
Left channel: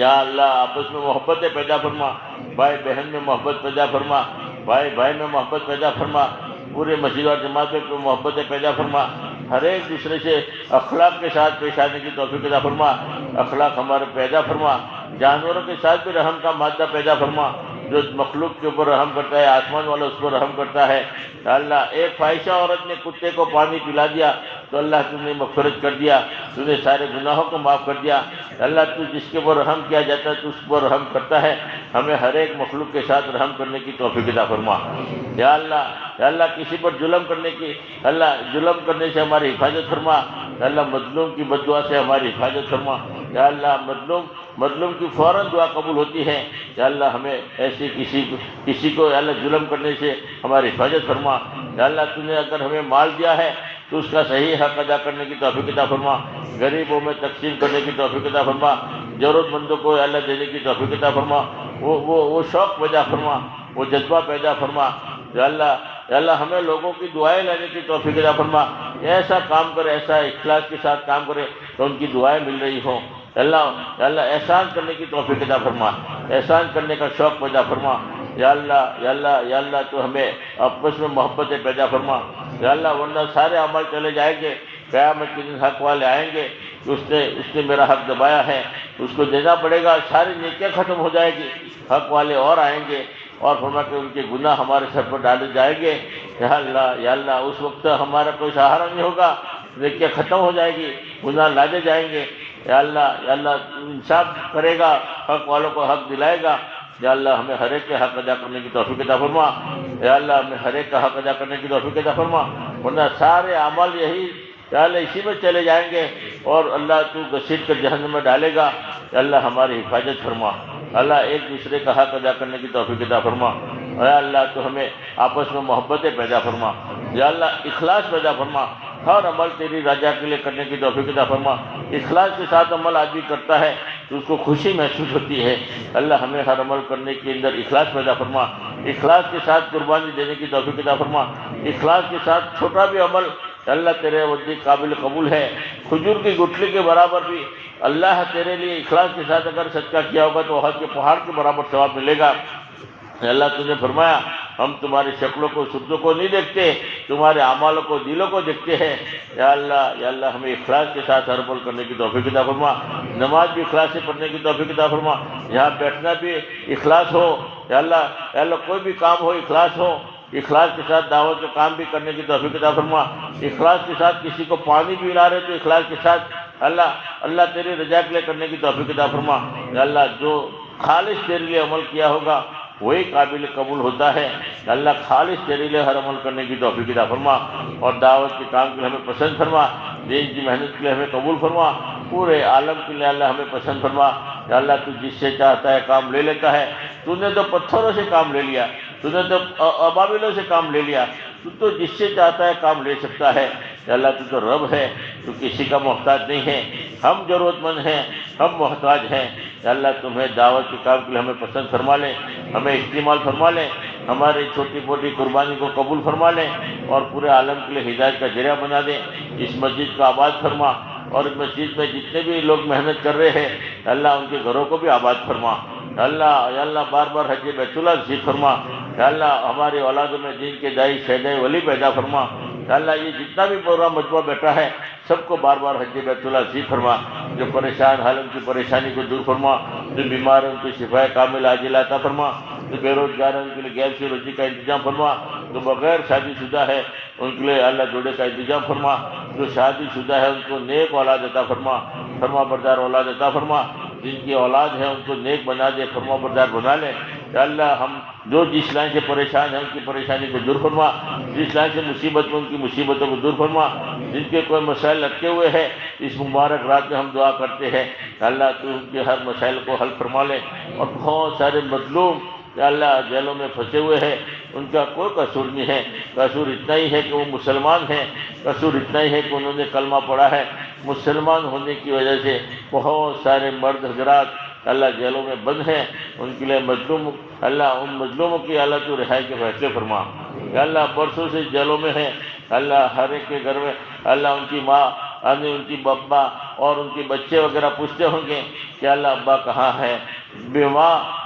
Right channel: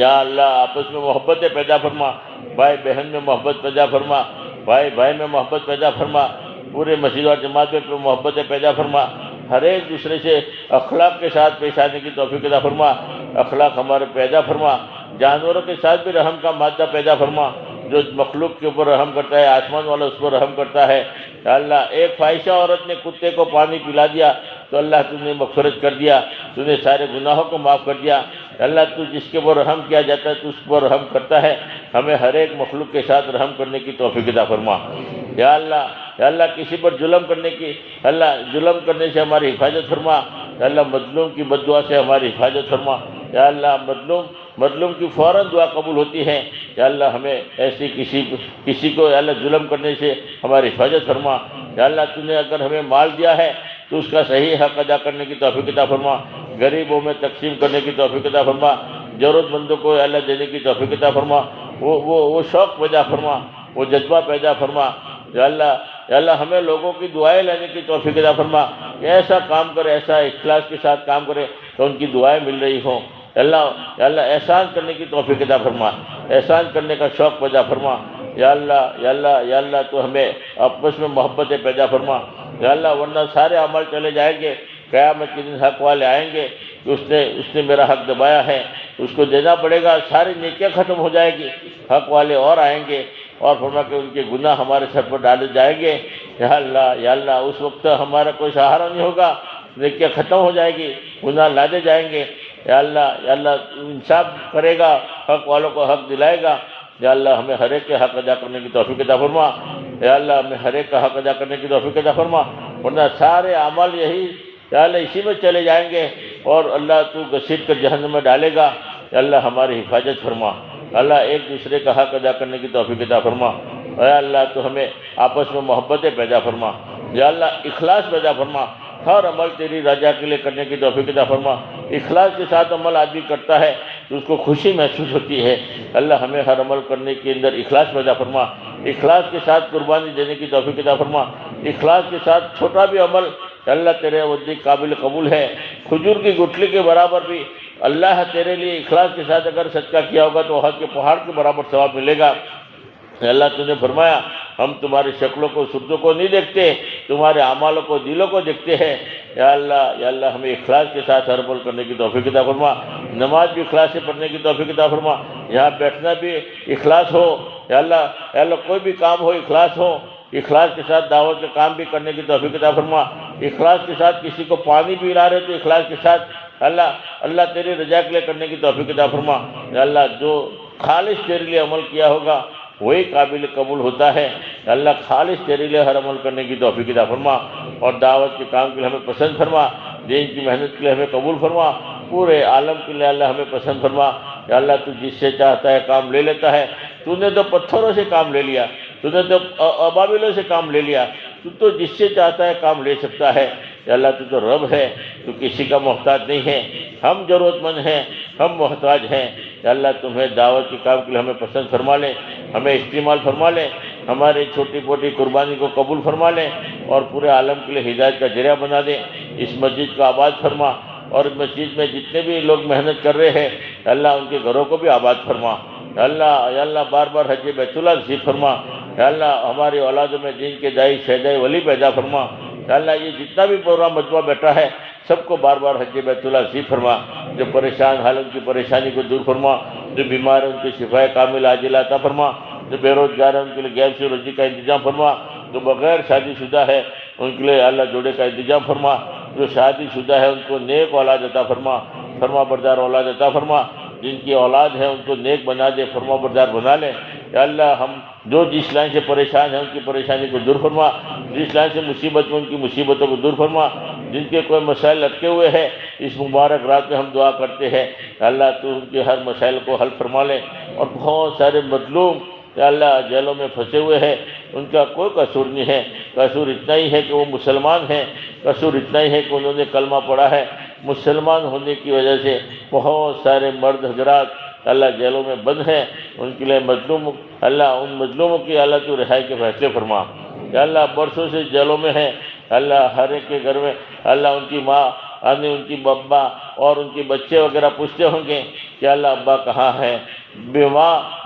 یا اللہ آپس میں محبتیں پیدا فرما، بھائی بہن میں محبت پیدا فرما، بھائی بھائی میں محبت پیدا فرما، پورے مسجد اور جماعت میں محبتیں پیدا فرما، ہر ایک دوسرے سے اخلاق کے ساتھ پیش آنے کی توفیق عطا فرما، اخلاق ہمارے پیدا فرما، جانوروں کے ساتھ بھی رحم کا مادہ پیدا فرما، جو مخلوق کے اوپر رحم کرتا ہے آسمان والا اس پر رحم کرتا ہے۔ یا اللہ ایک فاحشہ عورت نے کتے کو پانی پلا دیا تو اللہ تم نے مغفرت کر دیا، تم نے سارے گناہوں کو معاف کر دیا۔ اللہ تو جس کے اوپر رحم کیا جاتا ہے تو اس پر رحم کرتا ہے، ہمیں ہر ایک مخلوق کے ساتھ رحم کرنے کی توفیق عطا فرما۔ یا اللہ کسی پر ظلم کرنے سے ہماری حفاظت فرما، یا اللہ مظلوم کی بد دعا سے ہماری حفاظت فرما، یا اللہ مظلوم کی فوراً دعا قبول ہوتی ہے، یا اللہ ہمیں ایسی کسی کو یا اللہ ظلم کرنے سے ہماری حفاظت فرما۔ یا اللہ تو نے اگر ہمیں مال دیا ہے تو اس کا صحیح حق ادا کرنے کی توفیق عطا فرما، غریبوں میں تقسیم کرنے کی توفیق عطا فرما، ضرورت مندوں کو یا اللہ دینے کی توفیق عطا فرما، وہ شوق پیدا فرما، وہ جذبہ پیدا فرما۔ یا اللہ ہمیں لوگوں کی دعائیں لینے کی توفیق عطا فرما، ایسا کام کرے، ایسا اخلاص کے ساتھ کام کرے تو ان کی دعائیں مل رہی ہوں۔ یا اللہ احسان کرنے کی توفیق عطا فرما، احسان کرنے کا شوق پیدا فرما۔ یا اللہ تو ہمیں آپس میں محبتیں پیدا فرما۔ یا اللہ ورنہ سارے عمل چلے جائیں گے، قیامت کے دن حق والے آئیں گے کہ اس نے میرا حق دبایا ہے، اس کو دینا پڑے گا، ساری نیکیاں ختم ہو جائے گی، حق والے اور آئیں گے اور فرما کہ ان کے گناہ ہمارے سر پر ڈالے جائیں گے۔ یا اللہ اس وقت ہمارا کوئی سہارا نہیں ہوگا، نیکیاں ختم ہو جائے گی، گناہ لادے جائیں گے۔ یا اللہ انصاف کرے گا، حق والوں کو حق دلائے گا۔ یا اللہ ہمیں ہر ایک کے حق ادا کرنے کی توفیق عطا فرما، یا اللہ ہمیں ہر ایک کا حق ادا کرنے کی توفیق عطا فرما، ورنہ سارے اعمال یہی یا اللہ اسی میں چلے جائیں گے اور اللہ تو گھسیٹ کر جہنم میں ڈالے گا۔ یا اللہ ہماری حفاظت فرما، اللہ ایک دوسرے کا حق ادا کرنے کی توفیق عطا فرما۔ یا اللہ تو ہمیں آپس میں محبتیں پیدا فرما، یا اللہ اخلاص پیدا فرما، ہر عمل تیری رضا کے لیے کرنے کی توفیق عطا فرما۔ اخلاص کے ساتھ عمل آدمی کرتا ہے تو اس کو خوشی محسوس ہوتی ہے، اللہ ہمیں ہر عمل کرنے کے اندر اخلاص پیدا فرما، اخلاص کے ساتھ قربانی دینے کی توفیق عطا فرما، اخلاص کے ساتھ چھوٹا بھی عمل اللہ تیرے وجہ قابل قبول ہے، کھجور کی گٹھلی کے برابر بھی اللہ تیرے لیے اخلاص کے ساتھ اگر صدقہ کیا ہوگا تو حج کے پہاڑ کے برابر ثواب ملے گا۔ اللہ تو نے فرمایا ہم تمہاری شکلوں کو صورتوں کو نہیں دیکھتے، تمہارے اعمالوں کو دلوں کو دیکھتے ہیں۔ یا اللہ ہمیں اخلاص کے ساتھ ہر عمل کرنے کی توفیق عطا فرما، نماز بھی اخلاص سے پڑھنے کی توفیق عطا فرما، یہاں بیٹھنا بھی اخلاص ہو۔ یا اللہ کوئی بھی کام ہو اخلاص ہو، اخلاص کے ساتھ دعوت کا کام بھی کرنے کی توفیق عطا فرما، اخلاص کے ساتھ کسی کو پانی بھی پلا رہے تو اخلاص کے ساتھ اللہ تیری رضا کے لیے کرنے کی توفیق عطا فرما۔ یا اللہ جو خالص تیرے لیے عمل کیا ہوگا وہی قابل قبول ہوتا ہے۔ اللہ خالص تیرے لیے ہر عمل کرنے کی توفیق عطا فرما، اور دعوت کے کام کے لیے ہمیں پسند فرما، دین کی محنت کے لیے ہمیں قبول فرما، پورے عالم کے لیے اللہ ہمیں پسند فرما۔ یا اللہ تو جس سے چاہتا ہے کام لے لیتا ہے، تو نے تو پتھروں سے کام لے لیا، تو نے تو ابابیلوں سے کام لے لیا، تو جس سے چاہتا ہے کام لے سکتا ہے۔ یا اللہ تو رب ہے، تو کسی کا محتاج نہیں ہے، ہم ضرورت مند ہیں، ہم محتاج ہیں۔ یا اللہ تمہیں دعوت کے کام کے لیے ہمیں پسند فرما لے، ہمیں استعمال فرما لے، ہماری چھوٹی موٹی قربانی کو قبول فرما لے، اور پورے عالم کے لیے ہدایت کا ذریعہ بنا دے۔ اس مسجد کو آباد فرما، اور اس مسجد میں جتنے بھی لوگ محنت کر رہے ہیں اللہ ان کے گھروں کو بھی آباد فرما۔ یا اللہ بار بار حج بیت اللہ نصیب فرما۔ یا اللہ ہماری اولادوں میں دین کے دائی شہدائی ولی پیدا فرما۔ یا اللہ یہ جتنا بھی پروگرام مجموعہ بیٹھا ہے سب کو بار بار حج بیت اللہ نصیب فرما، جو پریشان حال ان کی پریشانی کو دور فرما، جو بیمار ہیں ان کی شفا کامل عاجلہ عطا فرما، جو بے روزگار ہیں ان کے لیے غیر سے روزی کا انتظام فرما، جو بغیر شادی شدہ ہے ان کے لیے اللہ جوڑے کا انتظام فرما، جو شادی شدہ ہے ان کو نیک اولاد عطا فرما، فرما بردار اولاد عطا فرما، جن کی اولاد ہے ان کو نیک بنا دے، فرما بردار بنا لے۔ یا اللہ ہم جو جس لائن سے پریشان ہیں ان کی پریشانی کو دور فرما، جس لائن سے مصیبت میں ان کی مصیبتوں کو دور فرما، جن کے کوئی مسائل لٹکے ہوئے ہیں اس مبارک رات میں ہم دعا کرتے ہیں اللہ تو ان کے ہر مسائل کو حل فرما لے۔ اور بہت سارے مظلوم یا اللہ جیلوں میں پھنسے ہوئے ہیں، ان کا کوئی قصور نہیں ہے، قصور اتنا ہی ہے کہ وہ مسلمان ہیں، قصور اتنا ہی ہے کہ انہوں نے کلمہ پڑھا ہے۔ مسلمان ہونے کی وجہ سے بہت سارے مرد حضرات اللہ جیلوں میں بند ہیں، ان کے لیے مظلوم اللہ ان مظلوموں کی اللہ تو رہائی کے فیصلے فرما۔ یا اللہ برسوں سے جیلوں میں ہیں اللہ، ہر ایک کے گھر میں اللہ ان کی ماں ان کی ابا اور ان کے بچے وغیرہ پوچھتے ہوں گے کہ اللہ ابا کہاں ہے،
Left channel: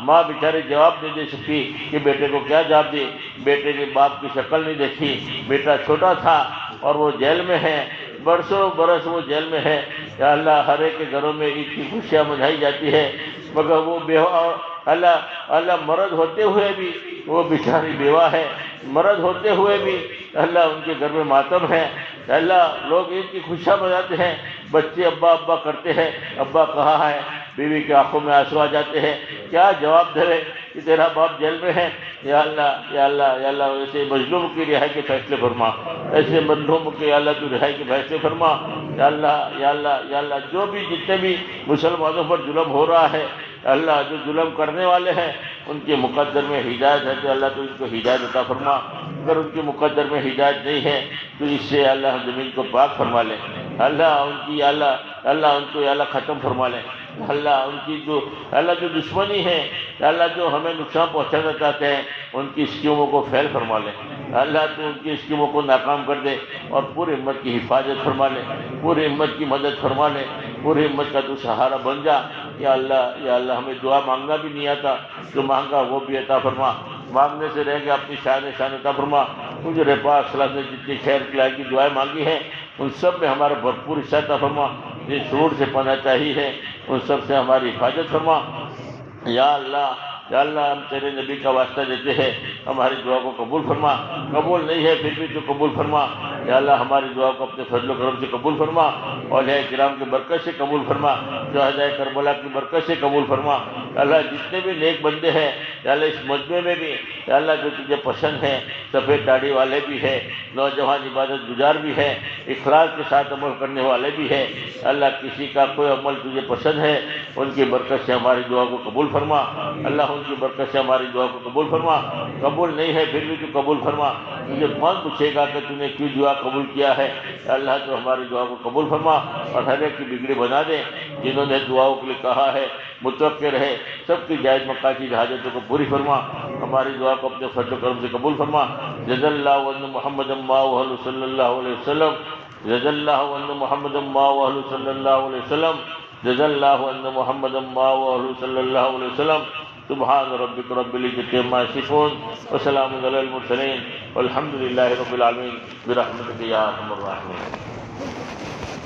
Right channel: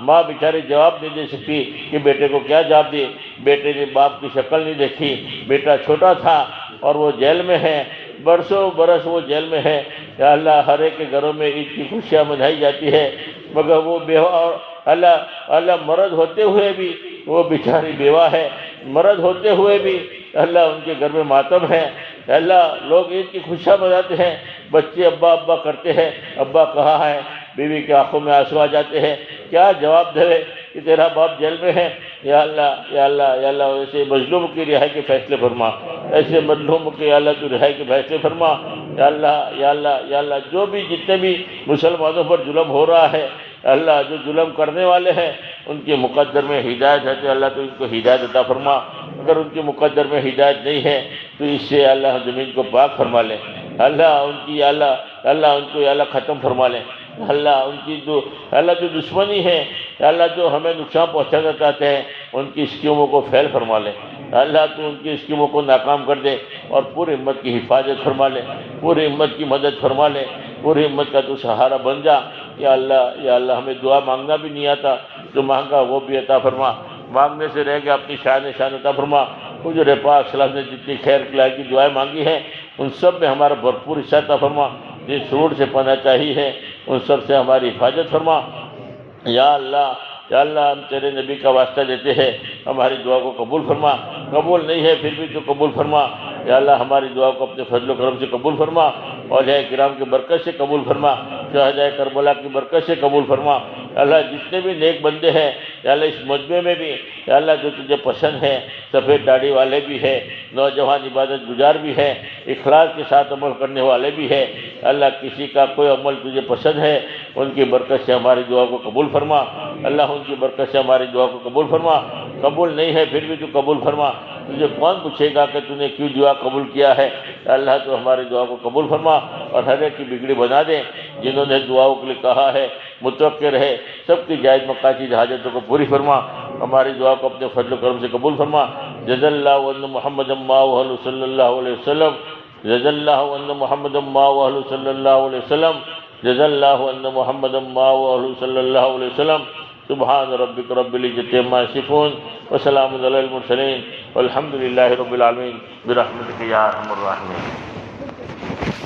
ماں بیچاری جواب نہیں دے سکتی کہ بیٹے کو کیا جواب دے، بیٹے نے باپ کی شکل نہیں دیکھی، بیٹا چھوٹا تھا اور وہ جیل میں ہے، برسوں برس وہ جیل میں ہے۔ یا اللہ ہر ایک کے گھروں میں عید کی خوشیاں منائی جاتی ہے، مگر وہ بیوہ اور اللہ مرد ہوتے ہوئے بھی وہ بیچاری بیوہ ہے، مرد ہوتے ہوئے بھی اللہ ان کے گھر میں ماتم ہے۔ اللہ لوگ عید کی خوشیاں مناتے ہیں، بچے ابا ابا کرتے ہیں، ابا کہاں ہے، بیوی کی آنکھوں میں آنسو آ جاتے ہیں، کیا جواب دے کہ تیرا باپ جیل میں ہے۔ یا اللہ ایسے مظلوم کی رہائی کے فیصلے فرما، ایسے مظلوم کے اللہ تو رہائی کے فیصلے فرما۔ یا اللہ جو بھی جتنے بھی مسلمانوں پر ظلم ہو رہا ہے اللہ، جو ظلم کرنے والے ہیں ان کے مقدر میں ہدایت ہے تو اللہ تو ان کو ہدایت عطا فرما، اگر ان کے مقدر میں ہدایت نہیں ہے تو اس سے اللہ زمین کو پاک فرما لے، اللہ ان کی اللہ ان کو اللہ ختم فرما لے، اللہ ان کی جو دشمنی ہے اللہ جو ہمیں نقصان پہنچانا چاہتے ہیں ان کی اسکیموں کو فیل فرما لے، اللہ تو ان کی اسکیموں کو ناکام کر دے اور پوری امت کی حفاظت فرما لے، پوری امت کی مدد فرما لے، پوری امت کا تو سہارا بن جا۔ یا اللہ ہمیں دعا مانگنا بھی نہیں آتا، جو مانگا وہ بھی عطا فرما، مانگنے سے رہ گیا اپنی شان عطا فرما۔ حضور پاک صلی اللہ علیہ وسلم نے جتنی خیر خلائی کی دعائیں مانگی ہیں ان سب میں ہمارا بھرپور حصہ عطا فرما، جس شرور سے پناہ چاہی ہے ان سب سے ہماری حفاظت فرما۔ یا اللہ ہم تیرے نبی کا واسطہ دیتے ہیں، ہماری دعا کو قبول فرما، قبول نہیں ہے پھر بھی تو قبول فرما۔ یا اللہ ہماری دعا کو اپنے فضل و کرم سے قبول فرما، اولیاء کرام کی برکت سے قبول فرما، شہداء کربلا کی برکت سے قبول فرما۔ اللہ جتنے بھی نیک بندے ہیں یا اللہ اس مجمع میں بھی یا اللہ جو تجھے پسند ہیں، سفید داڑھی والے بھی ہیں، نوجوان عبادت گزار بھی ہیں، اخلاص کے ساتھ عمل کرنے والے بھی ہیں، اللہ کسی کا کوئی عمل تجھے پسند ہے ان کی برکت سے ہماری دعا کو قبول فرما، اللہ ان کی برکت سے ہماری دعا کو قبول فرما، قبول نہیں ہے پھر بھی تو قبول فرما، تجھے کون پوچھے گا کہ تو نے کیوں دعا قبول کیا ہے، اللہ تو ہماری دعا کو قبول فرما اور ہر ایک کی بگڑی بنا دے، جنہوں نے دعاؤں کے لیے کہا ہے متوقع رہے سب کی جائز مقاصد حاجتوں کو پوری فرما، ہماری دعا کو اپنے فضل و کرم سے قبول فرما۔ جزا اللہ عنہ محمد ماہ صلی اللہ علیہ وسلم، جزا اللہ عنہ محمد ماہ صلی اللہ علیہ وسلم، جزا اللہ ان محمد صلی اللہ علیہ وسلم. سبحان ربک رب العزت عما یصفون وسلام علی المرسلین والحمد للہ رب العالمین برحمتک یا ارحم الراحمین.